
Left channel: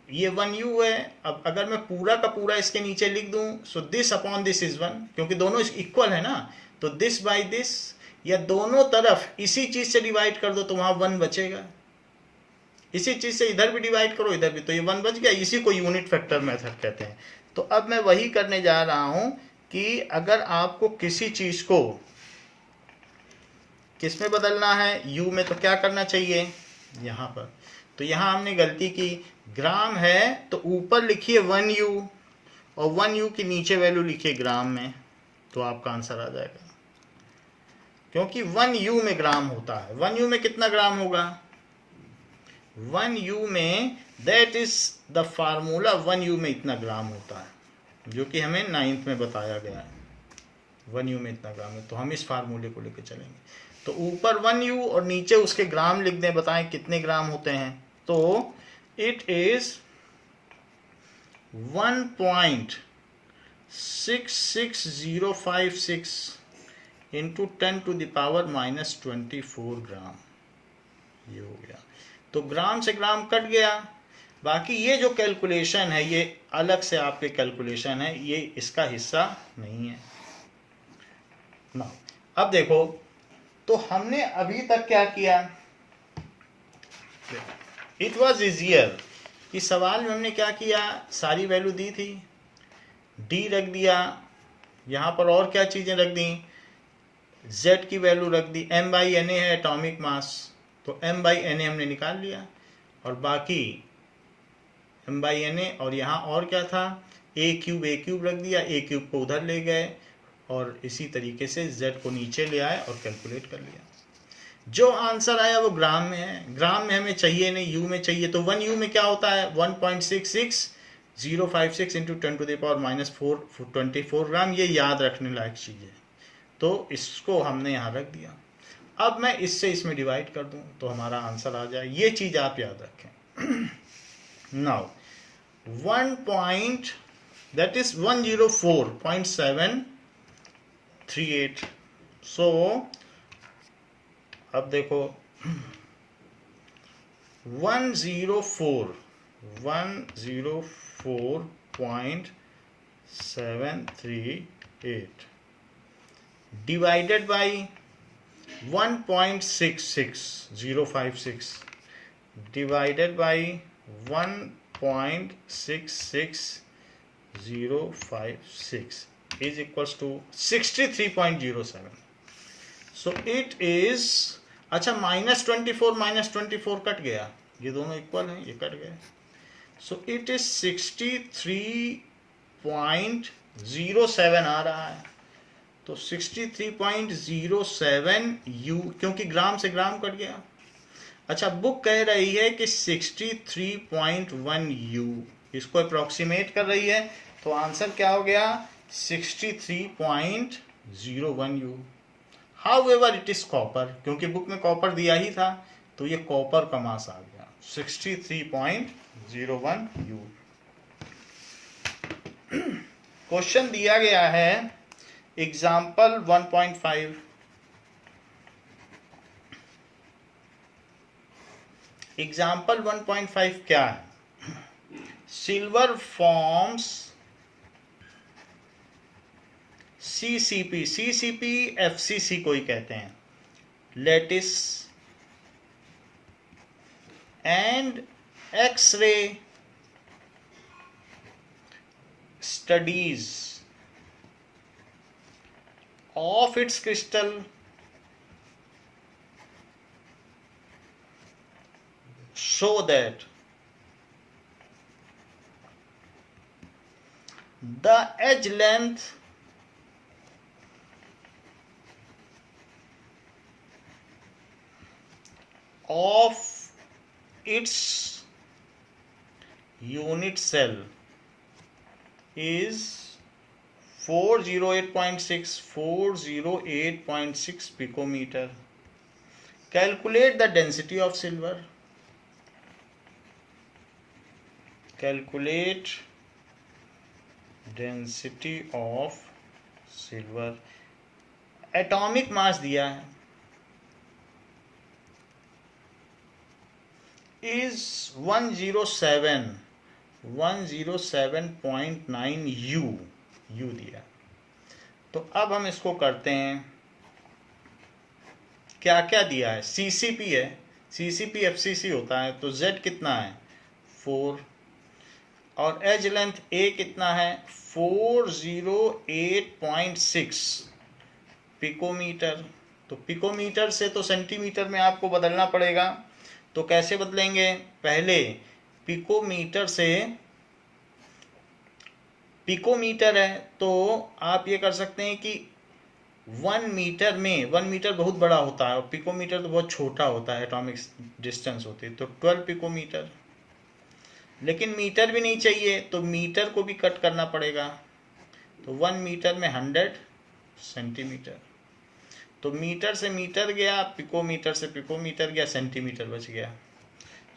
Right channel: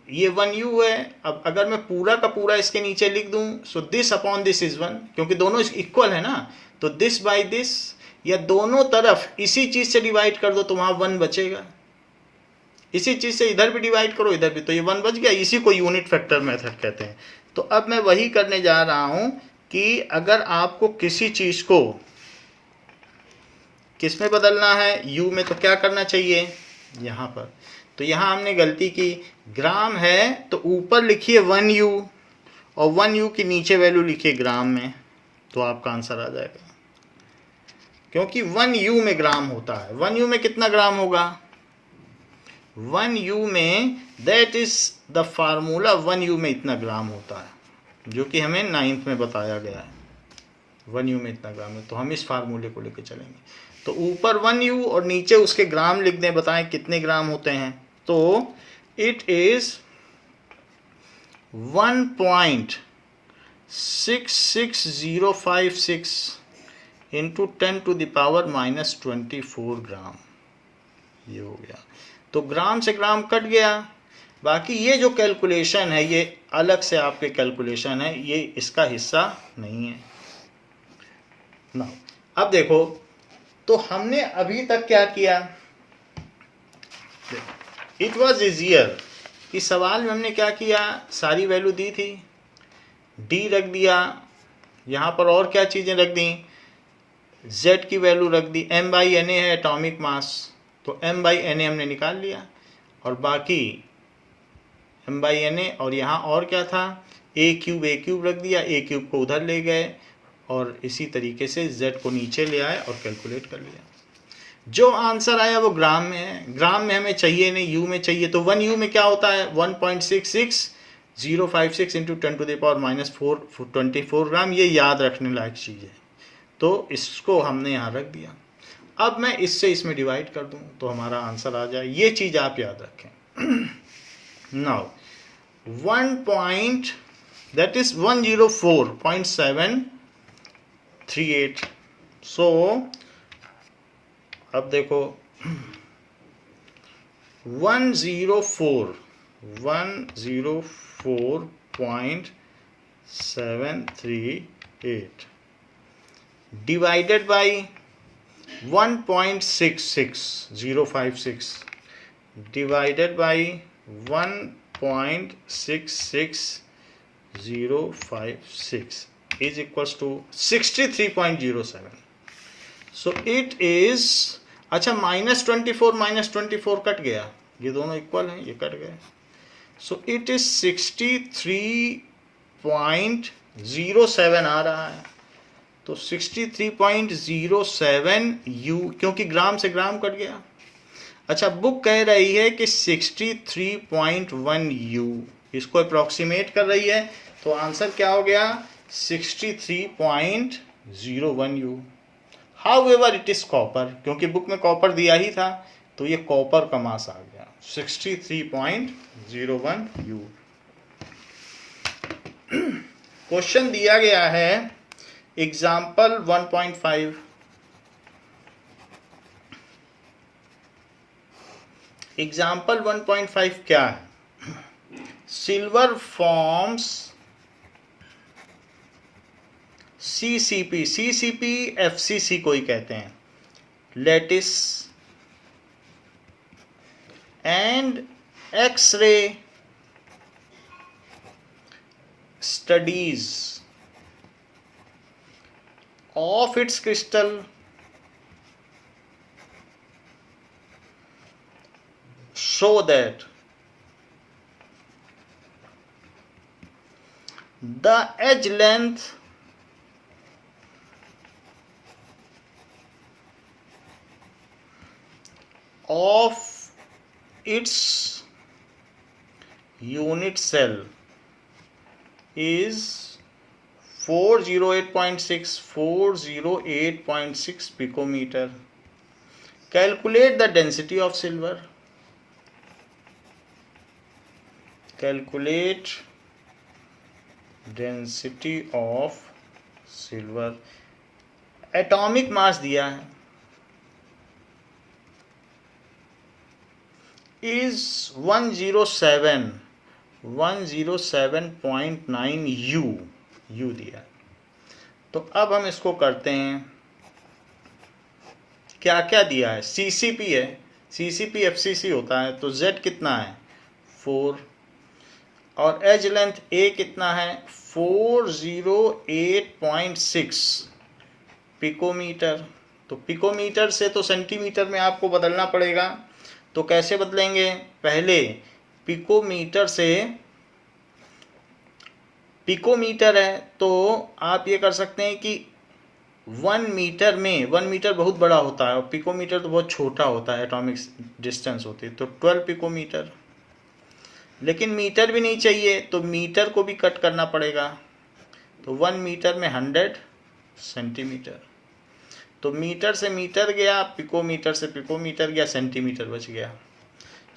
ये 1U है। अब अगर मैं पूरा का पूरा इसके नीचे लिख दूं, so this upon this is 1, क्योंकि दोनों इक्वल है ना, तो दिस बाय दिस, या दोनों तरफ इसी चीज से डिवाइड कर दो तो वहां 1 बचेगा। इसी चीज से इधर भी डिवाइड करो इधर भी, तो ये 1 बच गया। इसी को यूनिट फैक्टर मेथड कहते हैं। तो अब मैं वही करने जा रहा हूं कि अगर आपको किसी चीज को किस में बदलना है, U में, तो क्या करना चाहिए यहां पर। तो यहां हमने गलती की, ग्राम है तो ऊपर लिखिए 1U और 1U की नीचे वैल्यू लिखिए ग्राम में, तो आपका आंसर आ जाएगा। क्योंकि 1U में ग्राम होता है। 1U में कितना ग्राम होगा, 1U में, that is the formula, 1U में इतना ग्राम होता है, जो कि हमें 9th में बताया गया है। 1U में इतना ग्राम है, तो हम इस फार्मूले को लेकर चलेंगे। तो ऊपर 1U और नीचे उसके ग्राम लिख दें, बताएं कितने ग्राम होते हैं। तो इट इज 1.66056 इंटू 10⁻⁻24 ग्राम, ये हो गया। तो ग्राम से ग्राम कट गया। बाकी ये जो कैलकुलेशन है ये अलग से आपके कैलकुलेशन है, ये इसका हिस्सा नहीं है ना। अब देखो, तो हमने अभी तक क्या किया, इट वॉज इजियर। इस सवाल में हमने क्या किया, सारी वैल्यू दी थी, डी रख दिया, यहाँ पर और क्या चीज़ें रख दी, z की वैल्यू रख दी, m/na है एटॉमिक मास, तो m/na हमने निकाल लिया, और बाकी m/na, और यहाँ और क्या था, a क्यूब रख दिया, a क्यूब को उधर ले गए, और इसी तरीके से z को नीचे ले आए और कैलकुलेट कर लिया। जो आंसर आया वो ग्राम में है। ग्राम में हमें चाहिए नहीं, U में चाहिए। तो 1U में क्या होता है, 1.66056 इंटू 10⁻⁻424 ग्राम। ये याद रखने लायक चीज़ है, तो इसको हमने यहाँ रख दिया। अब मैं इससे इसमें डिवाइड कर दूँ तो हमारा आंसर आ जाए। ये चीज़ आप याद रखें। नाउ 104.738। सो अब देखो 104.738 divided by 1.66056 divided by 1.66056 is equals to 63.07. So it is, अच्छा -24 कट गया, ये दोनों इक्वल हैं, ये कट गए। सो इट इज 63.07 आ रहा है। तो 63.07 U, क्योंकि ग्राम से ग्राम कट गया। अच्छा, बुक कह रही है कि 63.1 U, इसको अप्रॉक्सीमेट कर रही है, तो आंसर क्या हो गया 63.01 U। However it is copper, क्योंकि बुक में कॉपर दिया ही था, तो ये कॉपर का मास आ गया 63.01 U। क्वेश्चन दिया गया है एग्जाम्पल 1.5। एग्जाम्पल 1.5 क्या है? सिल्वर फॉर्म्स CCP FCC को ही कहते हैं, lattice and X-ray studies of its crystal show that the edge length of its unit cell is 408.6 picometer. Calculate the density of silver. Calculate density of silver. Atomic mass दिया है is 107.9 U दिया। तो अब हम इसको करते हैं, क्या क्या दिया है? CCP है, CCP FCC होता है, तो Z कितना है? 4, और एज लेंथ A कितना है? 408.6 पिकोमीटर। तो पिकोमीटर से तो सेंटीमीटर में आपको बदलना पड़ेगा, तो कैसे बदलेंगे? पहले पिकोमीटर से, पिकोमीटर है तो आप ये कर सकते हैं कि 1 मीटर में, 1 मीटर बहुत बड़ा होता है और पिकोमीटर तो बहुत छोटा होता है, एटॉमिक डिस्टेंस होती है, तो 12 पिकोमीटर। लेकिन मीटर भी नहीं चाहिए तो मीटर को भी कट करना पड़ेगा, तो 1 मीटर में 100 सेंटीमीटर। तो मीटर से मीटर गया, पिकोमीटर से पिकोमीटर गया, सेंटीमीटर बच गया।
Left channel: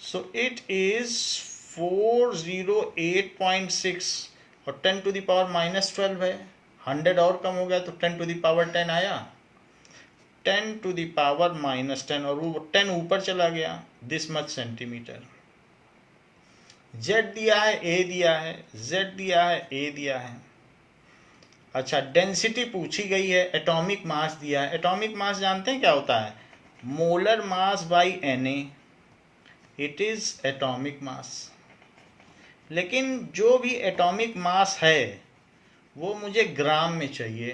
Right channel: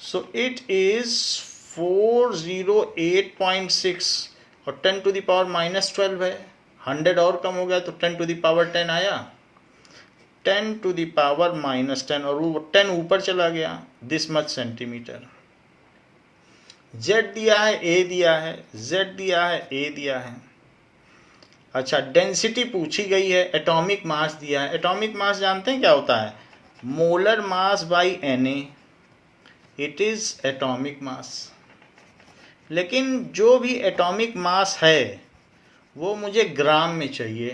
सो इट इज 408.6 और 10 टू द पावर -12 है, 100 और कम हो गया तो 10 टू द पावर 10 आया, 10 टू द पावर -10 और वो 10 ऊपर चला गया, दिस मच सेंटीमीटर। Z दिया है, A दिया है, Z दिया है, A दिया है। अच्छा, डेंसिटी पूछी गई है, एटॉमिक मास दिया है। एटॉमिक मास जानते हैं क्या होता है? Molar mass by Na, it is atomic मास। लेकिन जो भी एटॉमिक मास है वो मुझे ग्राम में चाहिए,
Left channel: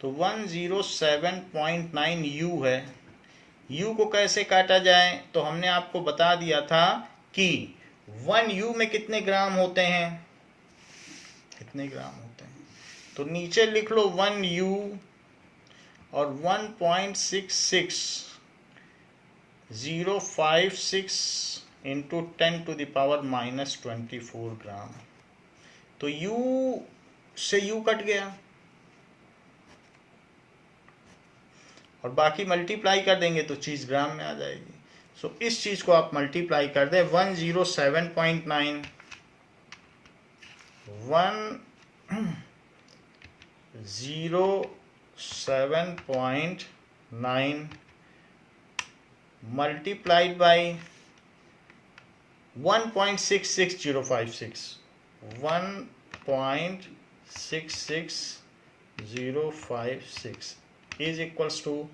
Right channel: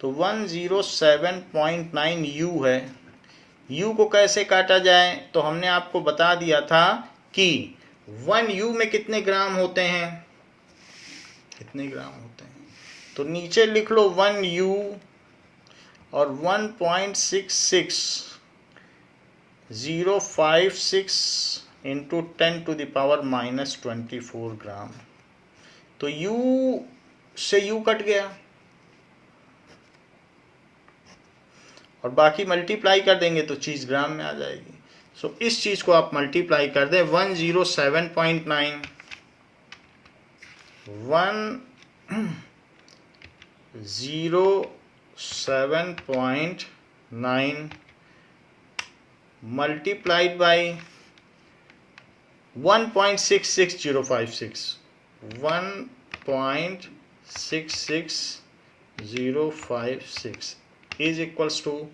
तो 107.9 U है। U को कैसे काटा जाए? तो हमने आपको बता दिया था कि 1 U में कितने ग्राम होते हैं, कितने ग्राम होते हैं। तो नीचे लिख लो 1 U और 1.66 इंटू 10 टू द पावर -24 ग्राम। तो U से U कट गया और बाकी मल्टीप्लाई कर देंगे तो चीज़ ग्राम में आ जाएगी। सो इस चीज़ को आप मल्टीप्लाई कर दें, 107.9 107.9 multiplied by 1.66056, 1.66056 is equals to,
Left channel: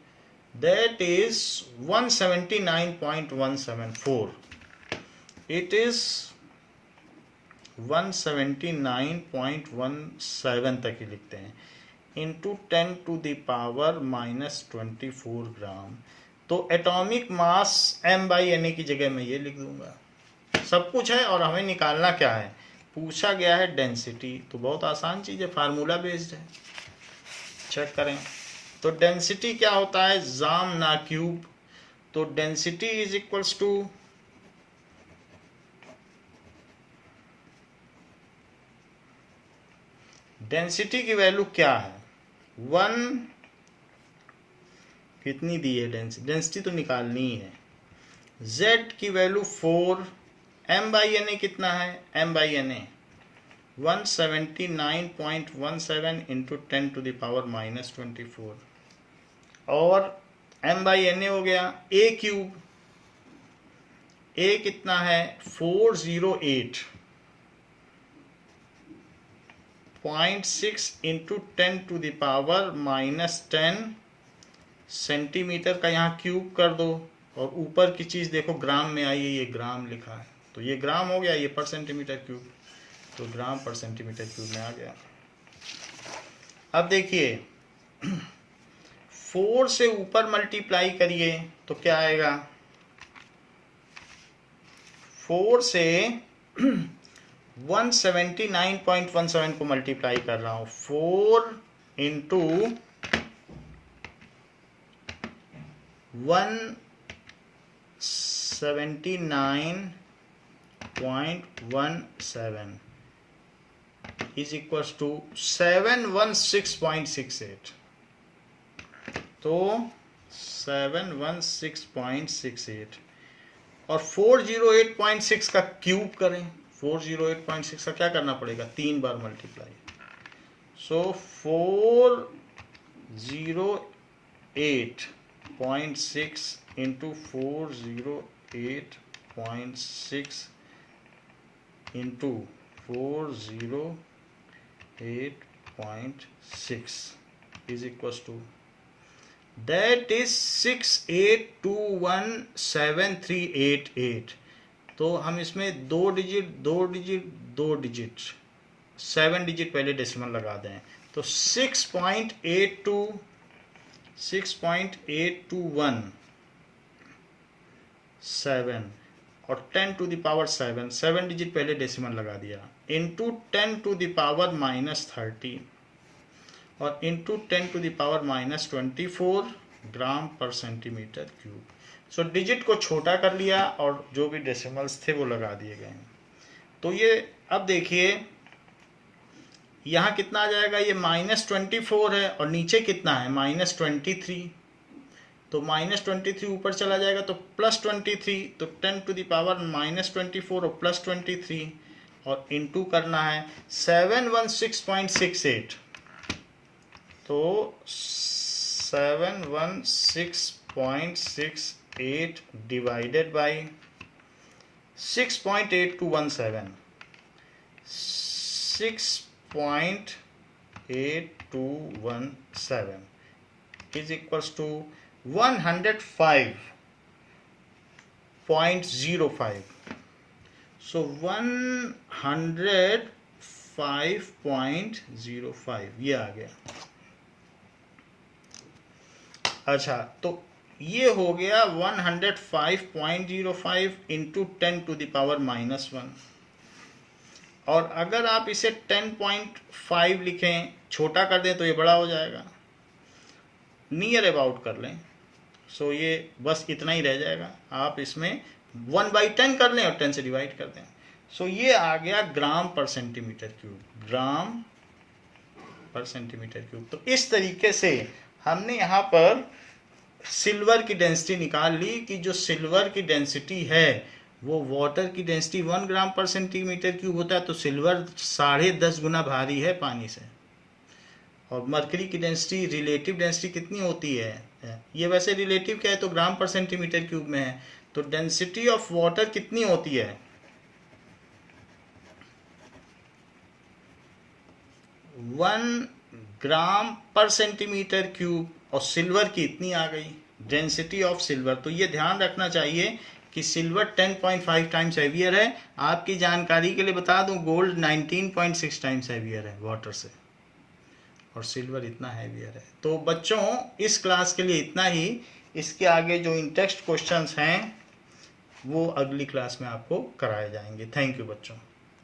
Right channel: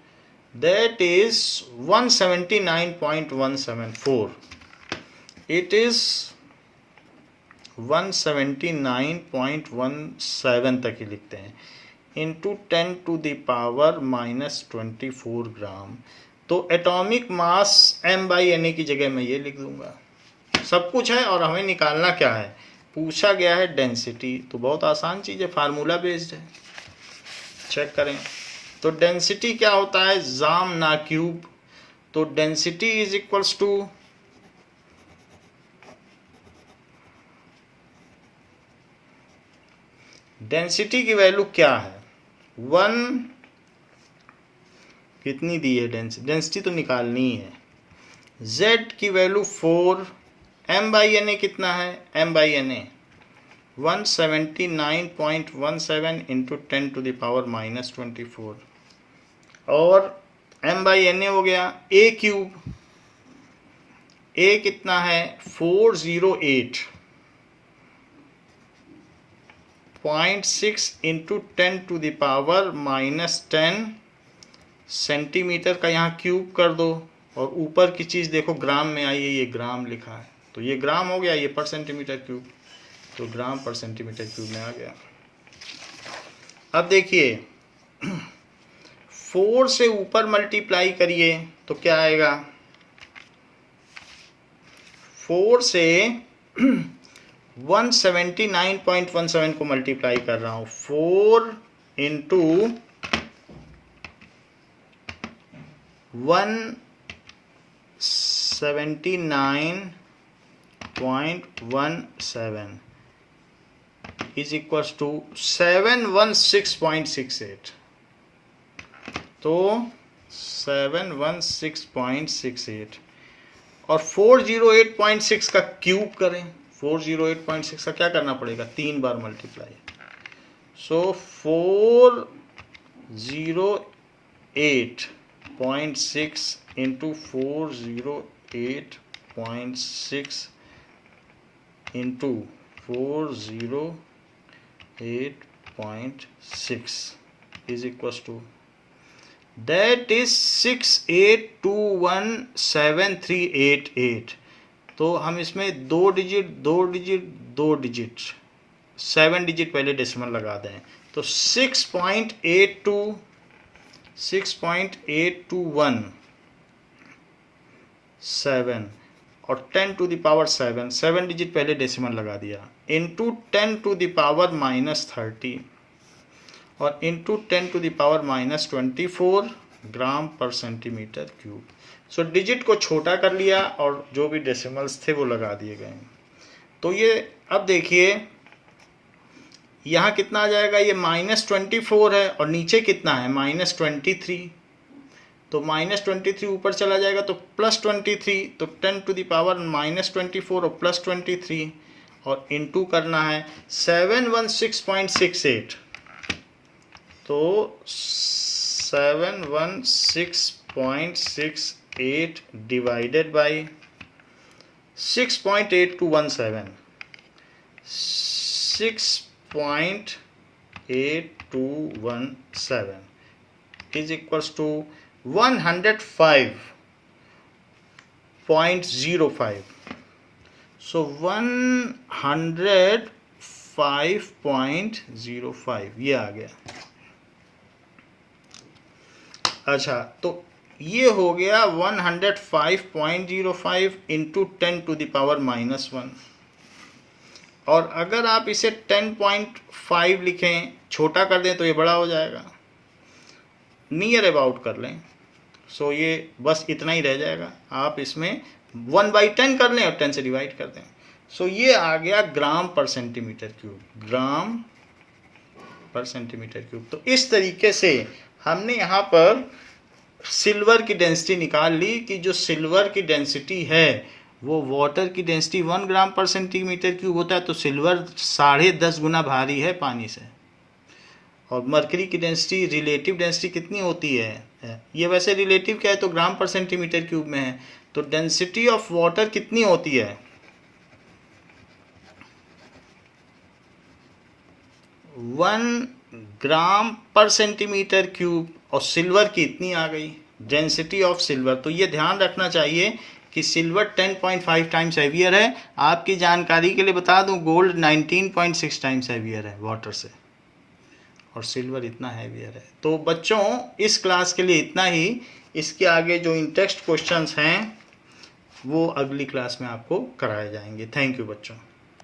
that is 179.174. It is 179.17 तक ही लिखते हैं, इंटू 10 टू द पावर -24 ग्राम। तो एटॉमिक मास M/Na की जगह मैं ये लिख दूंगा। सब कुछ है और हमें निकालना क्या है? पूछा गया है डेंसिटी, तो बहुत आसान चीज़ है, फार्मूला बेस्ड है। चेक करें तो डेंसिटी क्या होता है? जाम ना क्यूब। तो density is equals to density की वैल्यू क्या है? 1 कितनी दी है डेंसिटी तो निकालनी है। Z की वैल्यू 4, M/Na कितना है? M/Na 179.17 into 10 to the power -24 और M/Na हो गया A क्यूब, ए कितना है 408.6 इंटू 10⁻⁻10 सेंटीमीटर का यहाँ क्यूब कर दो, और ऊपर की चीज़ देखो ग्राम में आई है, ये ग्राम लिखा है तो ये ग्राम हो गया, ये पर सेंटीमीटर क्यूब, तो ग्राम पर सेंटीमीटर क्यूब में आ गया। अब देखिए 4 से ऊपर मल्टीप्लाई करिए तो क्या आएगा, 4 से 179.17 को मल्टीप्लाई कर रहा हूँ, 4 इंटू 179.17 इज इक्वल्स टू 716.68। तो 716.68 और 408.6 का क्यूब करें, 408.6 का क्या करना पड़ेगा, 3 बार multiply. So 408.6 into 408.6 into 408.6 is equals to, that is 68217388। तो हम इसमें 2 डिजिट 7 डिजिट पहले डेसिमल लगा दें, तो 6.821 और 10 टू द पावर 7 डिजिट पहले डेसिमल लगा दिया, इंटू 10 टू द पावर -30 और into 10 to the power -24 gram per centimetre cube. So digit को छोटा कर लिया और जो भी डेसिमल्स थे वो लगा दिए गए। तो ये अब देखिए यहाँ कितना आ जाएगा, ये -24 है और नीचे कितना है -23, तो -23 ऊपर चला जाएगा तो +23, तो 10 टू द पावर -24 और +23 और इंटू करना है 716.68, तो 716.68 divided by 6.8217, 6.8217 is equals to 105.05। so 105.05 ये आ गया। अच्छा, तो ये हो गया 105.05 इंटू 10 टू द पावर -1, और अगर आप इसे 10.5 लिखें, छोटा कर दें तो ये बड़ा हो जाएगा, नियर अबाउट कर लें, सो ये बस इतना ही रह जाएगा। आप इसमें 1/10 कर लें और 10 से डिवाइड कर दें, सो ये आ गया ग्राम पर सेंटीमीटर क्यूब, ग्राम पर सेंटीमीटर क्यूब। तो इस तरीके से हमने यहाँ पर सिल्वर की डेंसिटी निकाल ली कि जो सिल्वर की डेंसिटी है वो वाटर की डेंसिटी 1 ग्राम पर सेंटीमीटर क्यूब होता है, तो सिल्वर 10.5 गुना भारी है पानी से। और मरकरी की डेंसिटी, रिलेटिव डेंसिटी कितनी होती है, ये वैसे रिलेटिव क्या है तो ग्राम पर सेंटीमीटर क्यूब में है, तो डेंसिटी ऑफ वाटर कितनी होती है 1 ग्राम पर सेंटीमीटर क्यूब, और सिल्वर की इतनी आ गई डेंसिटी ऑफ सिल्वर। तो ये ध्यान रखना चाहिए कि सिल्वर 10.5 टाइम्स हैवियर है। आपकी जानकारी के लिए बता दूं, गोल्ड 19.6 टाइम्स हैवियर है वाटर से, और सिल्वर इतना हैवियर है। तो बच्चों इस क्लास के लिए इतना ही, इसके आगे जो इन टेक्स्ट क्वेश्चंस हैं वो अगली क्लास में आपको कराए जाएंगे। थैंक यू बच्चों।